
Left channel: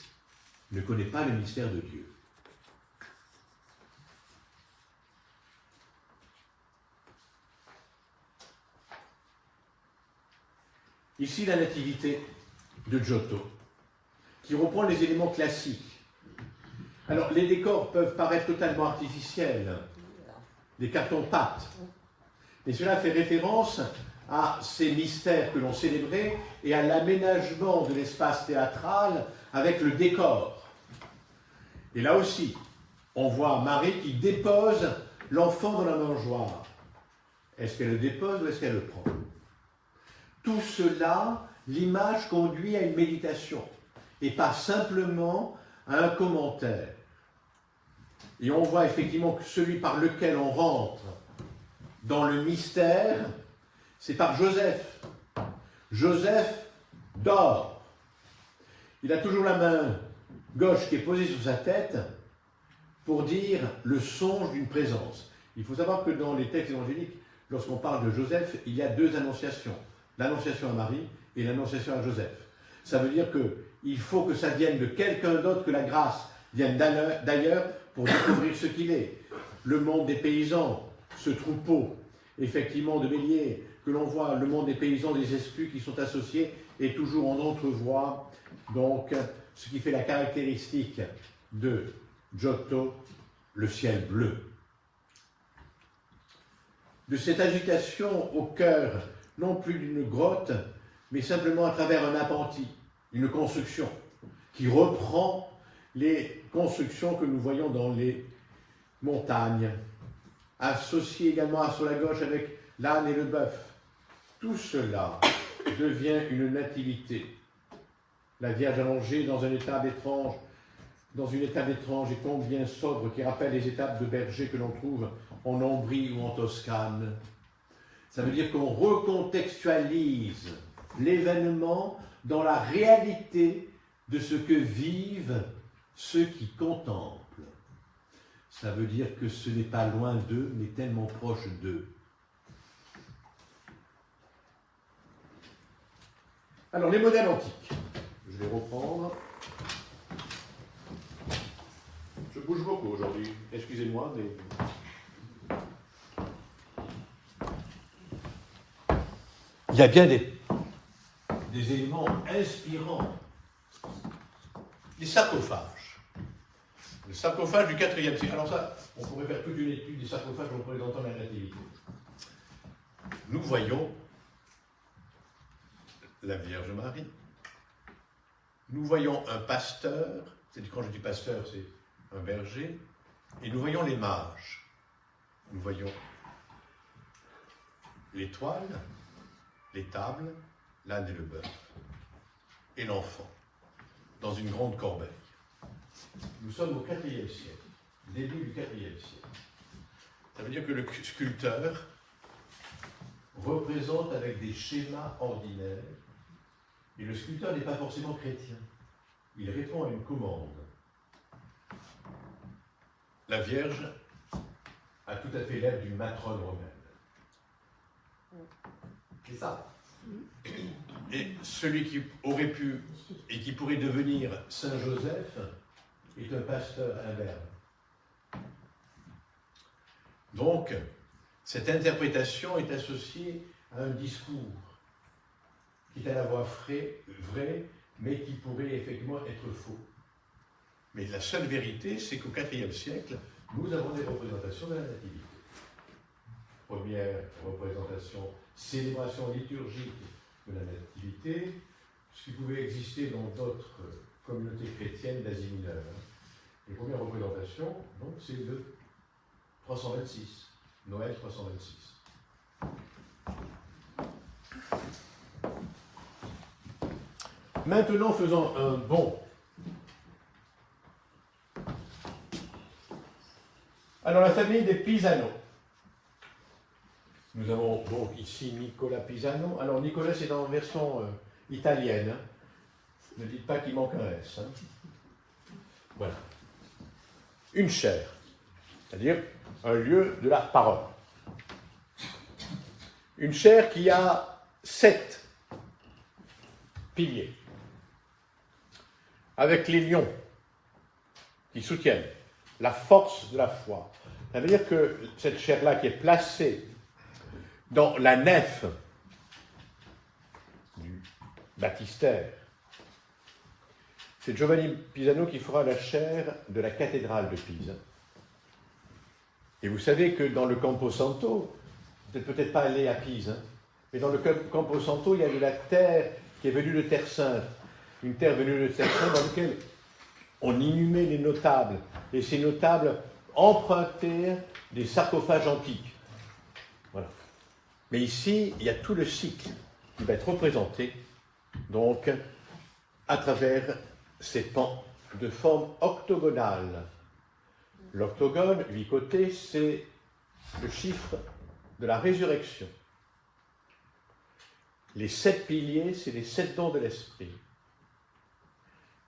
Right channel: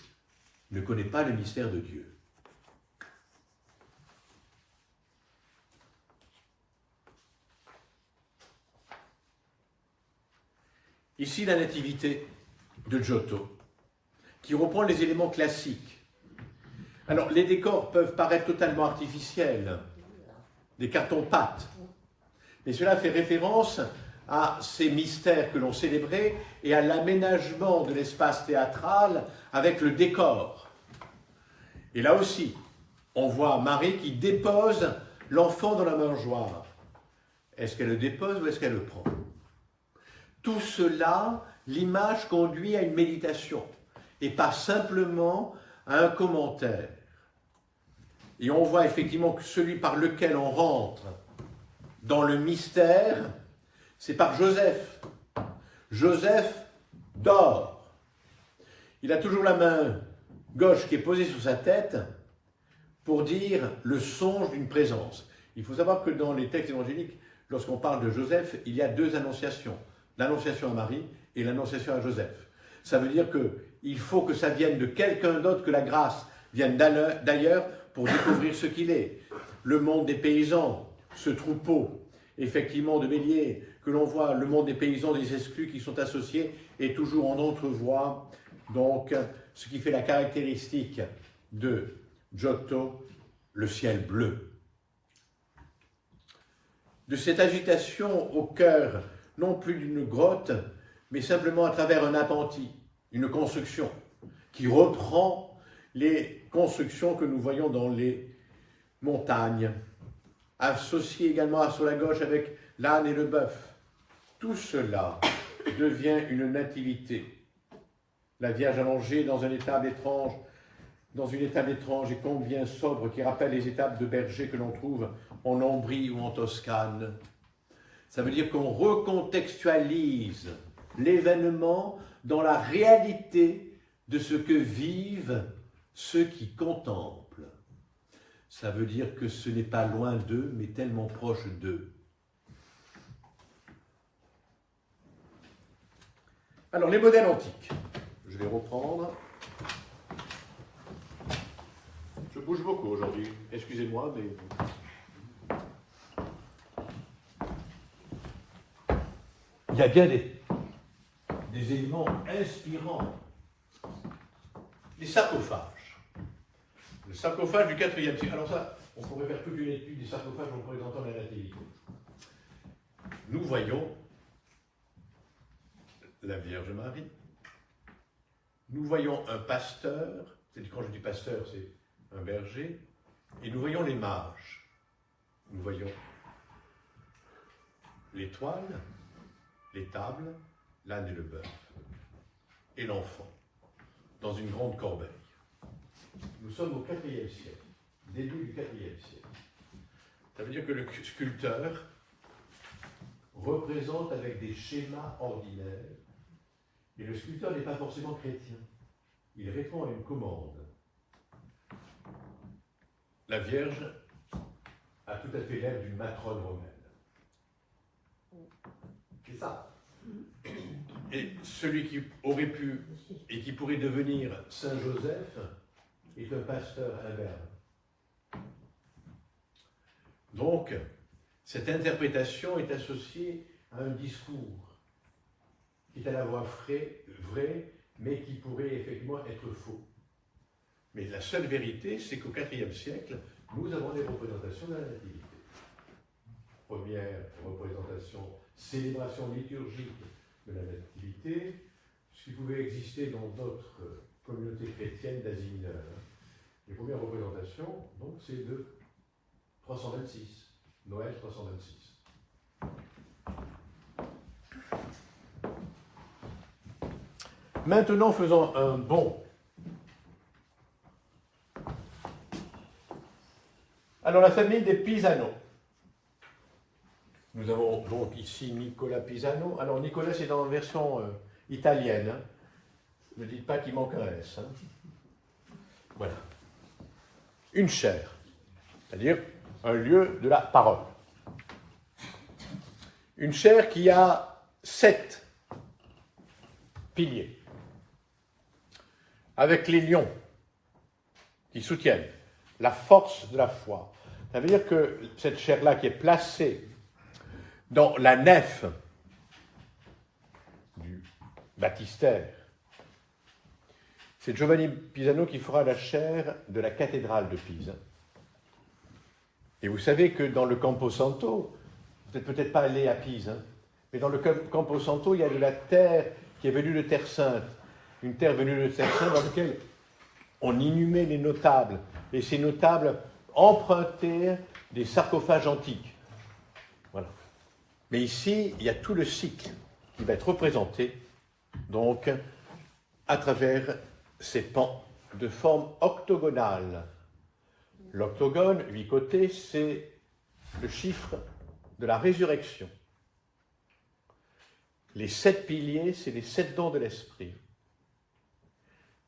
ne connaît pas le mystère de Dieu. Ici, la nativité de Giotto, qui reprend les éléments classiques. Alors, les décors peuvent paraître totalement artificiels, des cartons-pâtes, mais cela fait référence à ces mystères que l'on célébrait et à l'aménagement de l'espace théâtral avec le décor. Et là aussi, on voit Marie qui dépose l'enfant dans la mangeoire. Est-ce qu'elle le dépose ou est-ce qu'elle le prend? Tout cela, l'image conduit à une méditation. et pas simplement à un commentaire. Et on voit effectivement que celui par lequel on rentre dans le mystère, c'est par Joseph. Joseph dort. Il a toujours la main gauche qui est posée sur sa tête pour dire le songe d'une présence. Il faut savoir que dans les textes évangéliques, lorsqu'on parle de Joseph, il y a deux annonciations. L'annonciation à Marie et l'annonciation à Joseph. Ça veut dire qu'il faut que ça vienne de quelqu'un d'autre, que la grâce vienne d'ailleurs pour découvrir ce qu'il est. Le monde des paysans, ce troupeau, effectivement, de béliers, que l'on voit, le monde des paysans, des esprits qui sont associés, et toujours on entrevoit donc ce qui fait la caractéristique de Giotto, le ciel bleu. De cette agitation au cœur, non plus d'une grotte, mais simplement à travers un appentis, une construction, qui reprend les constructions que nous voyons dans les montagnes, associées également sur la gauche avec l'âne et le bœuf. Tout cela devient une nativité. La Vierge allongée dans une étable étrange et combien sobre, qui rappelle les étapes de berger que l'on trouve en Ombrie ou en Toscane. Ça veut dire qu'on recontextualise l'événement dans la réalité de ce que vivent ceux qui contemplent. Ça veut dire que ce n'est pas loin d'eux, mais tellement proche d'eux. Alors, les modèles antiques. Je vais reprendre. Je bouge beaucoup aujourd'hui. Excusez-moi. Il y a bien des éléments inspirants. Les sarcophages. Le sarcophage du IVe siècle. Alors ça, on pourrait faire toute une étude des sarcophages représentant la nativité. Nous voyons la Vierge Marie. Nous voyons un pasteur, quand je dis pasteur, c'est un berger, et nous voyons les mages. Nous voyons l'étoile, les tables, l'âne et le bœuf, et l'enfant, dans une grande corbeille. Nous sommes au IVe siècle, début du IVe siècle. Ça veut dire que le sculpteur représente avec des schémas ordinaires, et le sculpteur n'est pas forcément chrétien. Il répond à une commande. La Vierge a tout à fait l'air d'une matrone romaine. C'est ça. Et celui qui aurait pu et qui pourrait devenir Saint Joseph est un pasteur imberbe. Donc, cette interprétation est associée à un discours qui est à la fois vrai, mais qui pourrait effectivement être faux. Mais la seule vérité, c'est qu'au IVe siècle, nous avons des représentations de la Nativité. Première représentation, célébration liturgique de la Nativité, ce qui pouvait exister dans d'autres communautés chrétiennes d'Asie mineure. Les premières représentations, donc, c'est de 326, Noël 326. Maintenant, faisons un bond. Alors, la famille des Pisano. Nous avons donc ici Nicolas Pisano. Alors, Nicolas, c'est dans la version italienne. Hein. Ne dites pas qu'il manque un S. Hein. Voilà. Une chaire, c'est-à-dire un lieu de la parole. Une chaire qui a 7 piliers, avec les lions qui soutiennent la force de la foi. Ça veut dire que cette chaire-là qui est placée dans la nef du baptistère, c'est Giovanni Pisano qui fera la chaire de la cathédrale de Pise. Et vous savez que dans le Camposanto, vous n'êtes peut-être pas allé à Pise, hein, mais dans le Camposanto, il y a de la terre qui est venue de Terre Sainte, une terre venue de Terre Sainte dans laquelle on inhumait les notables, et ces notables empruntaient des sarcophages antiques. Voilà. Mais ici, il y a tout le cycle qui va être représenté, donc, à travers c'est de forme octogonale. L'octogone, 8 côtés, c'est le chiffre de la résurrection. Les 7 piliers, c'est les 7 dons de l'esprit.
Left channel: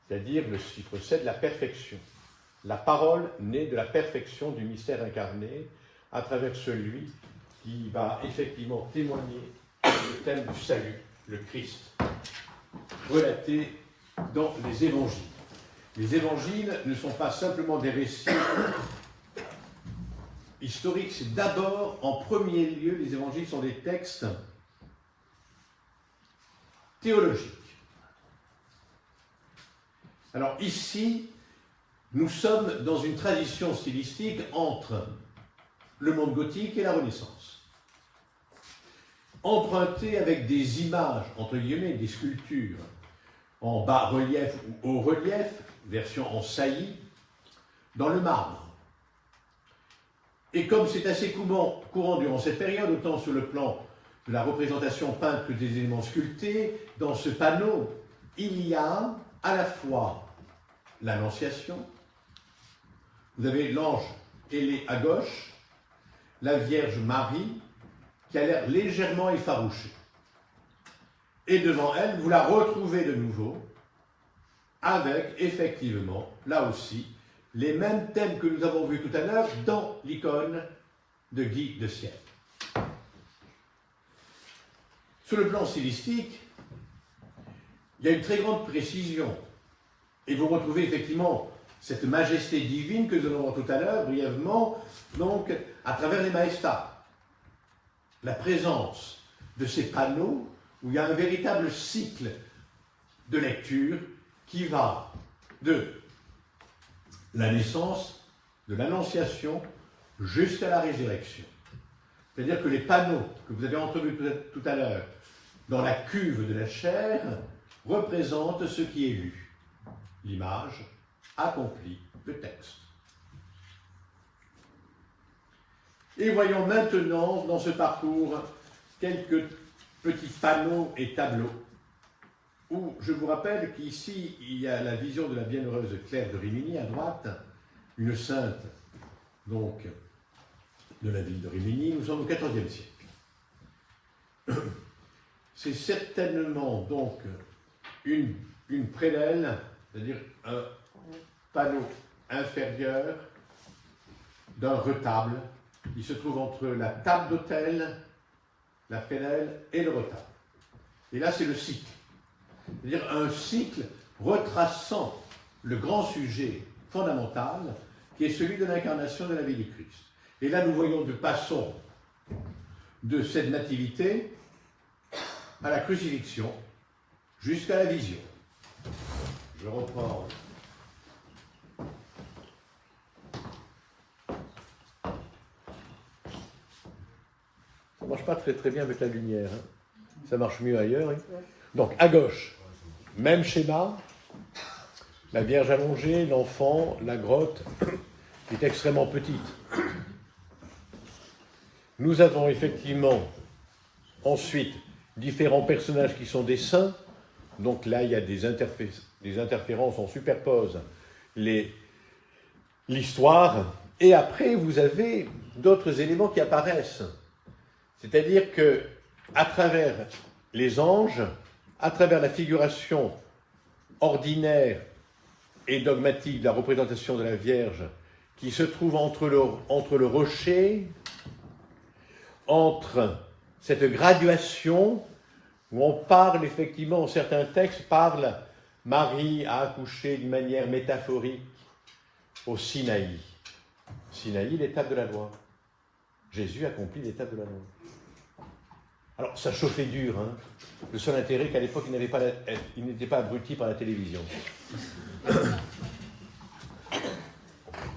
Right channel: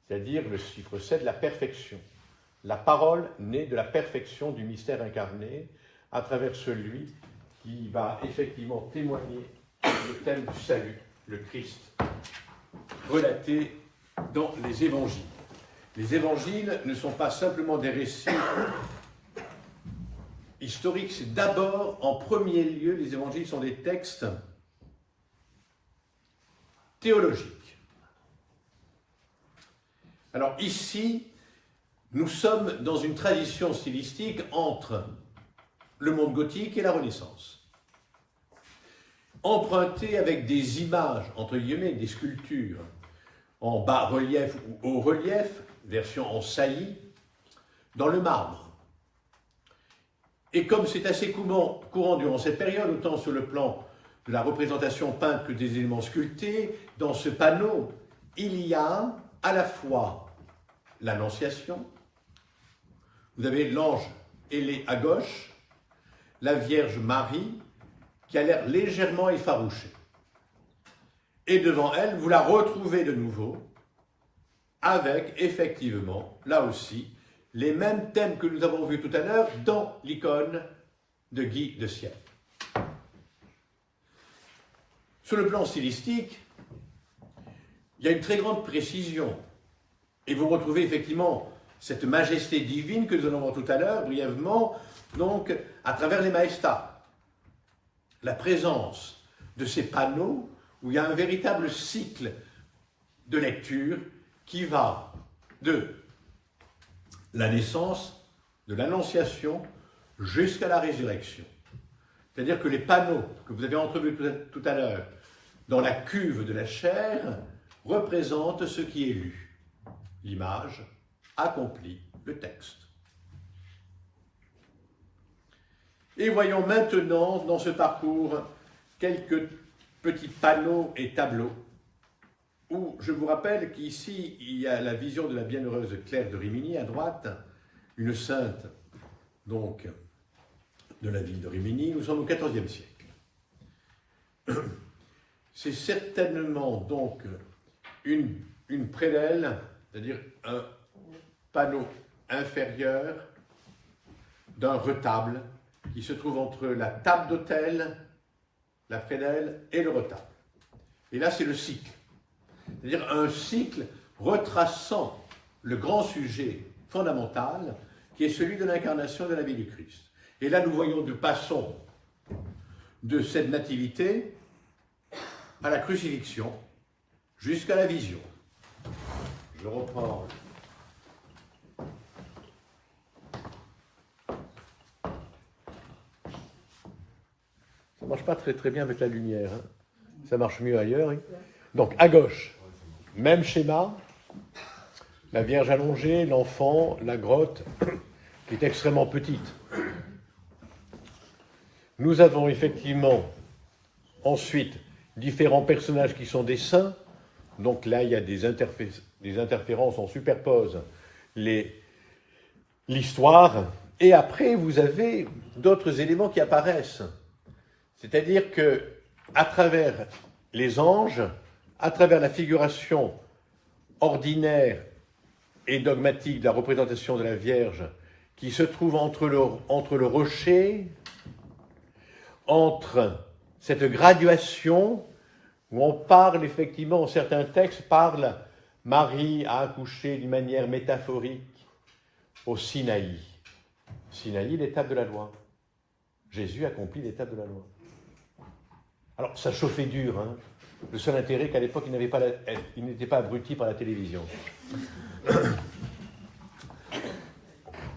C'est-à-dire le chiffre 7, la perfection. La parole naît de la perfection du mystère incarné à travers celui qui va effectivement témoigner le thème du salut, le Christ, relaté dans les évangiles. Les évangiles ne sont pas simplement des récits historiques, c'est d'abord, en premier lieu, les évangiles sont des textes théologiques. Alors ici, nous sommes dans une tradition stylistique entre le monde gothique et la Renaissance. Emprunté avec des images, entre guillemets, des sculptures, en bas-relief ou haut-relief, version en saillie, dans le marbre. Et comme c'est assez courant durant cette période, autant sur le plan de la représentation peinte que des éléments sculptés, dans ce panneau, il y a à la fois l'Annonciation, vous avez l'ange ailé à gauche, la Vierge Marie, qui a l'air légèrement effarouchée. Et devant elle, vous la retrouvez de nouveau, avec effectivement, là aussi, les mêmes thèmes que nous avons vus tout à l'heure dans l'icône de Guy de Sierre. Sur le plan stylistique, il y a une très grande précision. Et vous retrouvez effectivement cette majesté divine que nous allons voir tout à l'heure, brièvement, donc à travers les maestas. La présence de ces panneaux où il y a un véritable cycle de lecture qui va de la naissance, de l'Annonciation, jusqu'à la résurrection. C'est-à-dire que les panneaux que vous avez entrevus tout à l'heure dans la cuve de la chair représentent ce qui est lu. L'image accomplit le texte. Et voyons maintenant dans ce parcours quelques petits panneaux et tableaux où je vous rappelle qu'ici il y a la vision de la bienheureuse Claire de Rimini à droite, une sainte donc de la ville de Rimini. Nous sommes au XIVe siècle. C'est certainement donc une prédelle, c'est-à-dire un panneau inférieur d'un retable qui se trouve entre la table d'autel, la prédelle et le retable. Et là, c'est le cycle. C'est-à-dire un cycle retraçant le grand sujet fondamental qui est celui de l'incarnation de la vie du Christ. Et là, nous voyons, passons de cette nativité à la crucifixion jusqu'à la vision. Je reprends. Ça ne marche pas très bien avec la lumière. Hein. Ça marche mieux ailleurs. Hein. Donc, à gauche, même schéma. La Vierge allongée, l'enfant, la grotte, qui est extrêmement petite. Nous avons effectivement ensuite différents personnages qui sont des saints. Donc là, il y a des interférences, on superpose l'histoire. Et après, vous avez d'autres éléments qui apparaissent. C'est-à-dire que, à travers les anges, à travers la figuration ordinaire et dogmatique de la représentation de la Vierge, qui se trouve entre le rocher, entre cette graduation où on parle effectivement, certains textes parlent, Marie a accouché d'une manière métaphorique au Sinaï. Sinaï, l'étape de la loi. Jésus accomplit l'étape de la loi. Alors, ça chauffait dur, hein. Le seul intérêt qu'à l'époque, il n'était pas abruti par la télévision.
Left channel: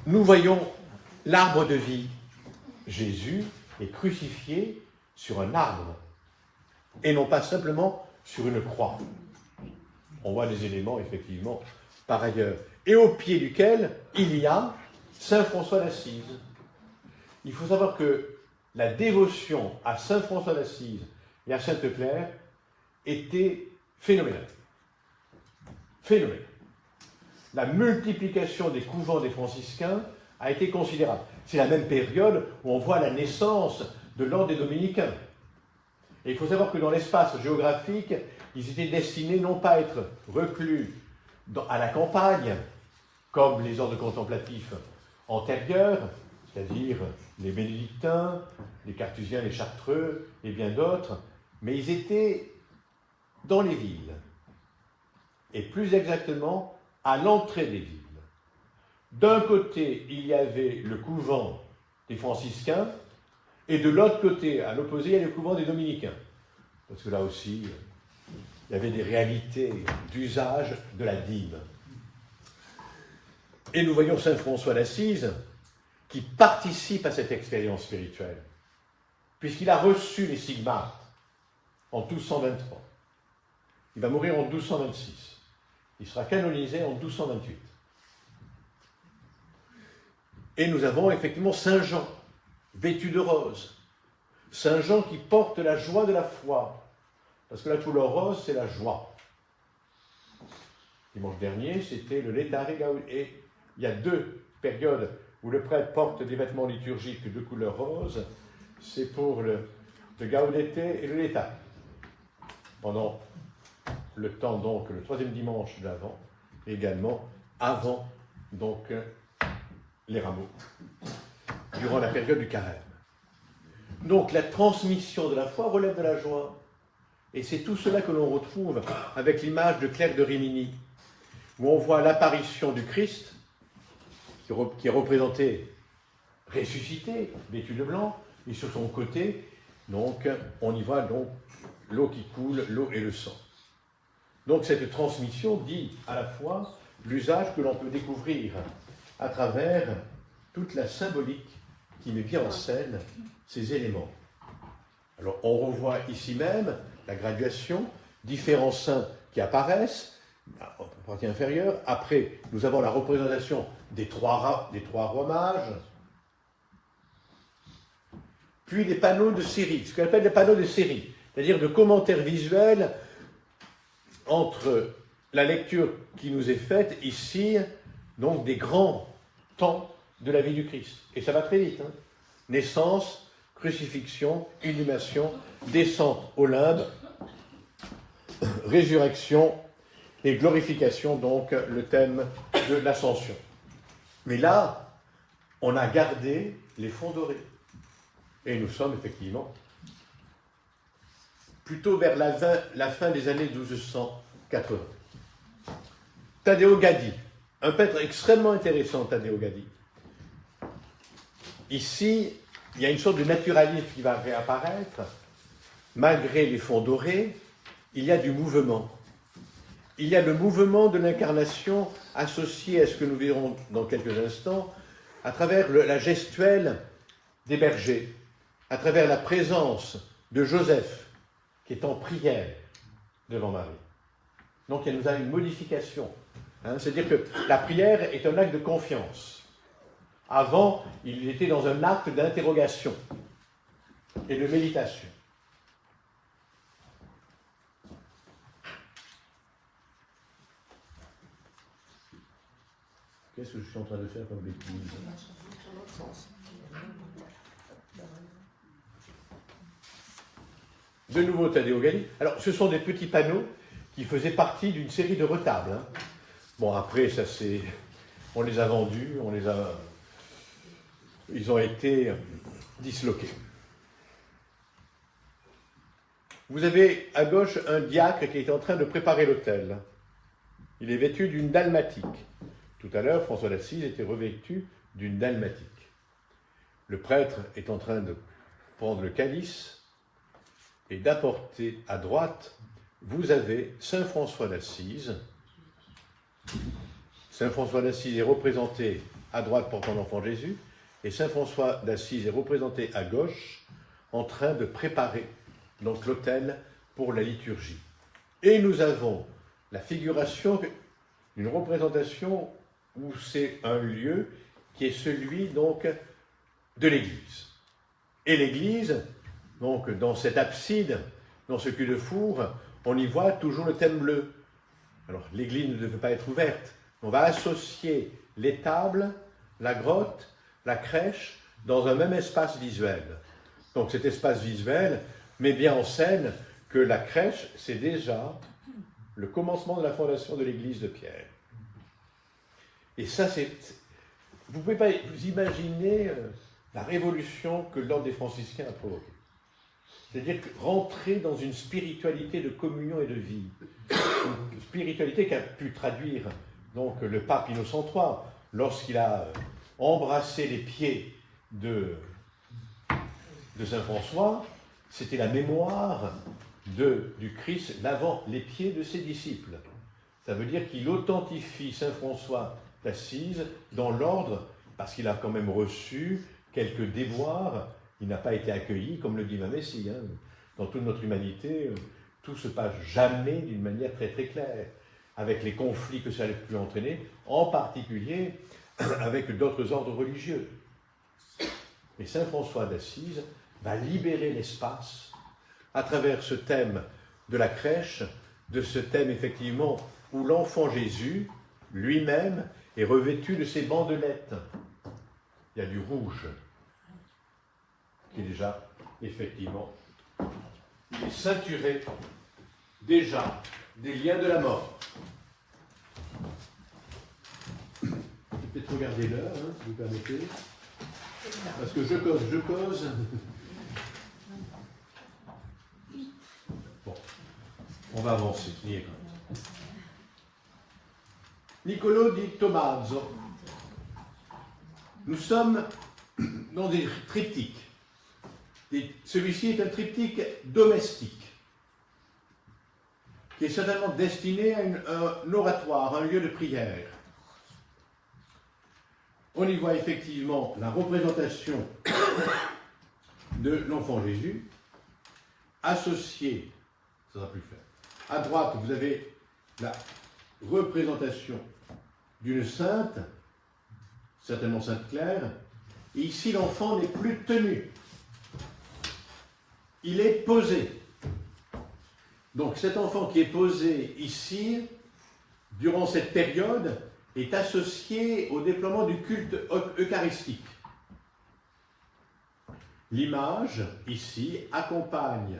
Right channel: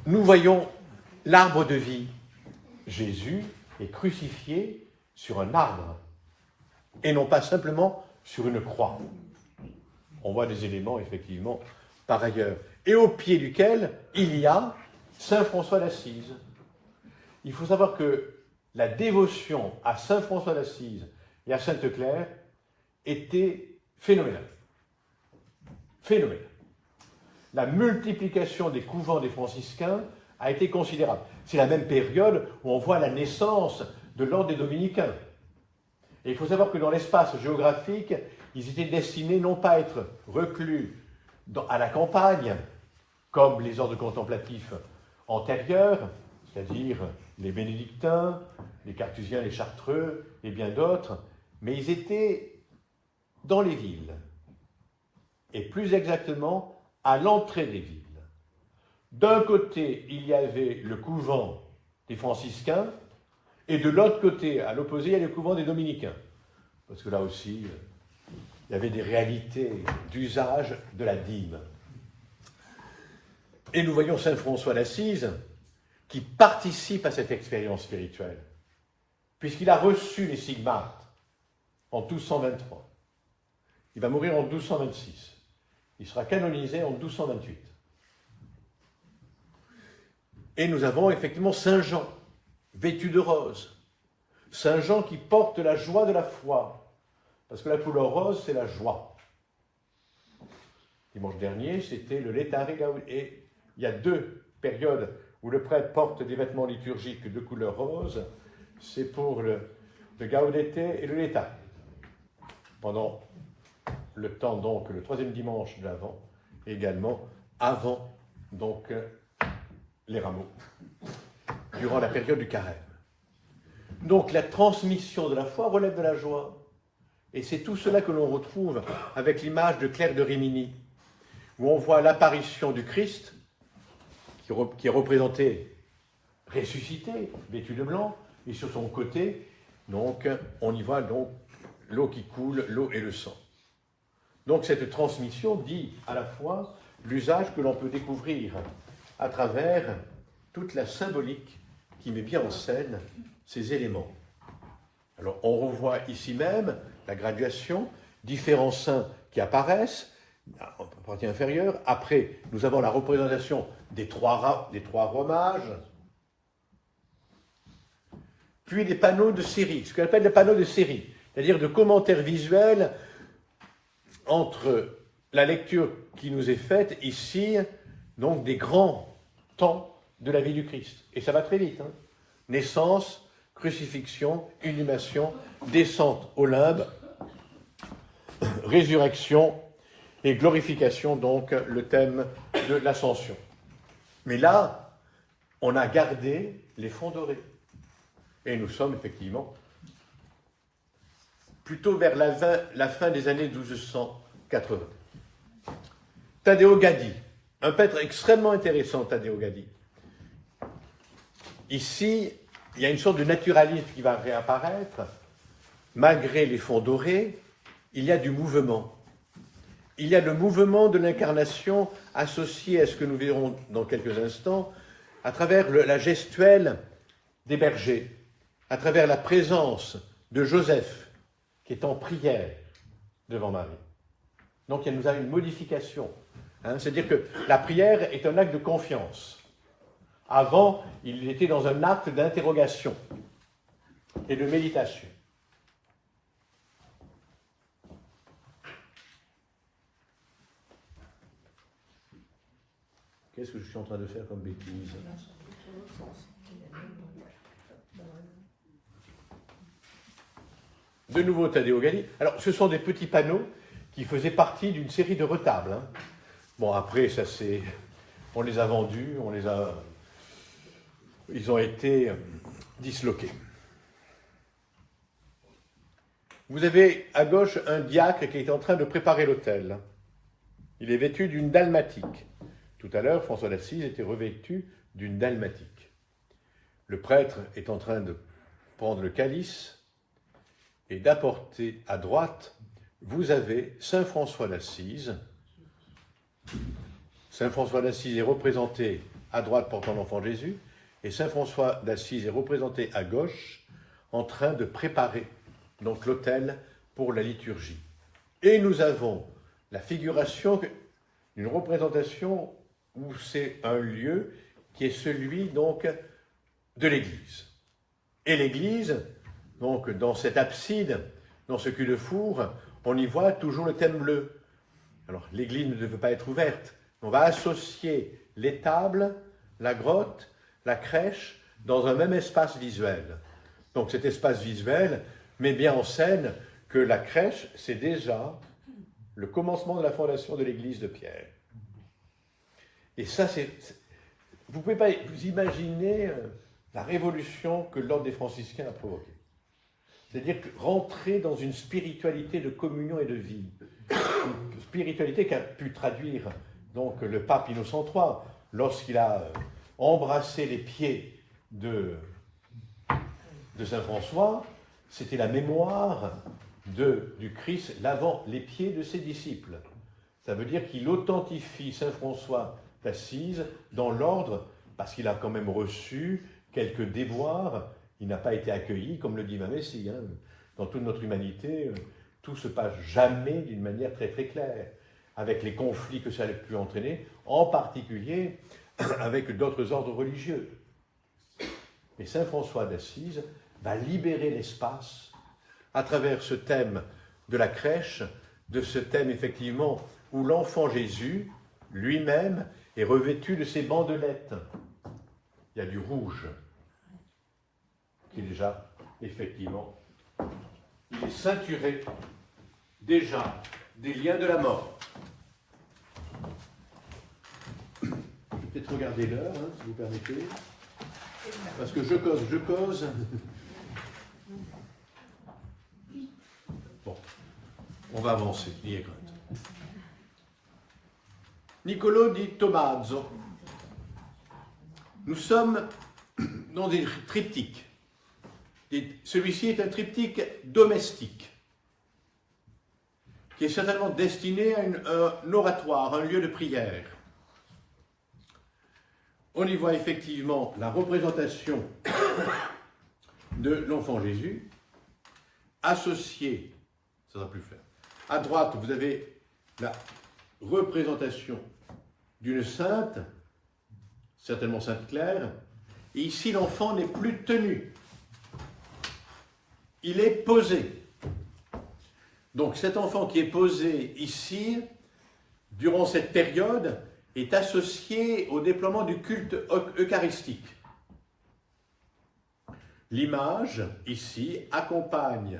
Nous voyons l'arbre de vie. Jésus est crucifié sur un arbre, et non pas simplement sur une croix. On voit des éléments, effectivement, par ailleurs. Et au pied duquel il y a Saint François d'Assise. Il faut savoir que la dévotion à Saint François d'Assise et à Sainte Claire était phénoménale. Phénoménale. la multiplication des couvents des franciscains a été considérable. C'est la même période où on voit la naissance de l'ordre des dominicains. Et il faut savoir que dans l'espace géographique, ils étaient destinés non pas à être reclus à la campagne, comme les ordres contemplatifs antérieurs, c'est-à-dire les bénédictins, les carthusiens, les chartreux et bien d'autres, mais ils étaient dans les villes, et plus exactement à l'entrée des villes. D'un côté, il y avait le couvent des franciscains, et de l'autre côté, à l'opposé, il y a le couvent des dominicains. Parce que là aussi, il y avait des réalités d'usage de la dîme. Et nous voyons saint François d'Assise qui participe à cette expérience spirituelle, puisqu'il a reçu les stigmates en 1223. Il va mourir en 1226. Il sera canonisé en 1228. Et nous avons effectivement Saint Jean, vêtu de rose. Saint Jean qui porte la joie de la foi. Parce que la couleur rose, c'est la joie. Dimanche dernier, c'était le Laetare Gaudete. Et il y a deux périodes où le prêtre porte des vêtements liturgiques de couleur rose. C'est pour le Gaudete et le Laetare. Pendant le temps, donc, le troisième dimanche d'Avent, et également avant, donc, les rameaux, durant la période du carême. Donc, la transmission de la foi relève de la joie. Et c'est tout cela que l'on retrouve avec l'image de Claire de Rimini, où on voit l'apparition du Christ, qui est représenté ressuscité, vêtu de blanc, et sur son côté, donc, on y voit donc l'eau qui coule, l'eau et le sang. Donc cette transmission dit à la fois l'usage que l'on peut découvrir à travers toute la symbolique qui met bien en scène ces éléments. Alors on revoit ici même la graduation, différents saints qui apparaissent, en partie inférieure. Après, nous avons la représentation des trois rois mages, puis des panneaux de série, ce qu'on appelle les panneaux de série, c'est-à-dire de commentaires visuels entre la lecture qui nous est faite ici, donc des grands temps de la vie du Christ. Et ça va très vite. Hein. Naissance, crucifixion, inhumation, descente au limbe, résurrection et glorification, donc le thème de l'ascension. Mais là, on a gardé les fonds dorés. Et nous sommes effectivement plutôt vers la fin des années 1280. Taddeo Gaddi, un peintre extrêmement intéressant, Taddeo Gaddi. Ici, il y a une sorte de naturalisme qui va réapparaître. Malgré les fonds dorés, il y a du mouvement. Il y a le mouvement de l'incarnation associé à ce que nous verrons dans quelques instants, à travers la gestuelle des bergers, à travers la présence de Joseph, qui est en prière devant Marie. Donc il nous a une modification. Hein, c'est-à-dire que la prière est un acte de confiance. Avant, il était dans un acte d'interrogation et de méditation. Qu'est-ce que je suis en train de faire comme bêtise ? De nouveau Taddeo Gaddi. Alors, ce sont des petits panneaux qui faisaient partie d'une série de retables. Hein. Bon, après, ça c'est... On les a vendus, ils ont été disloqués. Vous avez à gauche un diacre qui est en train de préparer l'autel. Il est vêtu d'une dalmatique. Tout à l'heure, François d'Assise était revêtu d'une dalmatique. Le prêtre est en train de prendre le calice et d'apporter à droite, vous avez Saint François d'Assise. Saint François d'Assise est représenté à droite portant l'enfant Jésus, et Saint François d'Assise est représenté à gauche en train de préparer donc l'autel pour la liturgie. Et nous avons la figuration, une représentation où c'est un lieu qui est celui donc de l'Église. Et l'Église, donc dans cette abside, dans ce cul-de-four, on y voit toujours le thème bleu. Alors l'Église ne devait pas être ouverte, On va associer l'étable, la grotte, la crèche dans un même espace visuel. Donc cet espace visuel met bien en scène que la crèche, c'est déjà le commencement de la fondation de l'église de Pierre. Et ça, vous ne pouvez pas vous imaginer la révolution que l'ordre des franciscains a provoquée. C'est-à-dire rentrer dans une spiritualité de communion et de vie. Une spiritualité qu'a pu traduire donc le pape Innocent III lorsqu'il a embrassé les pieds de Saint François. C'était la mémoire du Christ lavant les pieds de ses disciples. Ça veut dire qu'il authentifie Saint François d'Assise dans l'ordre, parce qu'il a quand même reçu quelques déboires. Il n'a pas été accueilli, comme le dit ma Messie. Dans toute notre humanité, tout se passe jamais d'une manière très très claire, avec les conflits que ça a pu entraîner, en particulier avec d'autres ordres religieux. Et Saint François d'Assise va libérer l'espace à travers ce thème de la crèche, de ce thème effectivement où l'enfant Jésus lui-même est revêtu de ses bandelettes. Il y a du rouge qui est déjà effectivement, il est ceinturé déjà des liens de la mort. Je vais peut-être regarder l'heure, si vous permettez, parce que je cause. Bon, on va avancer. Niccolò di Tommaso. Nous sommes dans des triptyques. Celui-ci est un triptyque domestique, qui est certainement destiné à un oratoire, un lieu de prière. On y voit effectivement la représentation de l'enfant Jésus, associée, ça va plus faire. À droite, vous avez la représentation d'une sainte, certainement Sainte Claire, et ici l'enfant n'est plus tenu. Il est posé. Donc cet enfant qui est posé ici, durant cette période, est associé au déploiement du culte eucharistique. L'image, ici, accompagne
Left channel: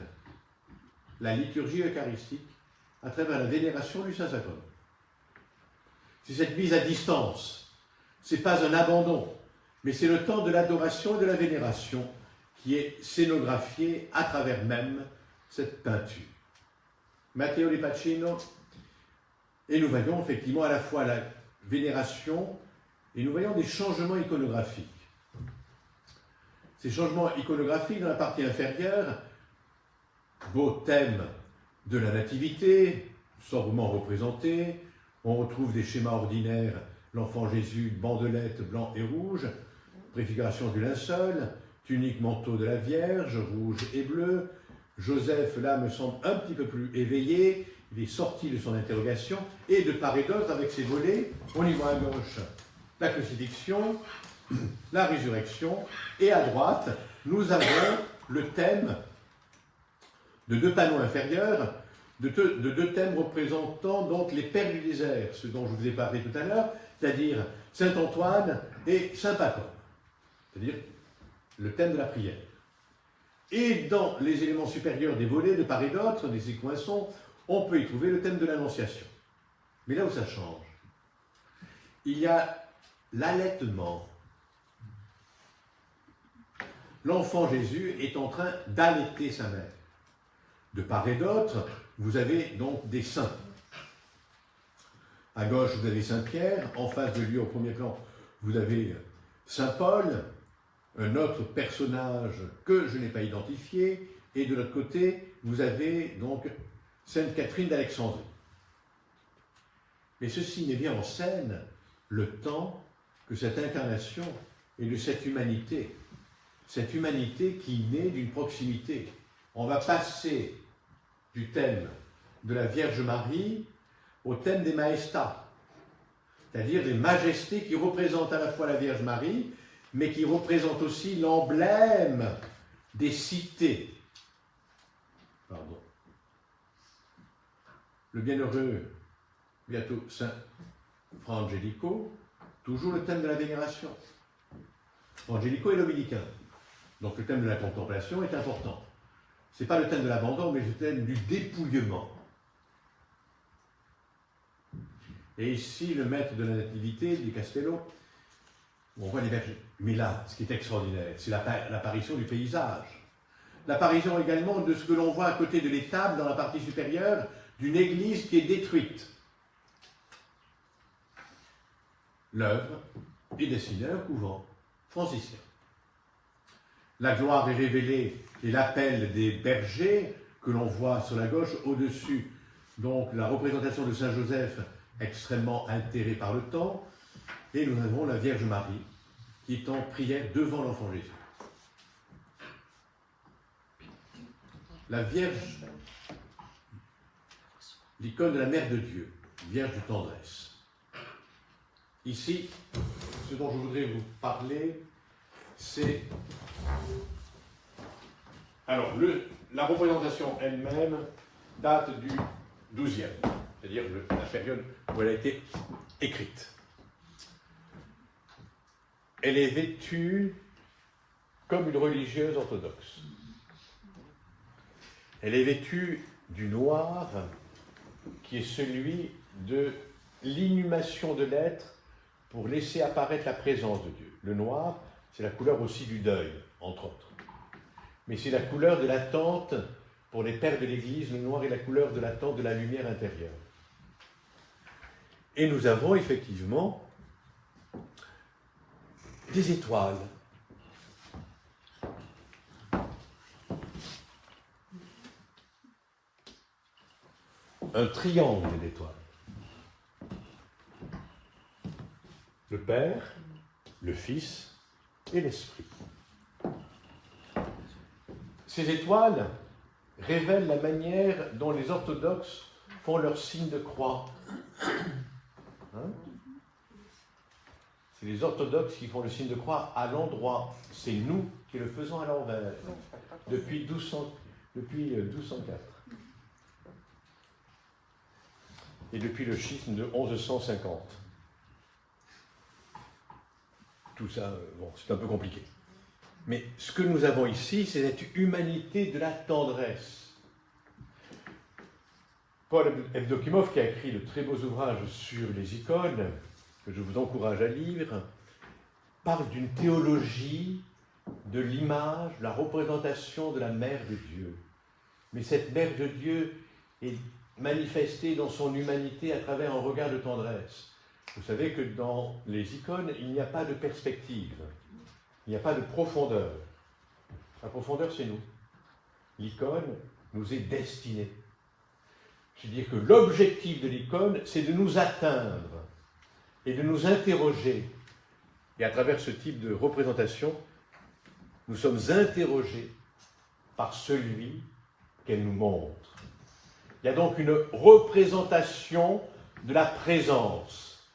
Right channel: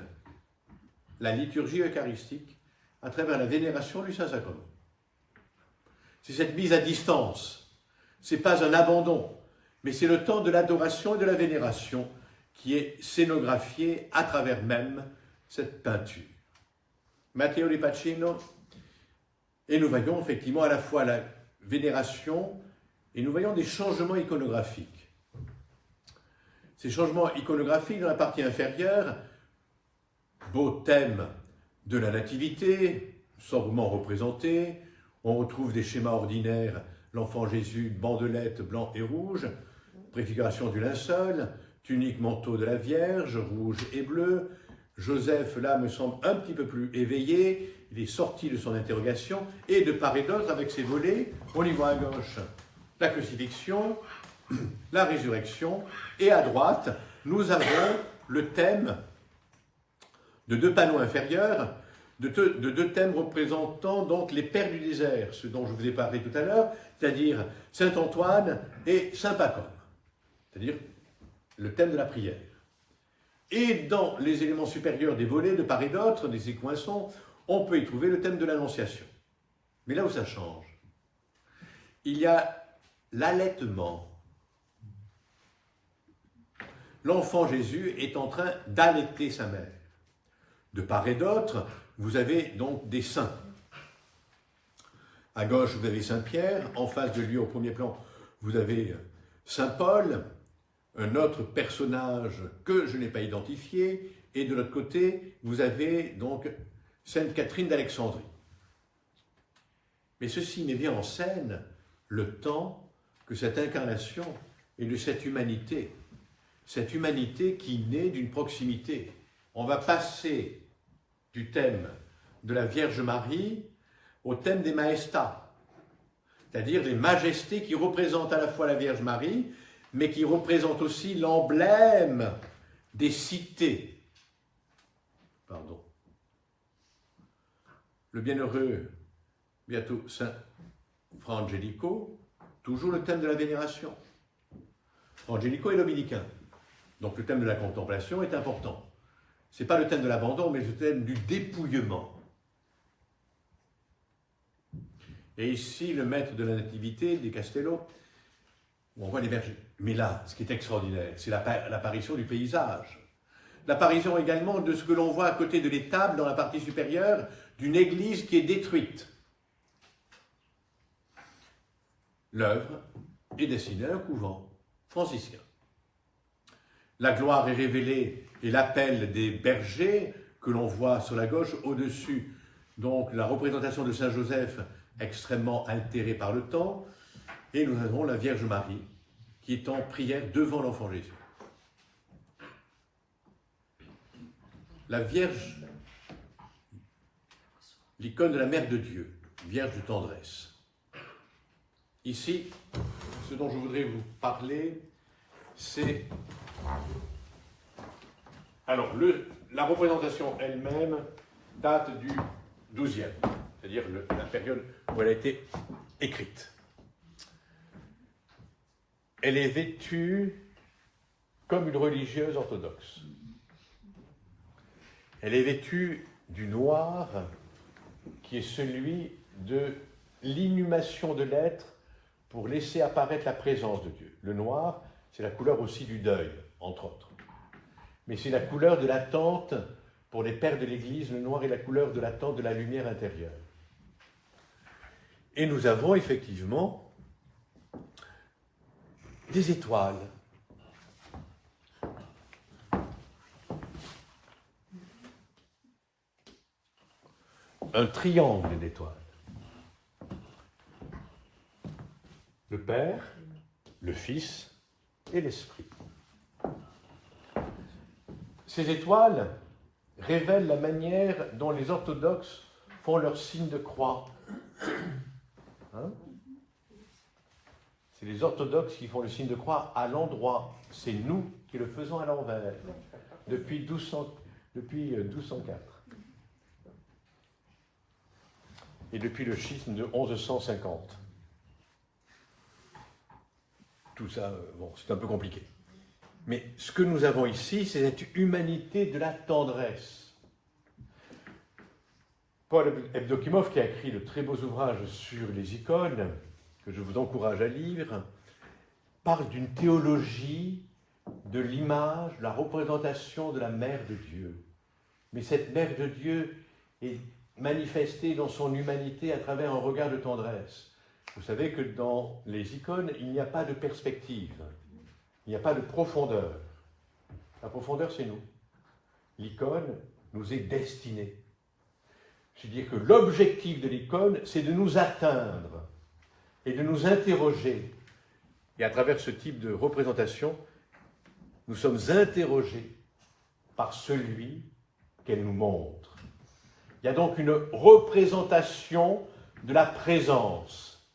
la liturgie eucharistique à travers la vénération du Saint-Sacrement. C'est cette mise à distance. Ce n'est pas un abandon, mais c'est le temps de l'adoration et de la vénération qui est scénographié à travers même cette peinture. Matteo de Pacino, et nous voyons effectivement à la fois la vénération et nous voyons des changements iconographiques. Ces changements iconographiques dans la partie inférieure, beau thème de la nativité, sobrement représenté, on retrouve des schémas ordinaires, l'enfant Jésus, bandelette blanc et rouge, préfiguration du linceul, tunique manteau de la Vierge, rouge et bleu. Joseph, là, me semble un petit peu plus éveillé, il est sorti de son interrogation, et de part et d'autre, avec ses volets, on y voit à gauche la crucifixion, la résurrection, et à droite, nous avons le thème de deux panneaux inférieurs, de deux thèmes représentant donc les pères du désert, ce dont je vous ai parlé tout à l'heure, c'est-à-dire Saint Antoine et Saint Pacôme, c'est-à-dire le thème de la prière. Et dans les éléments supérieurs des volets, de part et d'autre, des écoinçons, on peut y trouver le thème de l'Annonciation. Mais là où ça change, il y a l'allaitement. L'enfant Jésus est en train d'allaiter sa mère. De part et d'autre, vous avez donc des saints. À gauche, vous avez Saint Pierre. En face de lui, au premier plan, vous avez Saint Paul, un autre personnage que je n'ai pas identifié. Et de l'autre côté, vous avez donc Sainte Catherine d'Alexandrie. Mais ceci met bien en scène le temps que cette incarnation et de cette humanité qui naît d'une proximité. On va passer du thème de la Vierge Marie au thème des majestats, c'est-à-dire des majestés qui représentent à la fois la Vierge Marie, mais qui représentent aussi l'emblème des cités. Le bienheureux, bientôt Saint Fra Angelico, toujours le thème de la vénération. Fra Angelico est dominicain, donc le thème de la contemplation est important. Ce n'est pas le thème de l'abandon, mais le thème du dépouillement. Et ici, le maître de la Nativité, di Castello, on voit les bergers. Mais là, ce qui est extraordinaire, c'est l'apparition du paysage. L'apparition également de ce que l'on voit à côté de l'étable, dans la partie supérieure, d'une église qui est détruite. L'œuvre est destinée à un couvent franciscain. La gloire est révélée et l'appel des bergers que l'on voit sur la gauche au-dessus. Donc la représentation de Saint Joseph extrêmement altérée par le temps. Et nous avons la Vierge Marie qui est en prière devant l'enfant Jésus. La Vierge, l'icône de la Mère de Dieu, Vierge de tendresse. Ici, ce dont je voudrais vous parler, c'est... Alors, la représentation elle-même date du XIIe, c'est-à-dire la période où elle a été écrite. Elle est vêtue comme une religieuse orthodoxe. Elle est vêtue du noir, qui est celui de l'inhumation de l'être pour laisser apparaître la présence de Dieu. Le noir, c'est la couleur aussi du deuil, entre autres. Mais c'est la couleur de l'attente, pour les pères de l'Église, le noir est la couleur de l'attente de la lumière intérieure. Et nous avons effectivement des étoiles. Un triangle d'étoiles. Le Père, le Fils et l'Esprit. Ces étoiles révèlent la manière dont les orthodoxes font leur signe de croix. Hein? C'est les orthodoxes qui font le signe de croix à l'endroit. C'est nous qui le faisons à l'envers, depuis 1204. Et depuis le schisme de 1150. Tout ça, bon, c'est un peu compliqué. Mais ce que nous avons ici, c'est cette humanité de la tendresse. Paul Evdokimov, qui a écrit de très beaux ouvrages sur les icônes, que je vous encourage à lire, parle d'une théologie de l'image, la représentation de la Mère de Dieu. Mais cette Mère de Dieu est manifestée dans son humanité à travers un regard de tendresse. Vous savez que dans les icônes, il n'y a pas de perspective, il n'y a pas de profondeur. La profondeur, c'est nous. L'icône nous est destinée. Je veux dire que l'objectif de l'icône, c'est de nous atteindre et de nous interroger. Et à travers ce type de représentation, nous sommes interrogés par celui qu'elle nous montre. Il y a donc une représentation de la présence.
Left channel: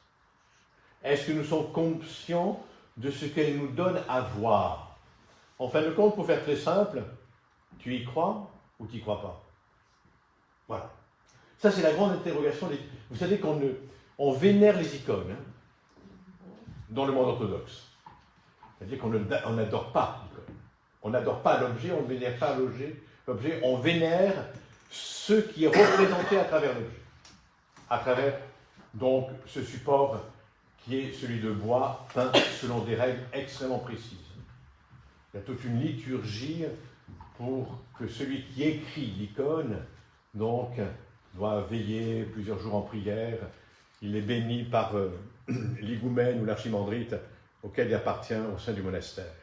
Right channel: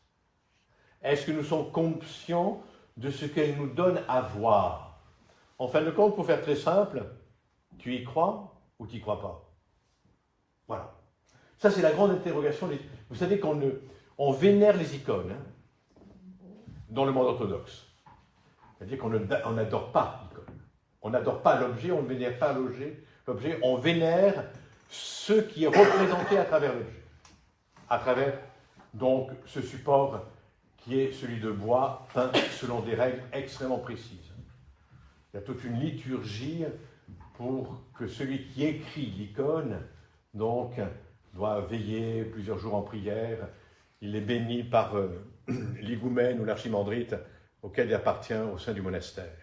Est-ce que nous sommes conscients de ce qu'elle nous donne à voir? En fin de compte, pour faire très simple, tu y crois ou tu n'y crois pas? Voilà. Ça, c'est la grande interrogation. Vous savez qu'on vénère les icônes, hein, dans le monde orthodoxe. C'est-à-dire qu'on n'adore pas l'icône. On n'adore pas l'objet, on ne vénère pas l'objet, on vénère ce qui est représenté à travers l'objet. À travers, donc, ce support qui est celui de bois, peint selon des règles extrêmement précises. Il y a toute une liturgie pour que celui qui écrit l'icône, donc, doit veiller plusieurs jours en prière. Il est béni par l'higoumène ou l'archimandrite auquel il appartient au sein du monastère.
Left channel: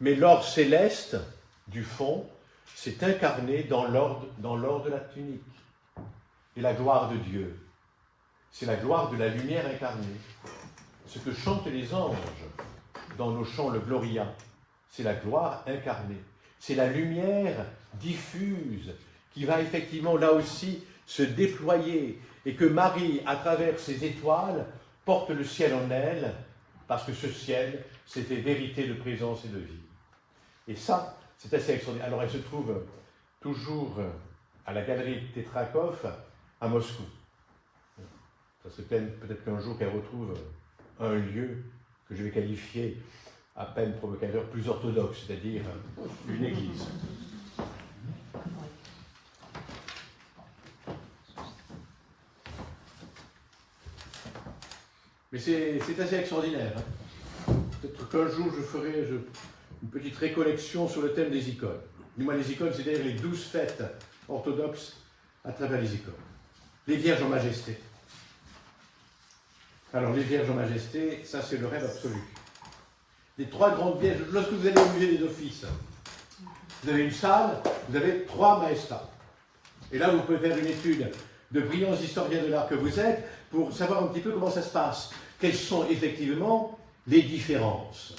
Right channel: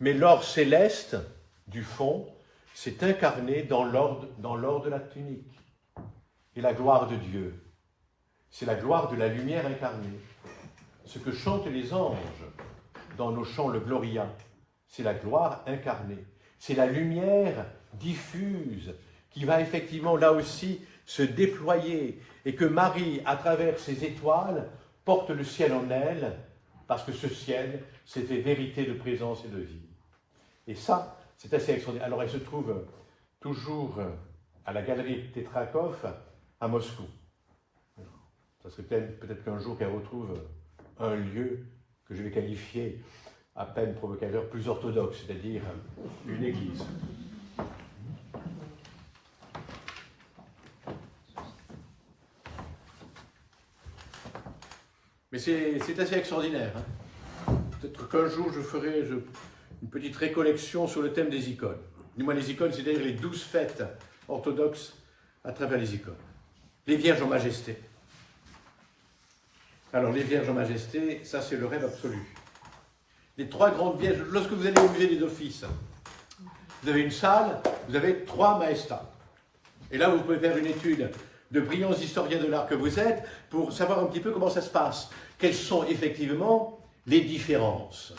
Mais l'or céleste, du fond, s'est incarné dans l'or de la tunique. Et la gloire de Dieu, c'est la gloire de la lumière incarnée. Ce que chantent les anges dans nos chants, le Gloria, c'est la gloire incarnée. C'est la lumière diffuse qui va effectivement là aussi se déployer et que Marie, à travers ses étoiles, porte le ciel en elle, parce que ce ciel, c'était vérité de présence et de vie. Et ça, c'est assez extraordinaire. Alors, elle se trouve toujours à la galerie Tetrakov à Moscou. Ça, Ça serait peut-être qu'un jour qu'elle retrouve un lieu que je vais qualifier à peine provocateur, plus orthodoxe, c'est-à-dire une église. Mais c'est assez extraordinaire. Hein. Peut-être qu'un jour je ferai une petite récollection sur le thème des icônes. Du moins les icônes, c'est-à-dire les 12 fêtes orthodoxes à travers les icônes. Les Vierges en majesté. Alors les Vierges en majesté, ça c'est le rêve absolu. Les 3 grandes Vierges, lorsque vous allez au musée des Offices, vous avez une salle, vous avez 3 majestats. Et là vous pouvez faire une étude de brillants historiens de l'art que vous êtes pour savoir un petit peu comment ça se passe. Quelles sont effectivement les différences.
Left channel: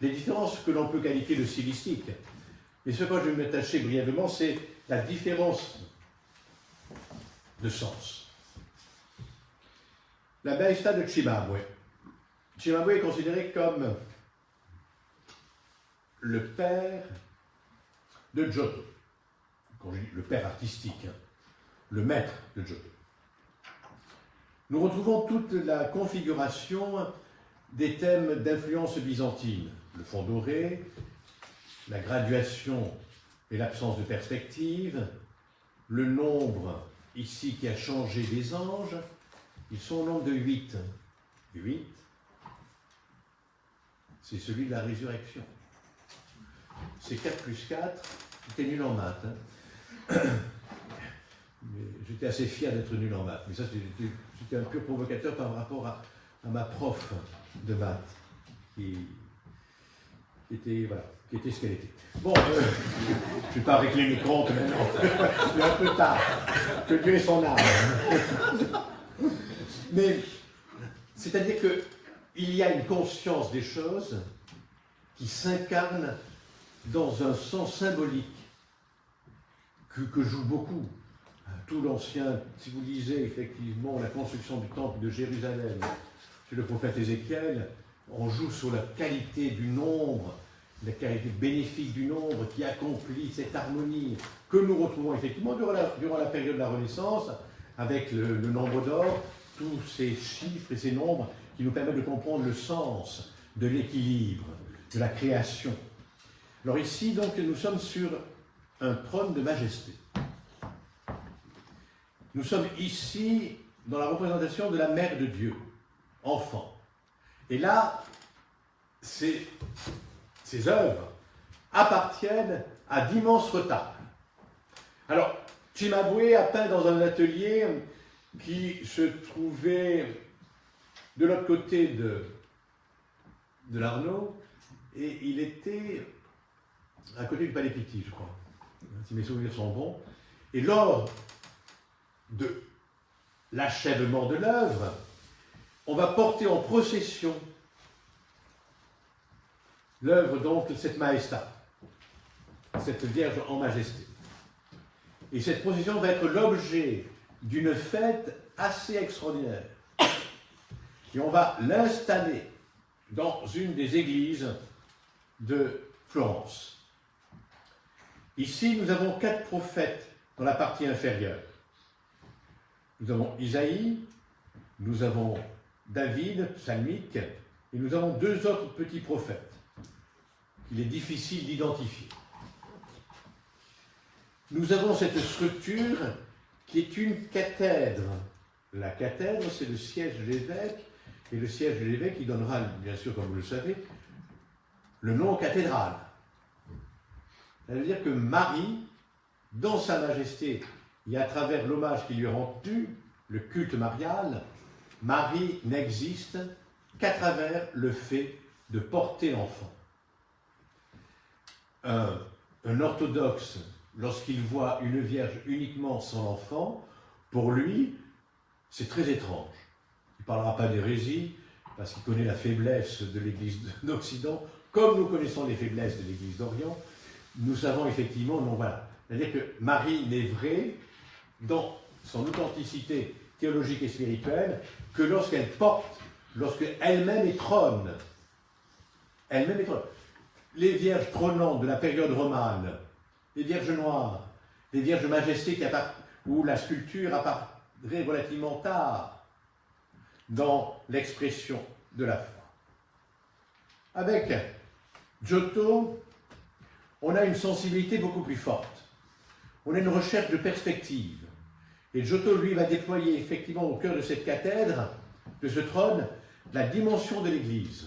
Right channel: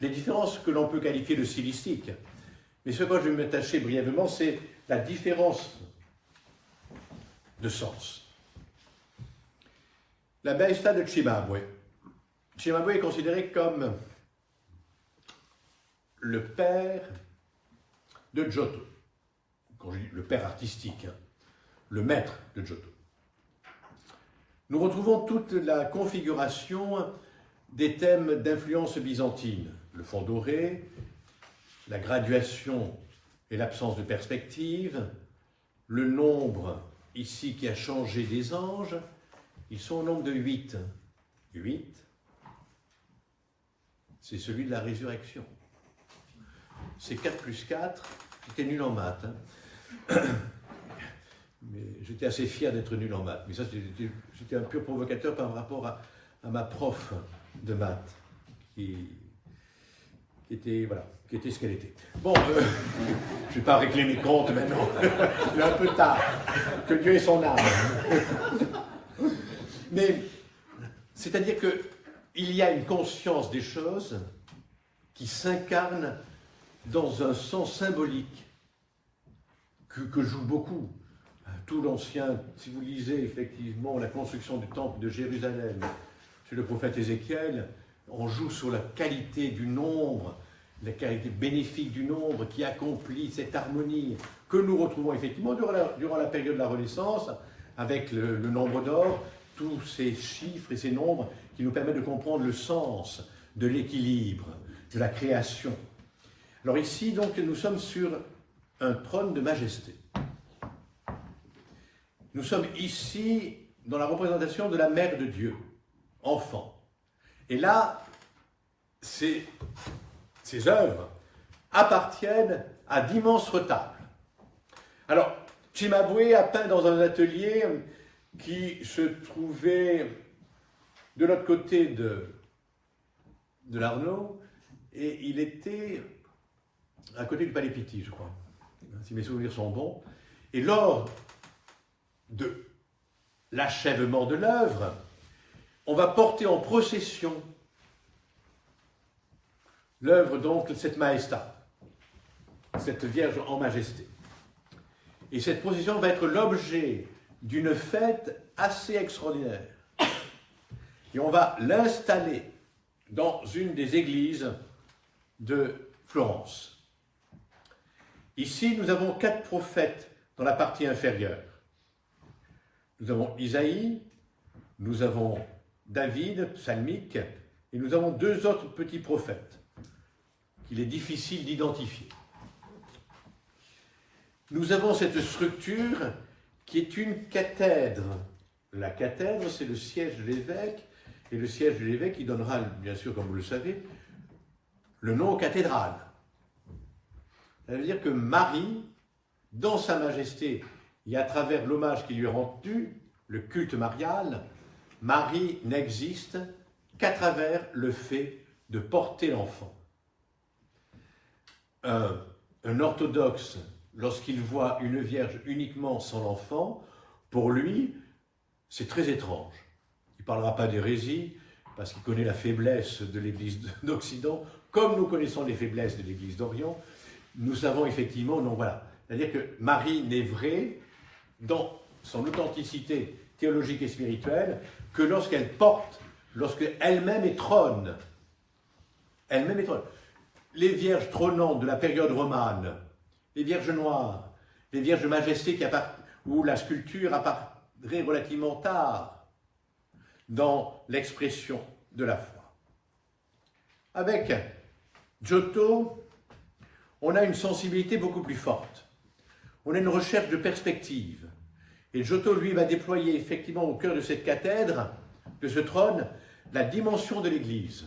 Les différences que l'on peut qualifier de stylistiques. Mais ce que je vais m'attacher brièvement, c'est la différence de sens. La Maestà de Cimabue. Cimabue est considéré comme le père de Giotto. Quand je dis le père artistique, le maître de Giotto. Nous retrouvons toute la configuration des thèmes d'influence byzantine. Le fond doré, la graduation et l'absence de perspective, le nombre ici qui a changé des anges, ils sont au nombre de 8. 8, c'est celui de la résurrection. C'est 4 plus 4, j'étais nul en maths. Hein. J'étais assez fier d'être nul en maths, mais ça c'était un peu provocateur par rapport à ma prof de maths, qui était ce qu'elle était. Bon, je ne vais pas régler les comptes maintenant, c'est un peu tard, que Dieu ait son âme. Mais, c'est-à-dire qu'il y a une conscience des choses qui s'incarne dans un sens symbolique que joue beaucoup. Tout l'ancien, si vous lisez effectivement la construction du temple de Jérusalem, chez le prophète Ézéchiel, on joue sur la qualité du nombre, la qualité bénéfique du nombre qui accomplit cette harmonie que nous retrouvons effectivement durant la période de la Renaissance, avec le nombre d'or, tous ces chiffres et ces nombres qui nous permettent de comprendre le sens de l'équilibre, de la création. Alors ici, donc, nous sommes sur un trône de majesté. Nous sommes ici dans la représentation de la Mère de Dieu, enfant. Et là, ces œuvres appartiennent à d'immenses retards. Alors, Cimabue a peint dans un atelier qui se trouvait de l'autre côté de l'Arno, et il était à côté du Palais Pitti, je crois, si mes souvenirs sont bons. Et lors de l'achèvement de l'œuvre, on va porter en procession l'œuvre donc de cette Maestà, cette Vierge en majesté. Et cette procession va être l'objet d'une fête assez extraordinaire. Et on va l'installer dans une des églises de Florence. Ici, nous avons 4 prophètes dans la partie inférieure. Nous avons Isaïe, nous avons David, psalmique, et nous avons 2 autres petits prophètes qu'il est difficile d'identifier. Nous avons cette structure qui est une cathèdre. La cathèdre, c'est le siège de l'évêque, et le siège de l'évêque, il donnera, bien sûr, comme vous le savez, le nom cathédrale. Ça veut dire que Marie, dans sa majesté, et à travers l'hommage qui lui est rendu, le culte marial, Marie n'existe qu'à travers le fait de porter l'enfant. Un orthodoxe, lorsqu'il voit une vierge uniquement sans l'enfant, pour lui, c'est très étrange. Il ne parlera pas d'hérésie, parce qu'il connaît la faiblesse de l'Église d'Occident, comme nous connaissons les faiblesses de l'Église d'Orient. Nous savons effectivement, non, voilà. C'est-à-dire que Marie n'est vraie dans son authenticité théologique et spirituelle que lorsqu'elle porte, lorsqu'elle-même est trône. Elle-même est trône. Les vierges trônantes de la période romane, les vierges noires, les vierges de majesté où la sculpture apparaît relativement tard, dans l'expression de la foi. Avec Giotto, on a une sensibilité beaucoup plus forte. On a une recherche de perspective. Et Giotto, lui, va déployer effectivement au cœur de cette cathèdre, de ce trône, la dimension de l'Église,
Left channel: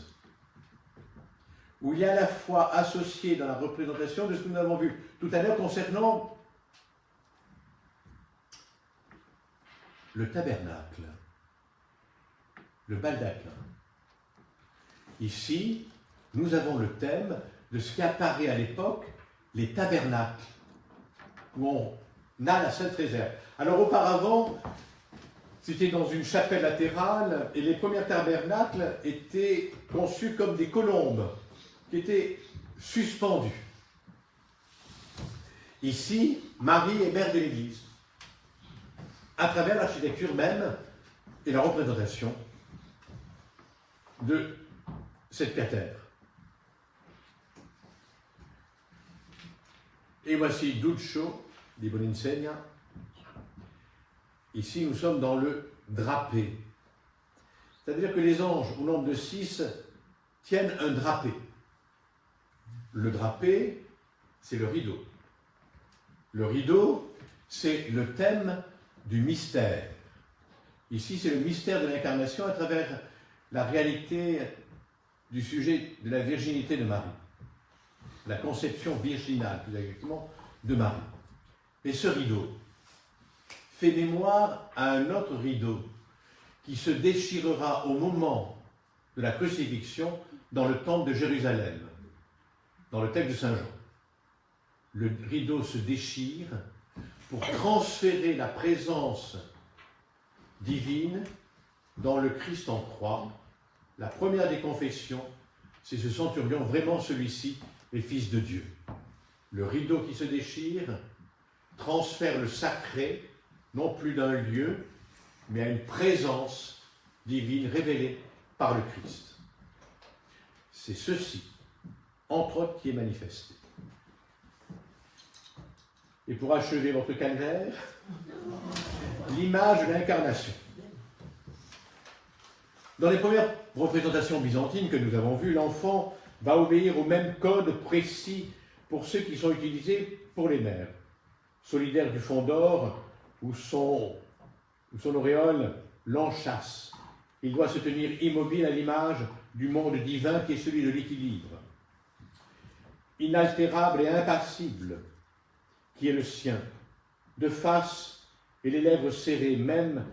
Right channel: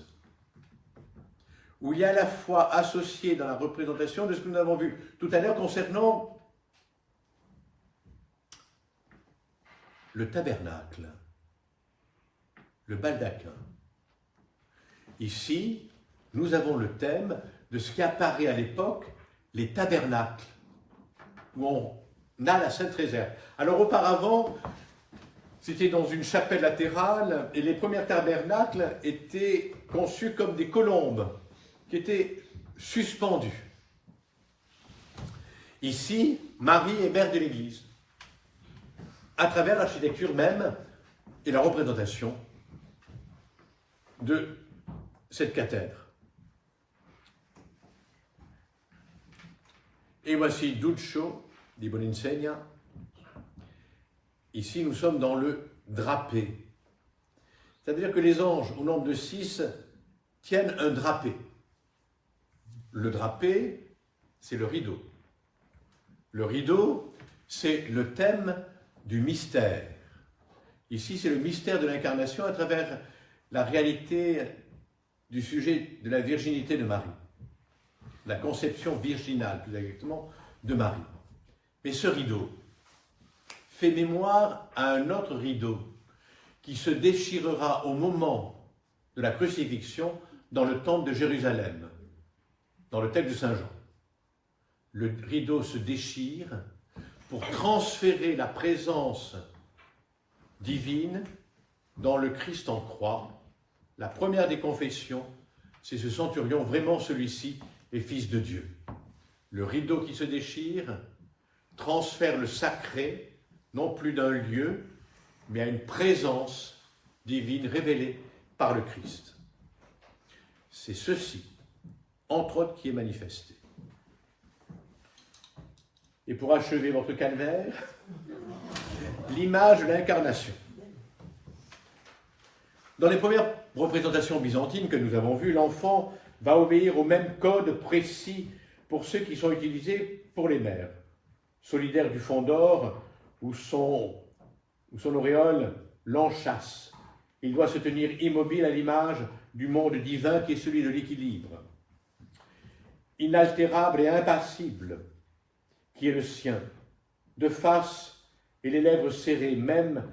où il y a à la fois associé dans la représentation de ce que nous avons vu tout à l'heure concernant le tabernacle, le baldaquin. Ici, nous avons le thème de ce qui apparaît à l'époque, les tabernacles, où on a la Sainte Réserve. Alors auparavant, c'était dans une chapelle latérale, et les premiers tabernacles étaient conçus comme des colombes, qui étaient suspendues. Ici, Marie est mère de l'Église, à travers l'architecture même et la représentation de cette cathèdre. Et voici Duccio di Boninsegna. Ici, nous sommes dans le drapé. C'est-à-dire que les anges, au nombre de 6, tiennent un drapé. Le drapé, c'est le rideau. Le rideau, c'est le thème du mystère. Ici, c'est le mystère de l'incarnation à travers la réalité du sujet de la virginité de Marie. La conception virginale, plus exactement, de Marie. Mais ce rideau fait mémoire à un autre rideau qui se déchirera au moment de la crucifixion dans le temple de Jérusalem, dans le texte de Saint Jean. Le rideau se déchire pour transférer la présence divine dans le Christ en croix. La première des confessions, c'est ce centurion, vraiment celui-ci est fils de Dieu. Le rideau qui se déchire transfère le sacré, non plus d'un lieu, mais à une présence divine révélée par le Christ. C'est ceci, entre autres, qui est manifesté. Et pour achever votre calvaire, l'image de l'incarnation. Dans les premières représentations byzantines que nous avons vues, l'enfant va obéir au même code précis pour ceux qui sont utilisés pour les mères. Solidaire du fond d'or, où son auréole l'enchâsse. Il doit se tenir immobile à l'image du monde divin qui est celui de l'équilibre. Inaltérable et impassible, qui est le sien, de face et les lèvres serrées, même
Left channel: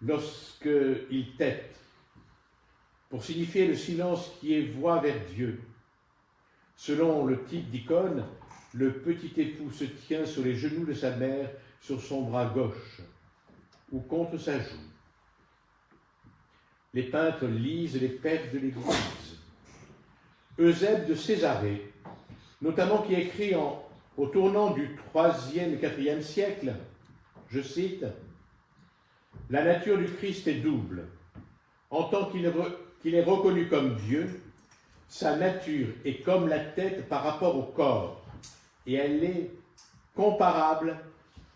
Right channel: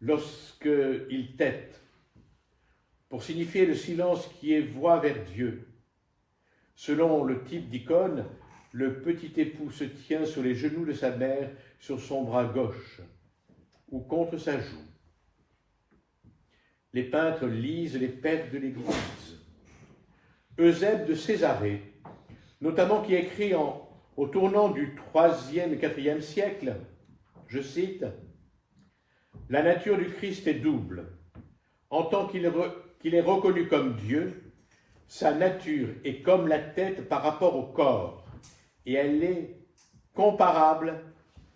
lorsqu'il tête, pour signifier le silence qui est voie vers Dieu. Selon le type d'icône, le petit époux se tient sur les genoux de sa mère, sur son bras gauche, ou contre sa joue. Les peintres lisent les pères de l'Église. Eusèbe de Césarée, notamment qui écrit au tournant du IIIe et IVe siècle, je cite, « La nature du Christ est double. En tant qu'il est reconnu comme Dieu, sa nature est comme la tête par rapport au corps, et elle est comparable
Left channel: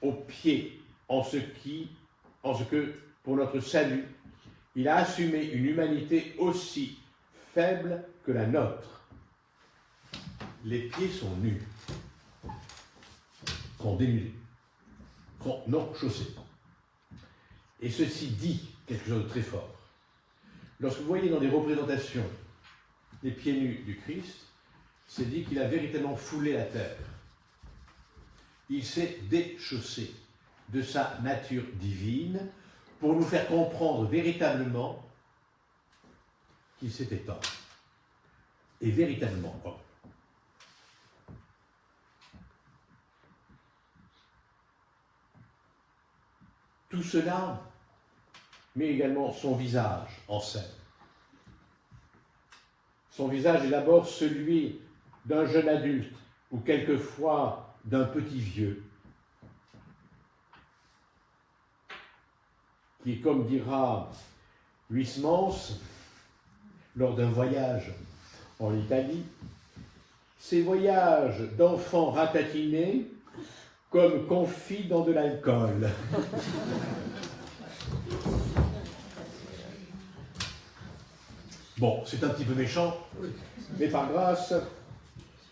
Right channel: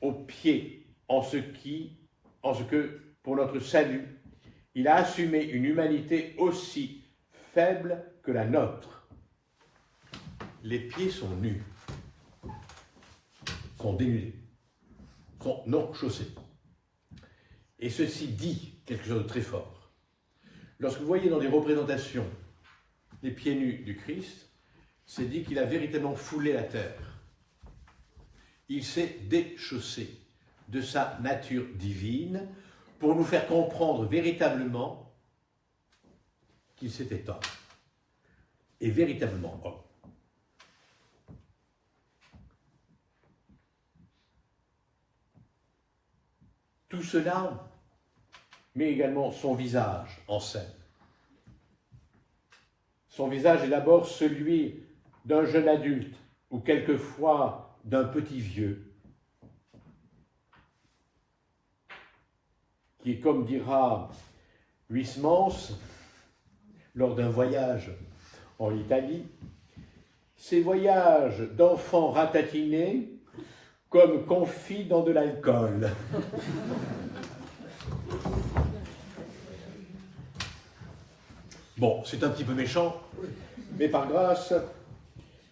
aux pieds en ce que, pour notre salut, il a assumé une humanité aussi faible que la nôtre. Les pieds sont nus, sont dénudés, sont non chaussés. Et ceci dit quelque chose de très fort. Lorsque vous voyez dans des représentations les pieds nus du Christ, c'est dit qu'il a véritablement foulé la terre. Il s'est déchaussé de sa nature divine pour nous faire comprendre véritablement qu'il s'était homme. Et véritablement homme. Tout cela met également son visage en scène. Son visage est d'abord celui d'un jeune adulte ou quelquefois d'un petit vieux, qui est, comme dira Huysmans, lors d'un voyage en Italie, ces voyages d'enfants ratatinés comme confits dans de l'alcool. Bon, c'est un petit peu méchant, mais par grâce,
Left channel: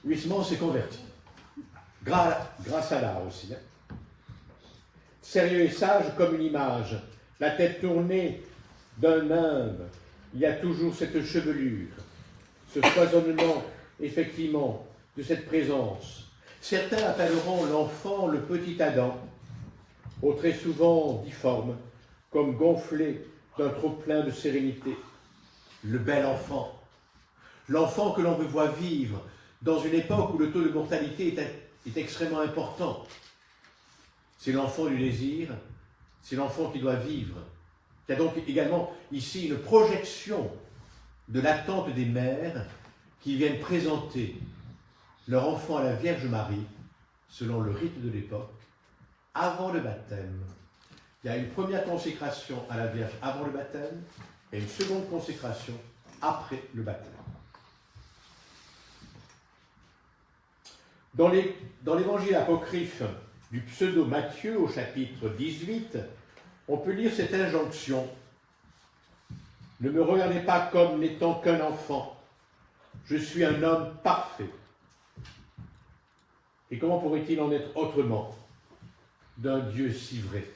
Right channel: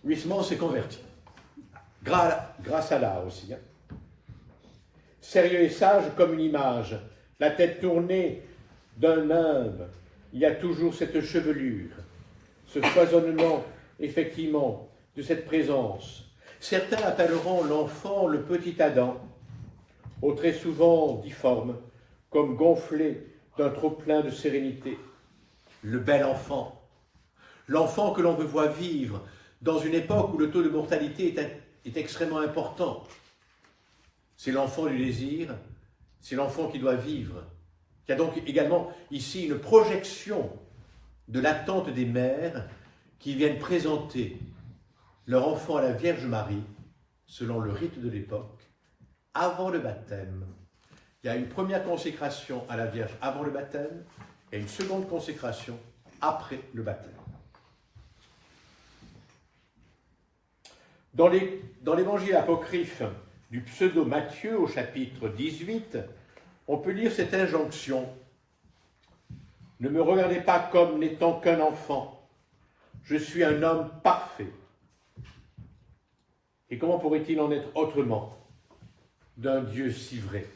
Huysmans s'est converti. Grâce à l'art aussi. Hein. Sérieux et sage comme une image, la tête tournée d'un nimbe, il y a toujours cette chevelure, ce foisonnement, effectivement, de cette présence. Certains appelleront l'enfant le petit Adam, au très souvent difforme, comme gonflé d'un trop-plein de sérénité. Le bel enfant, l'enfant que l'on veut voir vivre dans une époque où le taux de mortalité est extrêmement important. C'est l'enfant du désir, c'est l'enfant qui doit vivre, qui a donc également ici une projection de l'attente des mères qui viennent présenter leur enfant à la Vierge Marie, selon le rite de l'époque, avant le baptême. Il y a une première consécration à la Vierge avant le baptême et une seconde consécration après le baptême. Dans l'évangile apocryphe du pseudo-Matthieu au chapitre 18, on peut lire cette injonction. Ne me regardez pas comme n'étant qu'un enfant, je suis un homme parfait. Et comment pourrait-il en être autrement d'un Dieu si vrai?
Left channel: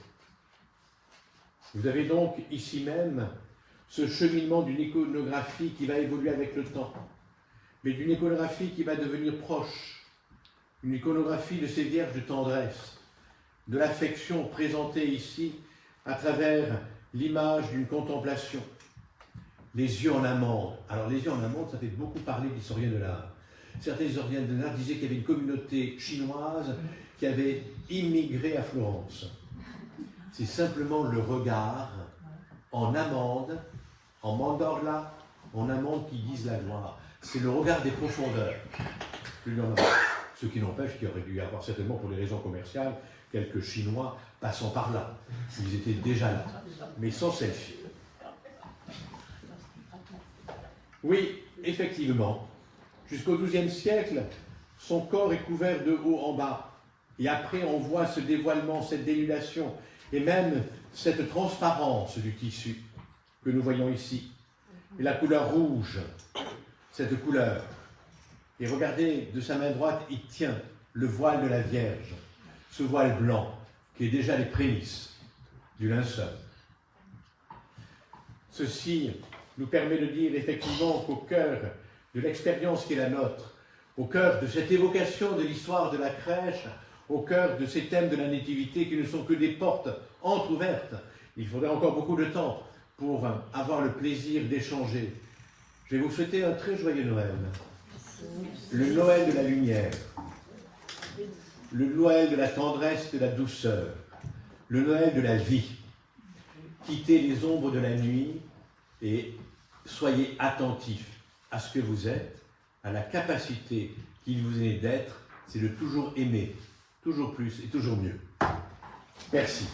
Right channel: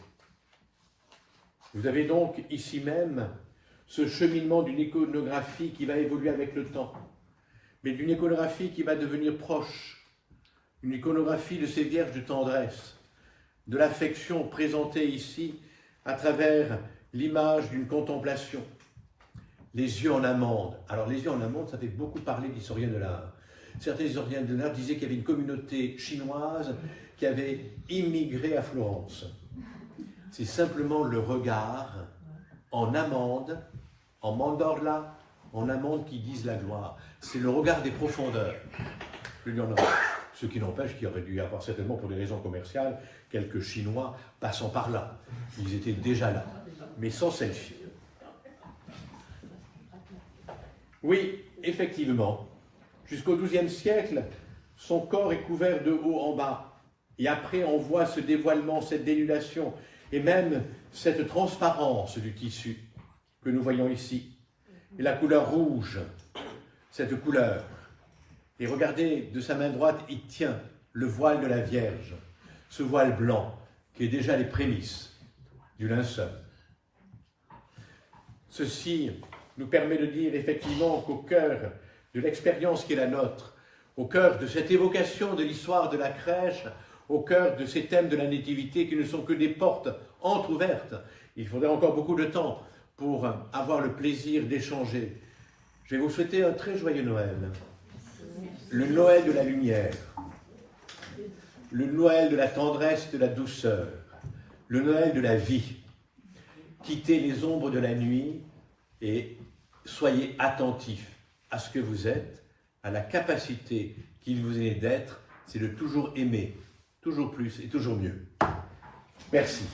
Vous avez donc ici même ce cheminement d'une iconographie qui va évoluer avec le temps, mais d'une iconographie qui va devenir proche, une iconographie de ces vierges de tendresse, de l'affection présentée ici à travers l'image d'une contemplation. Les yeux en amande. Alors les yeux en amande, ça fait beaucoup parler d'historiens de l'art. Certains historiens de l'art disaient qu'il y avait une communauté chinoise qui avait immigré à Florence. C'est simplement le regard en amande, en mandorla, en amande qui disent la gloire. C'est le regard des profondeurs. Ce qui n'empêche qu'il y aurait dû y avoir certainement, pour des raisons commerciales, quelques Chinois passant par là. Ils étaient déjà là, mais sans celle-ci. Oui, effectivement, jusqu'au XIIe siècle, son corps est couvert de haut en bas. Et après, on voit ce dévoilement, cette dénudation, et même cette transparence du tissu que nous voyons ici. Et la couleur rouge, cette couleur. Et regardez, de sa main droite, il tient le voile de la Vierge, ce voile blanc, qui est déjà les prémices du linceul. Ceci nous permet de dire effectivement qu'au cœur de l'expérience qui est la nôtre, au cœur de cette évocation de l'histoire de la crèche, au cœur de ces thèmes de la nativité qui ne sont que des portes entrouvertes, il faudrait encore beaucoup de temps pour avoir le plaisir d'échanger. Je vais vous souhaiter un très joyeux Noël. Le Noël de la lumière, le Noël de la tendresse, de la douceur, le Noël de la vie. Quittez les ombres de la nuit et soyez attentifs à ce que vous êtes, à la capacité qu'il vous est d'être, c'est de toujours aimer, toujours plus et toujours mieux. Merci.